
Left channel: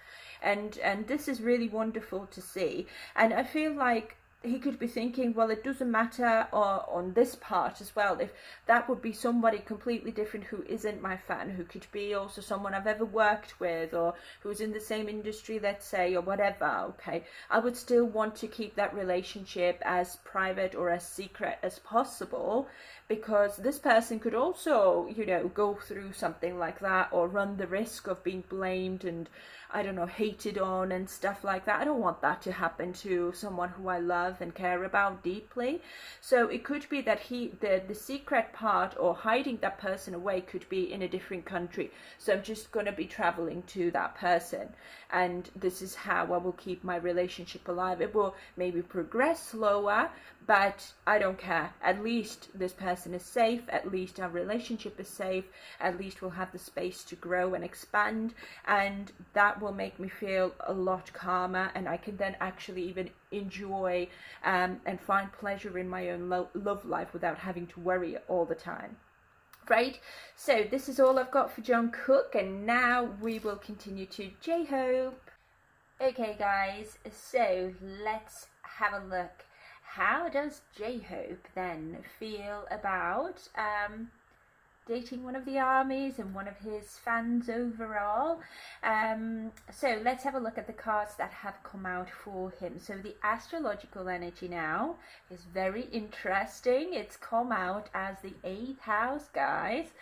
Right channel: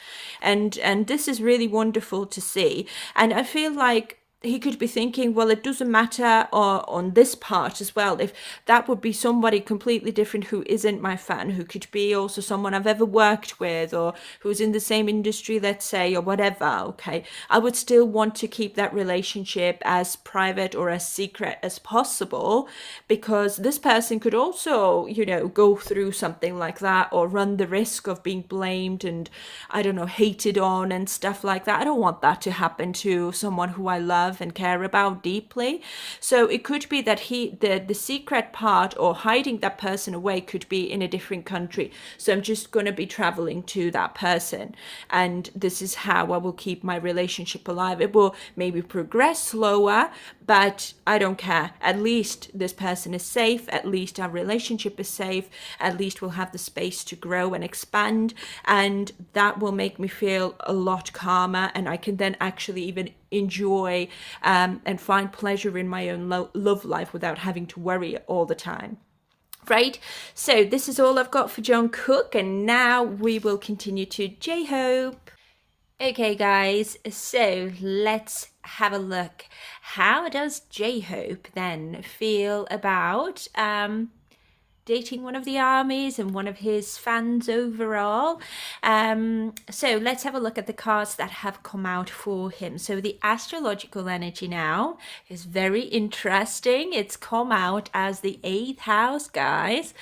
And this is really wonderful to see. And I feel like he could be thinking, well, it doesn't matter, or on this part as well, if that would be somebody completely different who isn't my fan, who could be also someone I've ever worked with, or who's in the same industry, let's say, or whatever. Okay, I would still want to keep that relationship as private or as secret as possible, because this person could also, go through something like that, or run the risk of being blamed and, I don't know, hated on and stuff like that. I don't want that to happen to someone who I love and care about deeply. So it could be that the secret part, or hiding that person away, could be in a different country. So I'm just going to be traveling to that person, and this is how I will keep my relationship alive. It will maybe progress slower, but I don't care. At least this person is safe. At least our relationship is safe. At least we'll have the space to grow and expand, and that will make me feel a lot calmer, and I can then actually even enjoy and find pleasure in my own love life without having to worry all the time. Right, so this is all I've got for Jungkook, and now we will continue to J-Hope. Okay, guys, so let's have a look. How does J-Hope then feel about dating one of the armies and one of his fans overall? So let's have a look at the cards that have come out for him. So the astrological energy now is very interesting. It's come out as the 8th house, guys.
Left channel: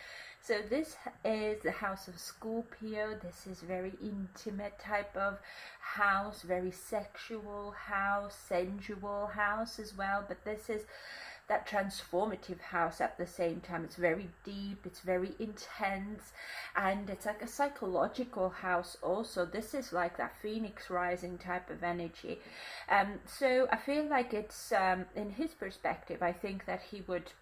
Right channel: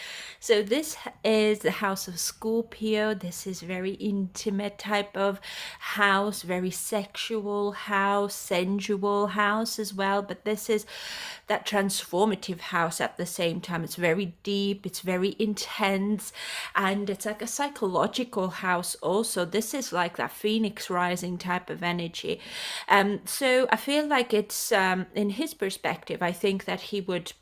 So this is the house of Scorpio. This is very intimate type of house, very sexual house, sensual house as well. But this is that transformative house at the same time. It's very deep, it's very intense, and it's like a psychological house also. This is like that phoenix rising type of energy. So I feel like it's in his perspective, I think that he would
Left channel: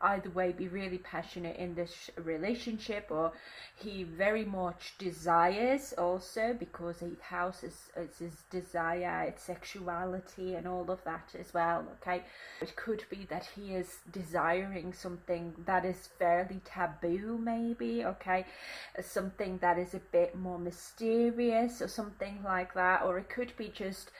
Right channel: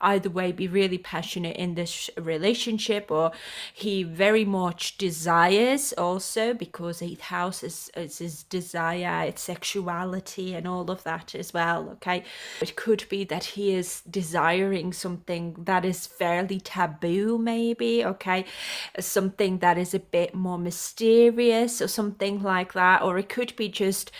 either way be really passionate in this relationship, or he very much desires also, because 8th house is his desire, it's sexuality and all of that as well. Okay, it could be that he is desiring something that is fairly taboo, maybe. Okay, something that is a bit more mysterious or something like that. Or it could be just,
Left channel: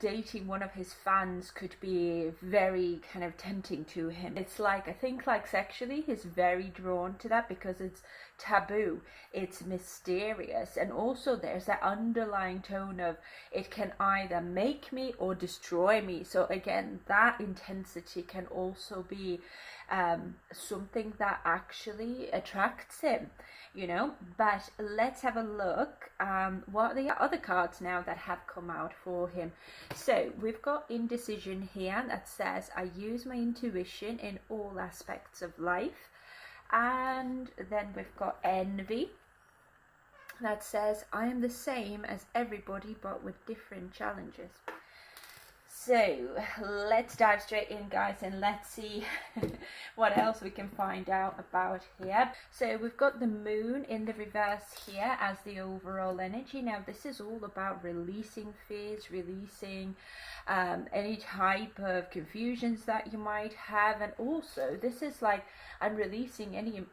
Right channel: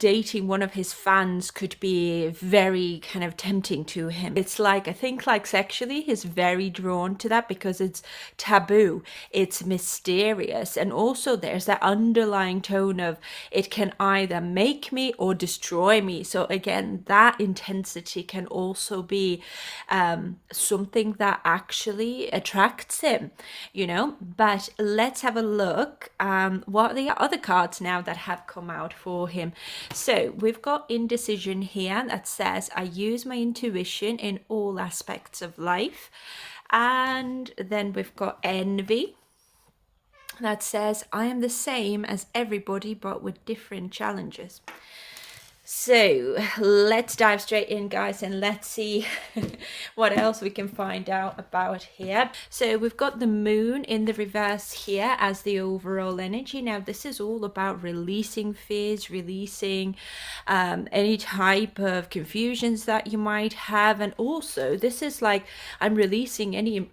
dating one of his fans could be very kind of tempting to him. It's like, I think, like, sexually, he's very drawn to that because it's taboo, it's mysterious, and also there's that underlying tone of it can either make me or destroy me. So again, that intensity can also be something that actually attracts him, But let's have a look what are the other cards now that have come out for him. So we've got indecision here that says, I use my intuition in all aspects of life. And then we've got envy that says, I am the same as everybody, but with different challenges. So let's dive straight in, guys, and let's see what else we can find out about here. So we've got the moon in the reverse here as the overall energy. Now this is all about releasing fears, releasing any type of confusions that you might have, and also this is like I'm releasing any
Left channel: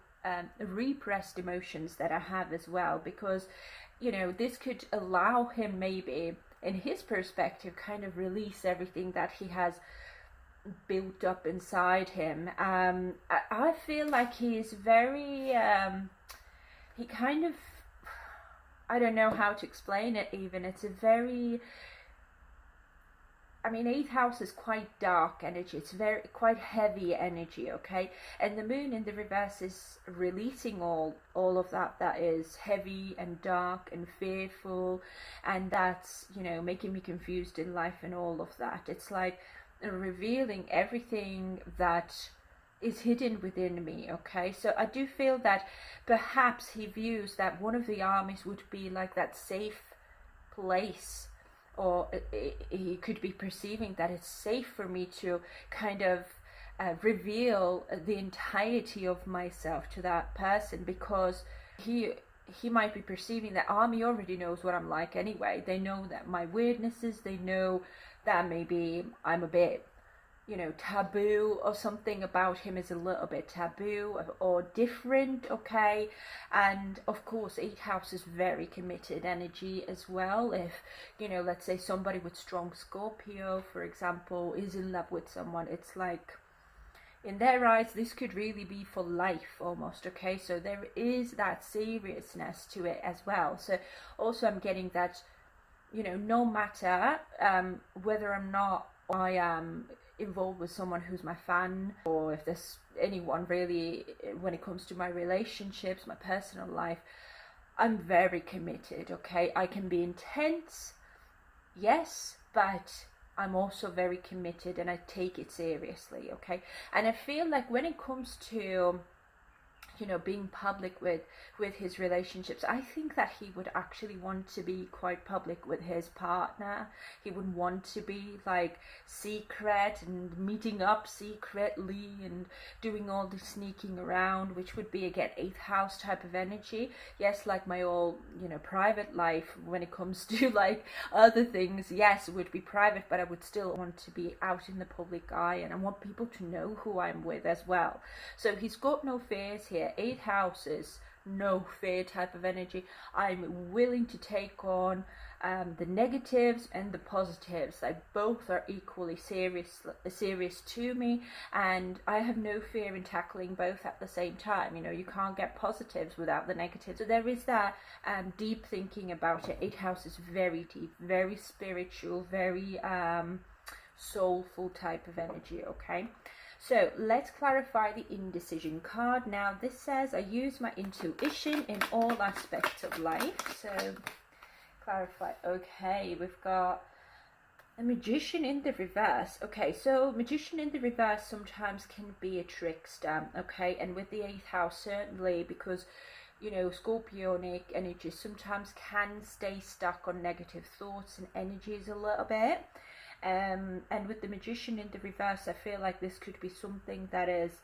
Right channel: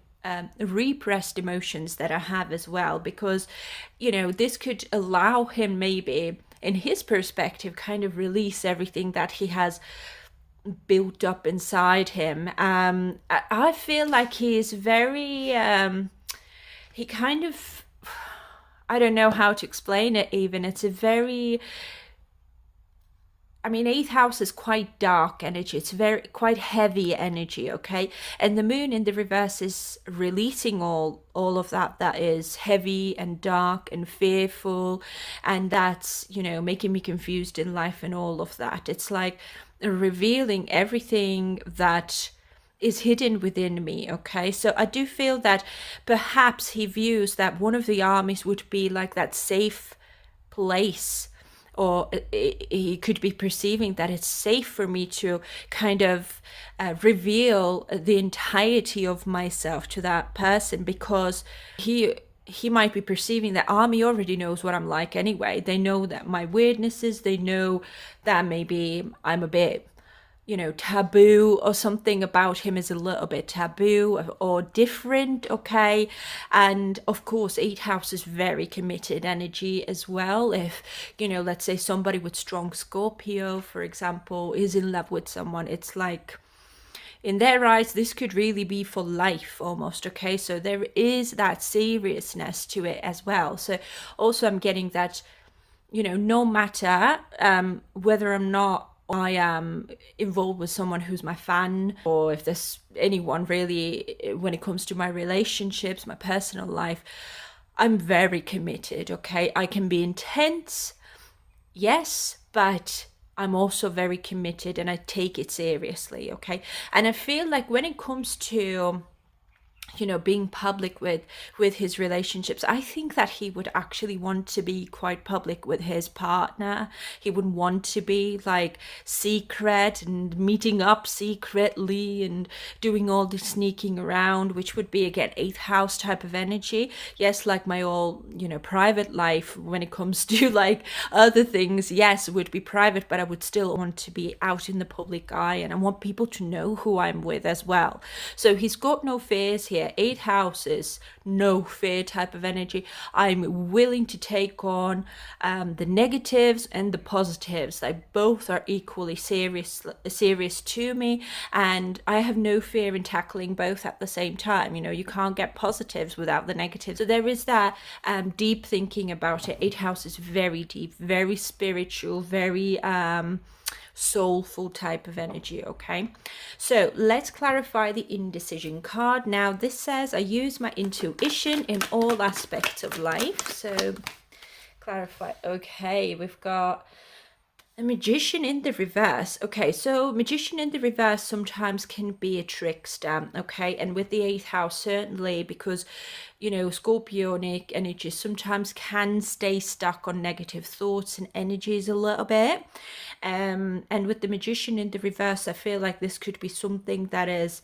repressed emotions that I have as well, because this could allow him, maybe in his perspective, kind of release everything that he has built up inside him. I feel like he is very he kind of, I don't know how to explain it even. It's a very, I mean, 8th house is quite dark energy. It's very quite heavy energy, okay? And the moon in the reverse is releasing all of that is heavy and dark and fearful, and that's, making me confused in life and all of that. It's like revealing everything that is hidden within me, okay? So I do feel that perhaps he views that one of the armies would be like that safe place, or he could be perceiving that it's safe for me to kind of reveal the entirety of myself to that person, because he might be perceiving that army already knows what I'm like anyway. They know that my weirdnesses, they know that maybe I'm a bit taboo, or something about him is a little bit taboo or different, okay? And of course, 8th house is very committed energy as well. If, let's say somebody with strong Scorpio, for example, is in love with someone, it's like, in their eyes, this could really be for life almost, okay? So there is that seriousness to it as well. So also I'm getting that, no matter whether or not I am involved with someone who's my fan, or if there's anyone really, when it comes to my relationships, my personal life, I'm very committed, okay? I can be intense, yes, but I'm also very committed and I take it seriously, okay? And I feel like when it comes to being public with his relationships, I think that he would actually want to be quite public with his partner. He would want to be like secret and meeting up secretly and doing all the sneaking around, which would be again 8th house type of energy. Yes, like my all private life, when it comes to like other things, yes, it would be private, but I would still want to be out in the public eye, and I want people to know who I'm with as well. So he's got no fears here. 8 houses, no fear type of energy. I'm willing to take on the negatives and the positives. They both are equally serious to me, and I have no fear in tackling both at the same time. You can't get positives without the negatives. So there is that deep thinking about it. 8 house is very deep, very spiritual, very soulful type of energy, okay? So let's clarify the indecision card. Now this says, I use my intuition in all aspects of life. So clarify. Okay, we've got a magician in the reverse. Okay, so magician in the reverse sometimes can be a trickster, okay? And with the 8th house, certainly, because Scorpionic energy sometimes can stay stuck on negative thoughts and energies a little bit. And with the magician in the reverse, I feel like this could be something that is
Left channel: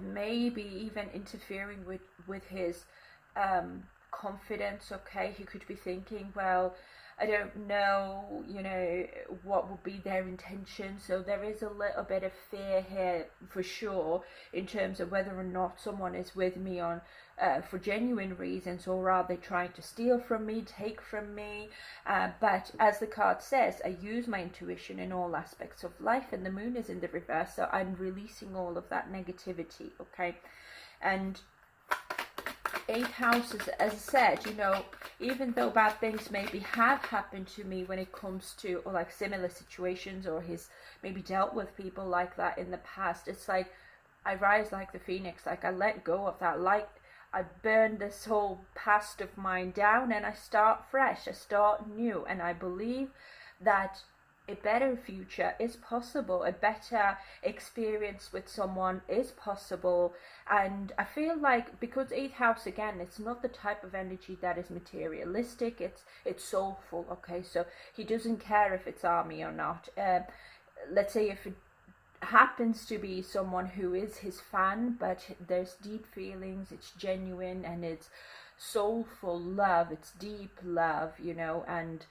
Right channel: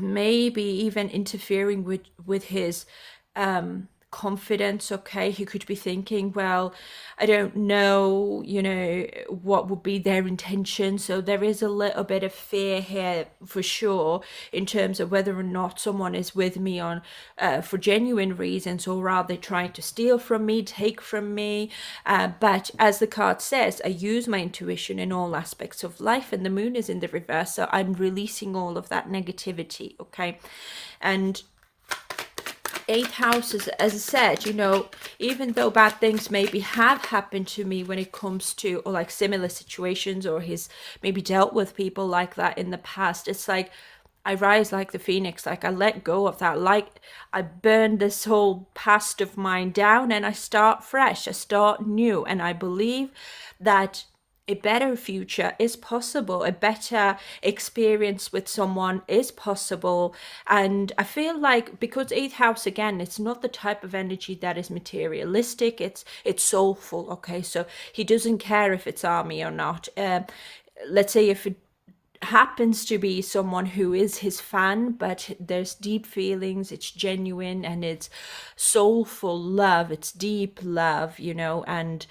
maybe even interfering with his confidence, okay? He could be thinking, well, I don't know, what would be their intention. So there is a little bit of fear here for sure, in terms of whether or not someone is with me on for genuine reasons, or are they trying to steal from me, take from me. But as the card says, I use my intuition in all aspects of life, and the moon is in the reverse, so I'm releasing all of that negativity, okay? And 8th house is, as I said, even though bad things maybe have happened to me when it comes to, or like similar situations, or he's maybe dealt with people like that in the past, it's like I rise like the phoenix, like I let go of that, like I burn this whole past of mine down and I start fresh, I start new. And I believe that a better future is possible, a better experience with someone is possible. And I feel like, because eighth house, again, it's not the type of energy that is materialistic, it's soulful. Okay, so he doesn't care if it's army or not. Let's say if it happens to be someone who is his fan, but there's deep feelings, it's genuine, and it's soulful love, it's deep love, and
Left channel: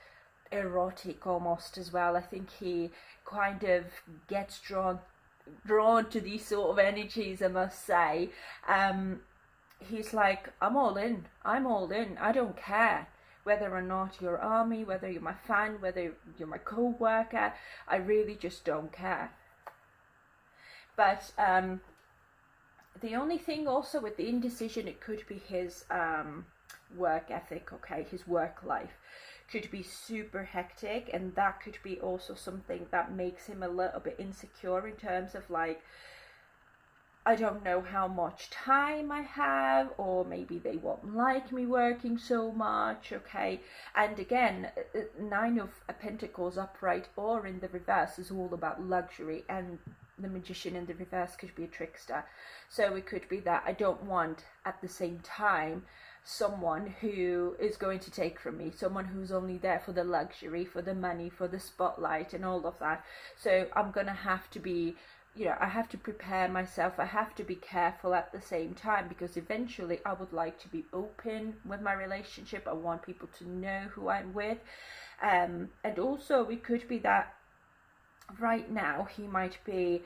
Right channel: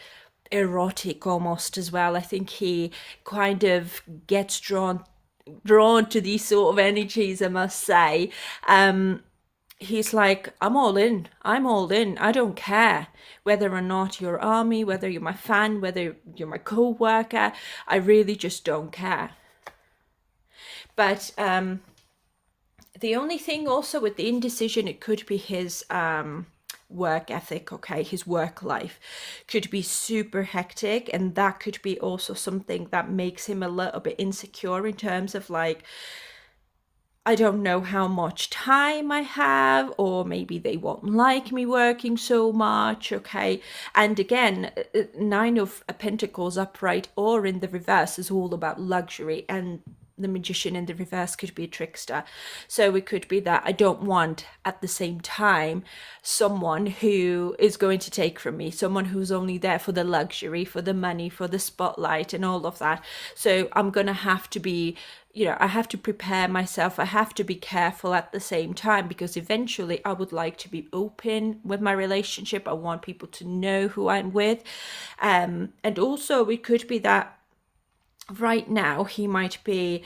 erotic almost as well. I think he kind of gets drawn to these sort of energies, I must say. He's like, I'm all in, I don't care whether or not you're army, whether you're my fan, whether you're my co-worker, I really just don't care. But the only thing also with the indecision, it could be his work ethic. Okay, his work life could be super hectic, and that could be also something that makes him a little bit insecure in terms of like, I don't know how much time I have, or maybe they won't like me working so much. Okay, and again, Nine of Pentacles upright or in the reverse is all about luxury, and the Magician in the reverse could be a trickster. So it could be that I don't want at the same time someone who is going to take from me, someone who's only there for the luxury, for the money, for the spotlight and all of that. So I'm going to have to be, I have to prepare myself. I have to be careful at the same time, because eventually I would like to be open with my relationship. I want people to know who I'm with. And also it could be that right now he might be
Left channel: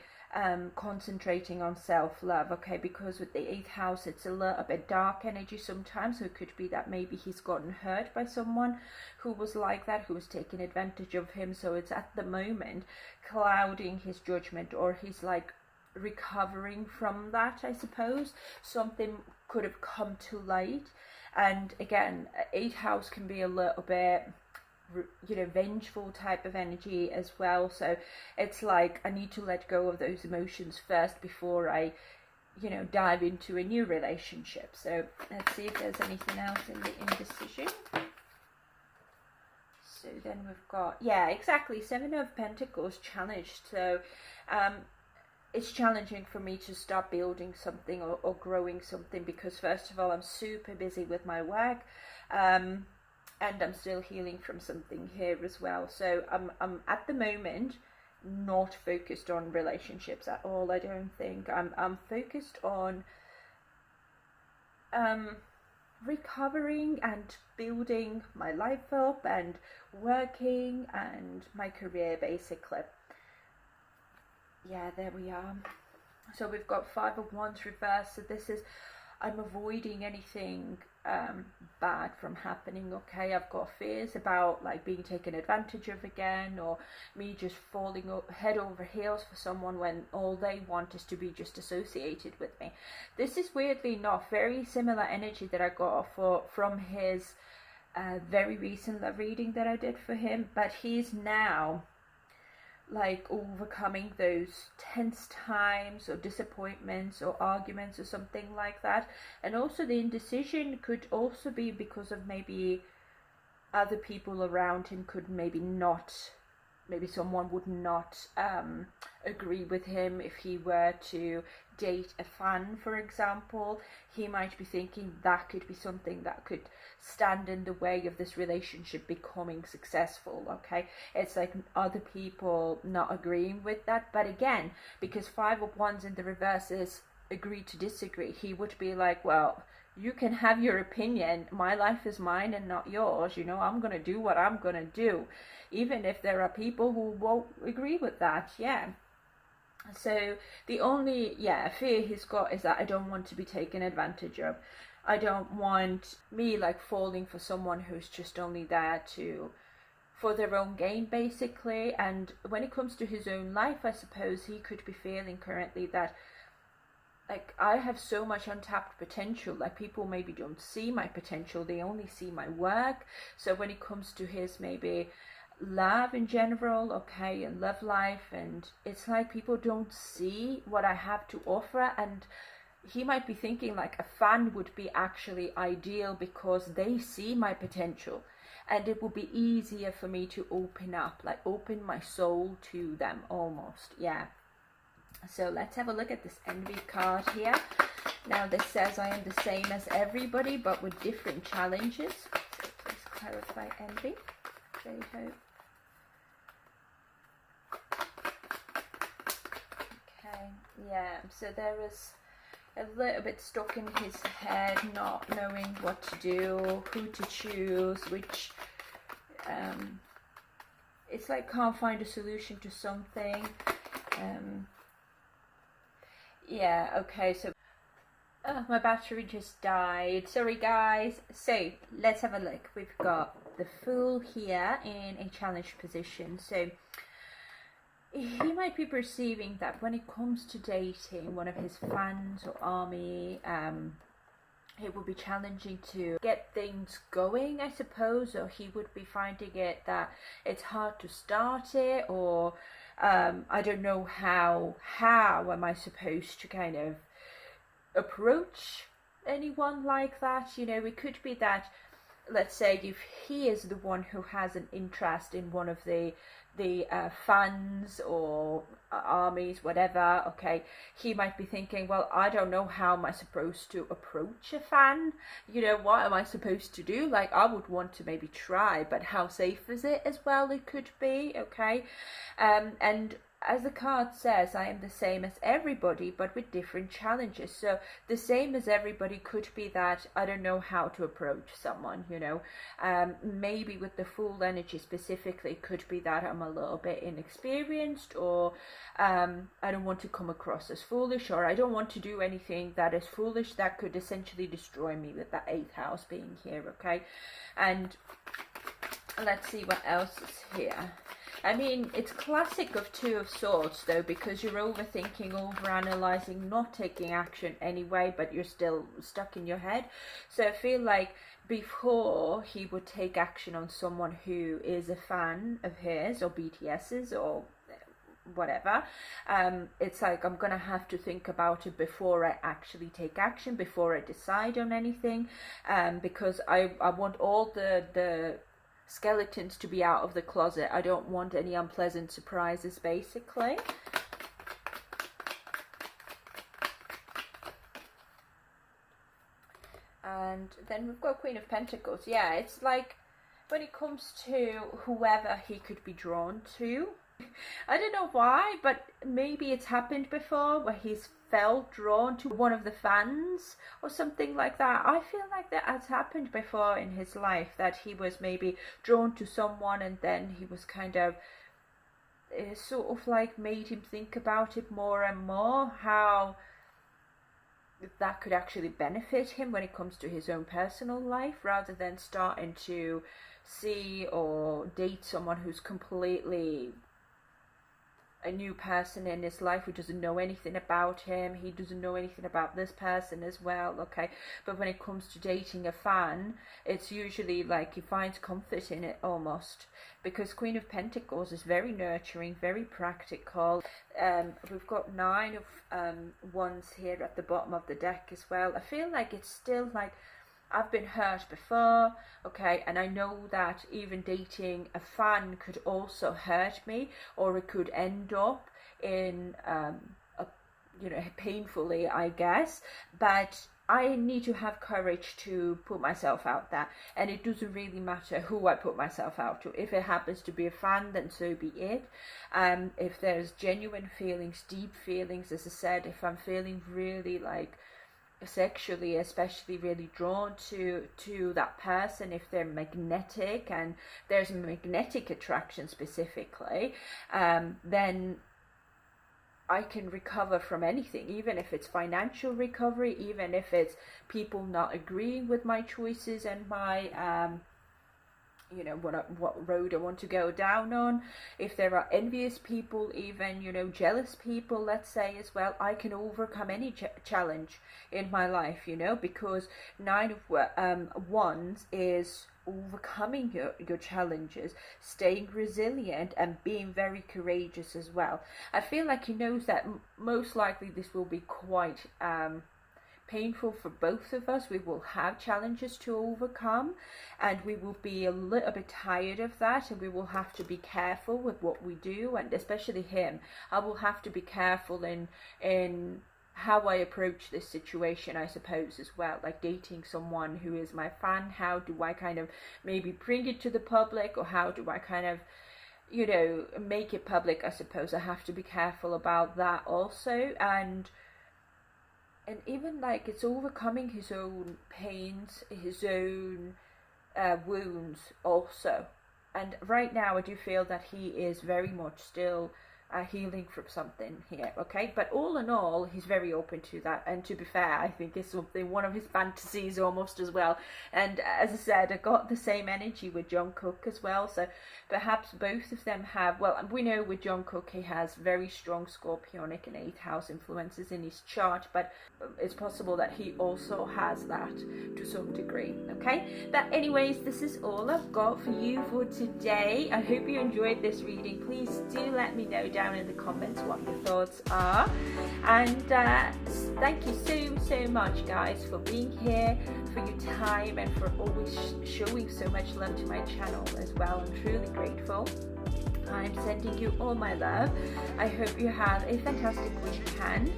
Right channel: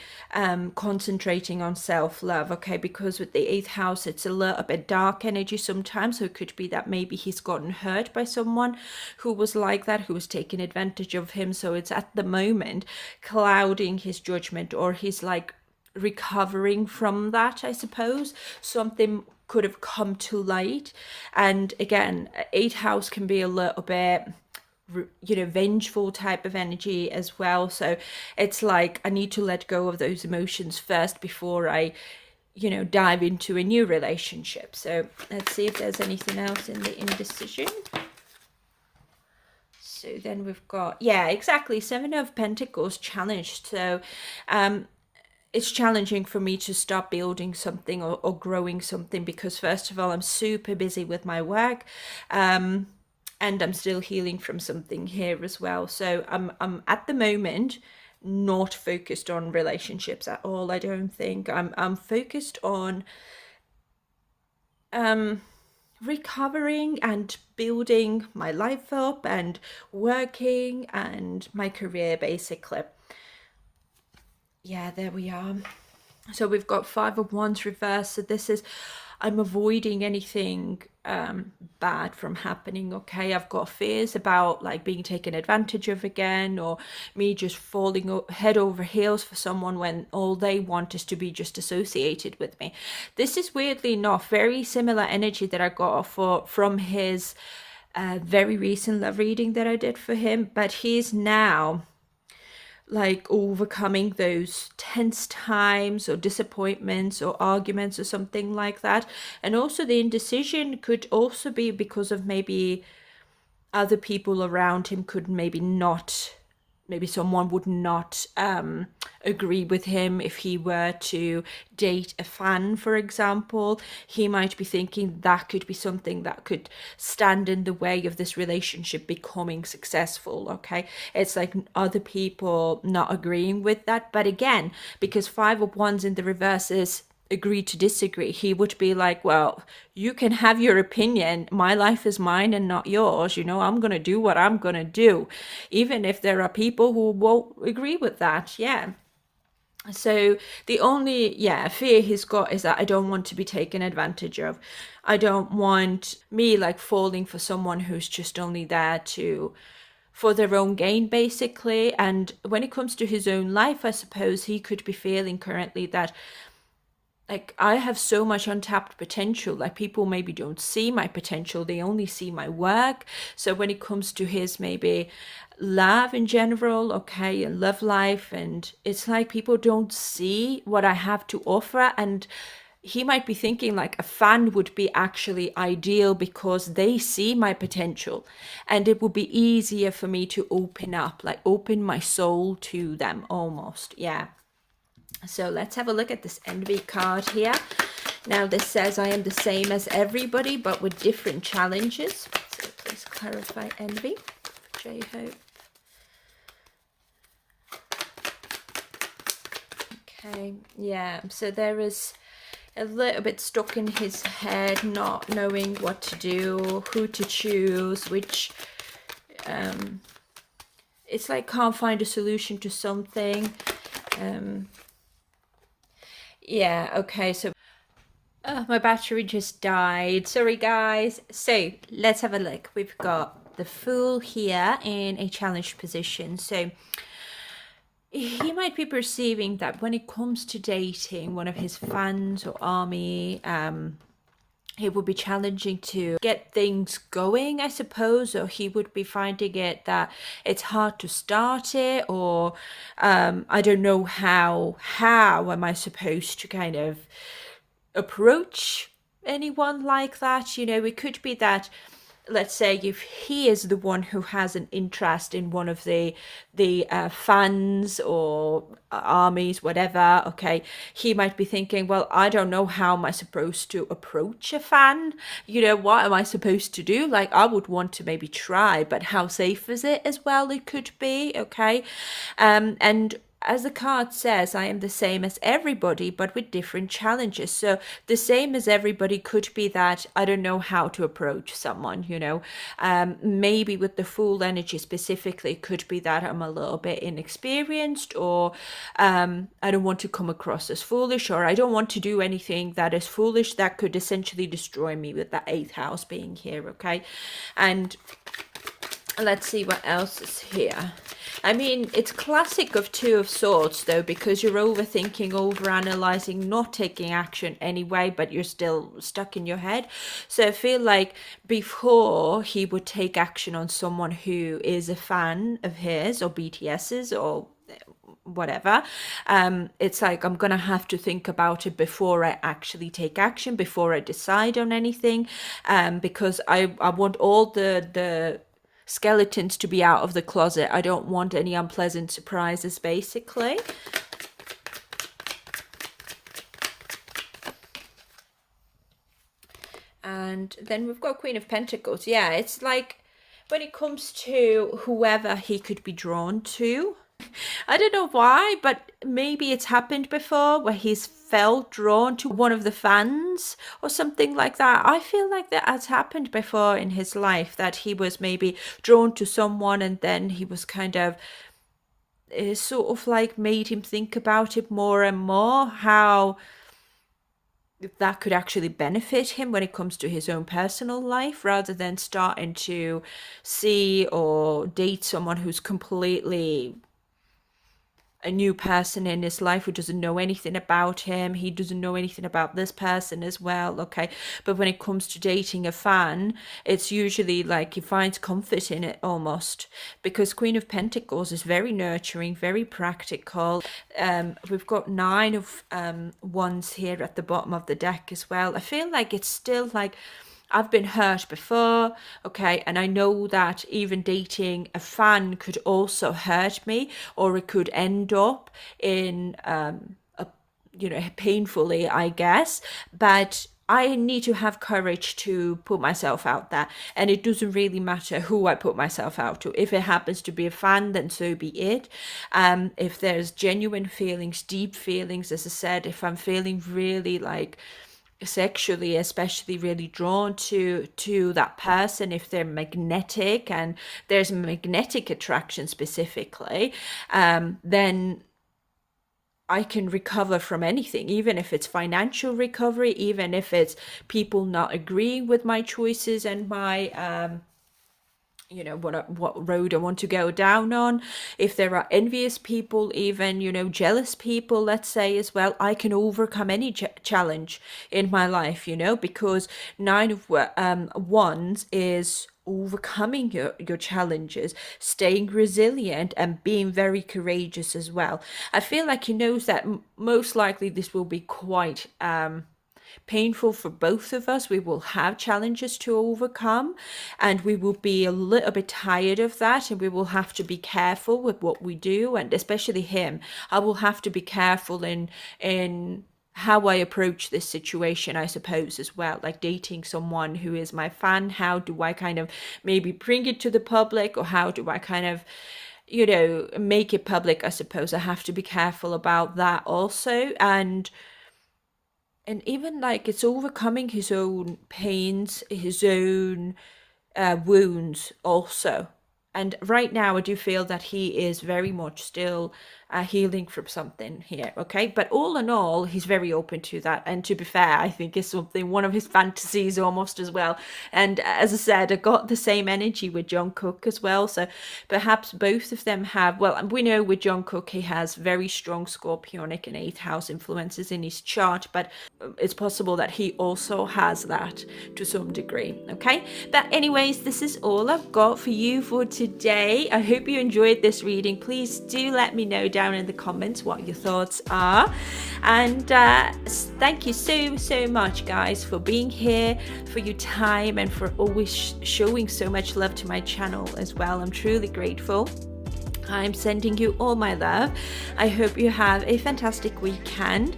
concentrating on self-love. Okay, because with the eighth house it's a little bit dark energy sometimes, so it could be that maybe he's gotten hurt by someone who was like that, who was taking advantage of him. So it's at the moment clouding his judgment, or he's like recovering from that, I suppose. Something could have come to light. And again, eighth house can be a little bit vengeful type of energy as well. So it's like I need to let go of those emotions first before I dive into a new relationship. So let's see if there's anything else in the indecision. So then we've got, yeah, exactly, Seven of Pentacles challenged. So it's challenging for me to start building something or growing something, because first of all, I'm super busy with my work. And I'm still healing from something here as well. So I'm at the moment not focused on relationships at all. I don't think I'm focused on recovering and building my life up and working and my career, basically. Yeah, there we are. So we've got Five of Wands reversed. So this is, I'm avoiding anything bad from happening. Okay, I've got fears about like being taken advantage of again, or me just falling head over heels for someone when all they want is to be just associated with me. This is weirdly enough very similar energy that I got from his very recent love reading that I did for him, but he's now like overcoming those tense times or disappointments or arguments or something like that. And also the indecision could also be because of maybe other people around him could maybe someone would not agree with him if he were to date a fan, for example. He might be thinking that could be something that could stand in the way of this relationship becoming successful. Okay, it's like other people not agreeing with that. But again, because Five of Wands in the reverse is agree to disagree, he would be like, well, you can have your opinion, my life is mine and not yours. I'm gonna do what I'm gonna do, even if there are people who won't agree with that. Yeah, so the only fear he's got is that I don't want to be taken advantage of. I don't want me like falling for someone who's just only there for their own gain, basically. And when it comes to his own life, I suppose he could be feeling currently that like I have so much untapped potential. Like people maybe don't see my potential, they only see my work. So when it comes to his maybe love in general, okay, and love life. And it's like people don't see what I have to offer. And he might be thinking like a fan would be actually ideal because they see my potential, and it would be easier for me to open up, like open my soul to them almost. Yeah. So let's have a look at this envy card here. Now this says, I am the same as everybody, but with different challenges. So please clarify envy. J-Hope. Okay, yeah, so there is a little bit stuck in his head, not knowing what to do, who to choose, which it's like can't find a solution to something. Yeah, okay, so my battery just died. Sorry, guys. So let's have a look. We've got the Fool here in a challenged position. So he might be perceiving that when it comes to dating one of his fans or army, it would be challenging to get things going, I suppose, or he would be finding it that it's hard to start it, or I don't know how am I supposed to kind of approach anyone like that. You know, it could be that, let's say, if he is the one who has an interest in one of the fans or armies, whatever, okay, he might be thinking, well, I don't know how am I supposed to approach a fan, you know, what am I supposed to do? Like, I would want to maybe try, but how safe is it as well? It could be, okay. And as the card says, I am the same as everybody, but with different challenges. So the same as everybody could be that I don't know how to approach someone, you know. Maybe with the Fool energy specifically, could be that I'm a little bit inexperienced, or I don't want to come across as foolish, or I don't want to do anything that is foolish that could essentially destroy me, with that 8th house being here, okay. And let's see what else is here. I mean, it's classic of Two of Swords, though, because you're overthinking, overanalyzing, not taking action anyway, but you're still stuck in your head. So I feel like before he would take action on someone who is a fan of his or BTS's or whatever, it's like I'm gonna have to think about it before I actually take action, before I decide on anything, because I want all the skeletons to be out of the closet. I don't want any unpleasant surprises, basically. And then we've got Queen of Pentacles. Yeah, it's like when it comes to whoever he could be drawn to, I don't know why, but maybe it's happened before where he's felt drawn to one of the fans or something like that. I feel like that has happened before in his life, that he was maybe drawn to someone and then he was kind of sort of like made him think about it more and more, how that could actually benefit him when it comes to his own personal life, rather than starting to see or date someone who's completely a new person in his life, who doesn't know anything about him. He doesn't know anything about this person as well, okay. But when it comes to dating a fan, it's usually like he finds comfort in it almost, because Queen of Pentacles is very nurturing, very practical. We've got 9 of Wands here at the bottom of the deck as well. I feel like it's still like I've been hurt before, okay, and I know that even dating a fan could also hurt me, or it could end up in, you know, painfully, I guess, but I need to have courage to put myself out there, and it doesn't really matter who I put myself out to. If it happens to be a fan, then so be it. If there's genuine feelings, deep feelings, as I said, if I'm feeling really like sexually especially really drawn to that person, if they're magnetic and there's magnetic attraction specifically, then I can recover from anything, even if it's financial recovery, even if it's people not agreeing with my choices and my you know, what road I want to go down on. If there are envious people, even, you know, jealous people, let's say, as well, I can overcome any challenge in my life, you know, because 9 of Wands is overcoming your challenges, staying resilient, and being very courageous as well. I feel like he knows that most likely this will be quite painful for both of us. We will have challenges to overcome, and we will be a little bit tired of that, and we will have to be careful with what we do, and especially him. I will have to be careful in how I approach this situation, I suppose, as well. Like dating someone who is my fan, how do I kind of maybe bring it to the public, or how do I kind of, make it public? I suppose I have to be careful about that also. And even like it's overcoming his own pains, his own wounds also. And right now, I do feel that he is very much still healing from something here, okay? But all in all, he's very open to that. And to be fair, I think it's something, one of his fantasies almost as well. And as I said, I got the same energy with Jungkook as well. So perhaps both of them have, well, we know with Jungkook, he has very strong Scorpionic and 8th house influences in his chart, but it's possible that he also has that to some degree, okay? But anyways, this is all I've got for you for today. I hope you enjoyed this reading. Please do let me know down in the comments what your thoughts are, and thank you so much, guys, for being here, for your time, and for always showing so much love to my channel as well. I'm truly grateful. I'm sending you all my love. I hope you have a fantastic weekend.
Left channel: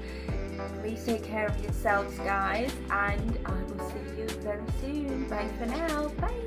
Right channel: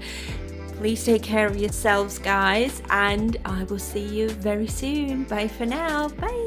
Please take care of yourselves, guys, and I will see you very soon. Bye for now. Bye.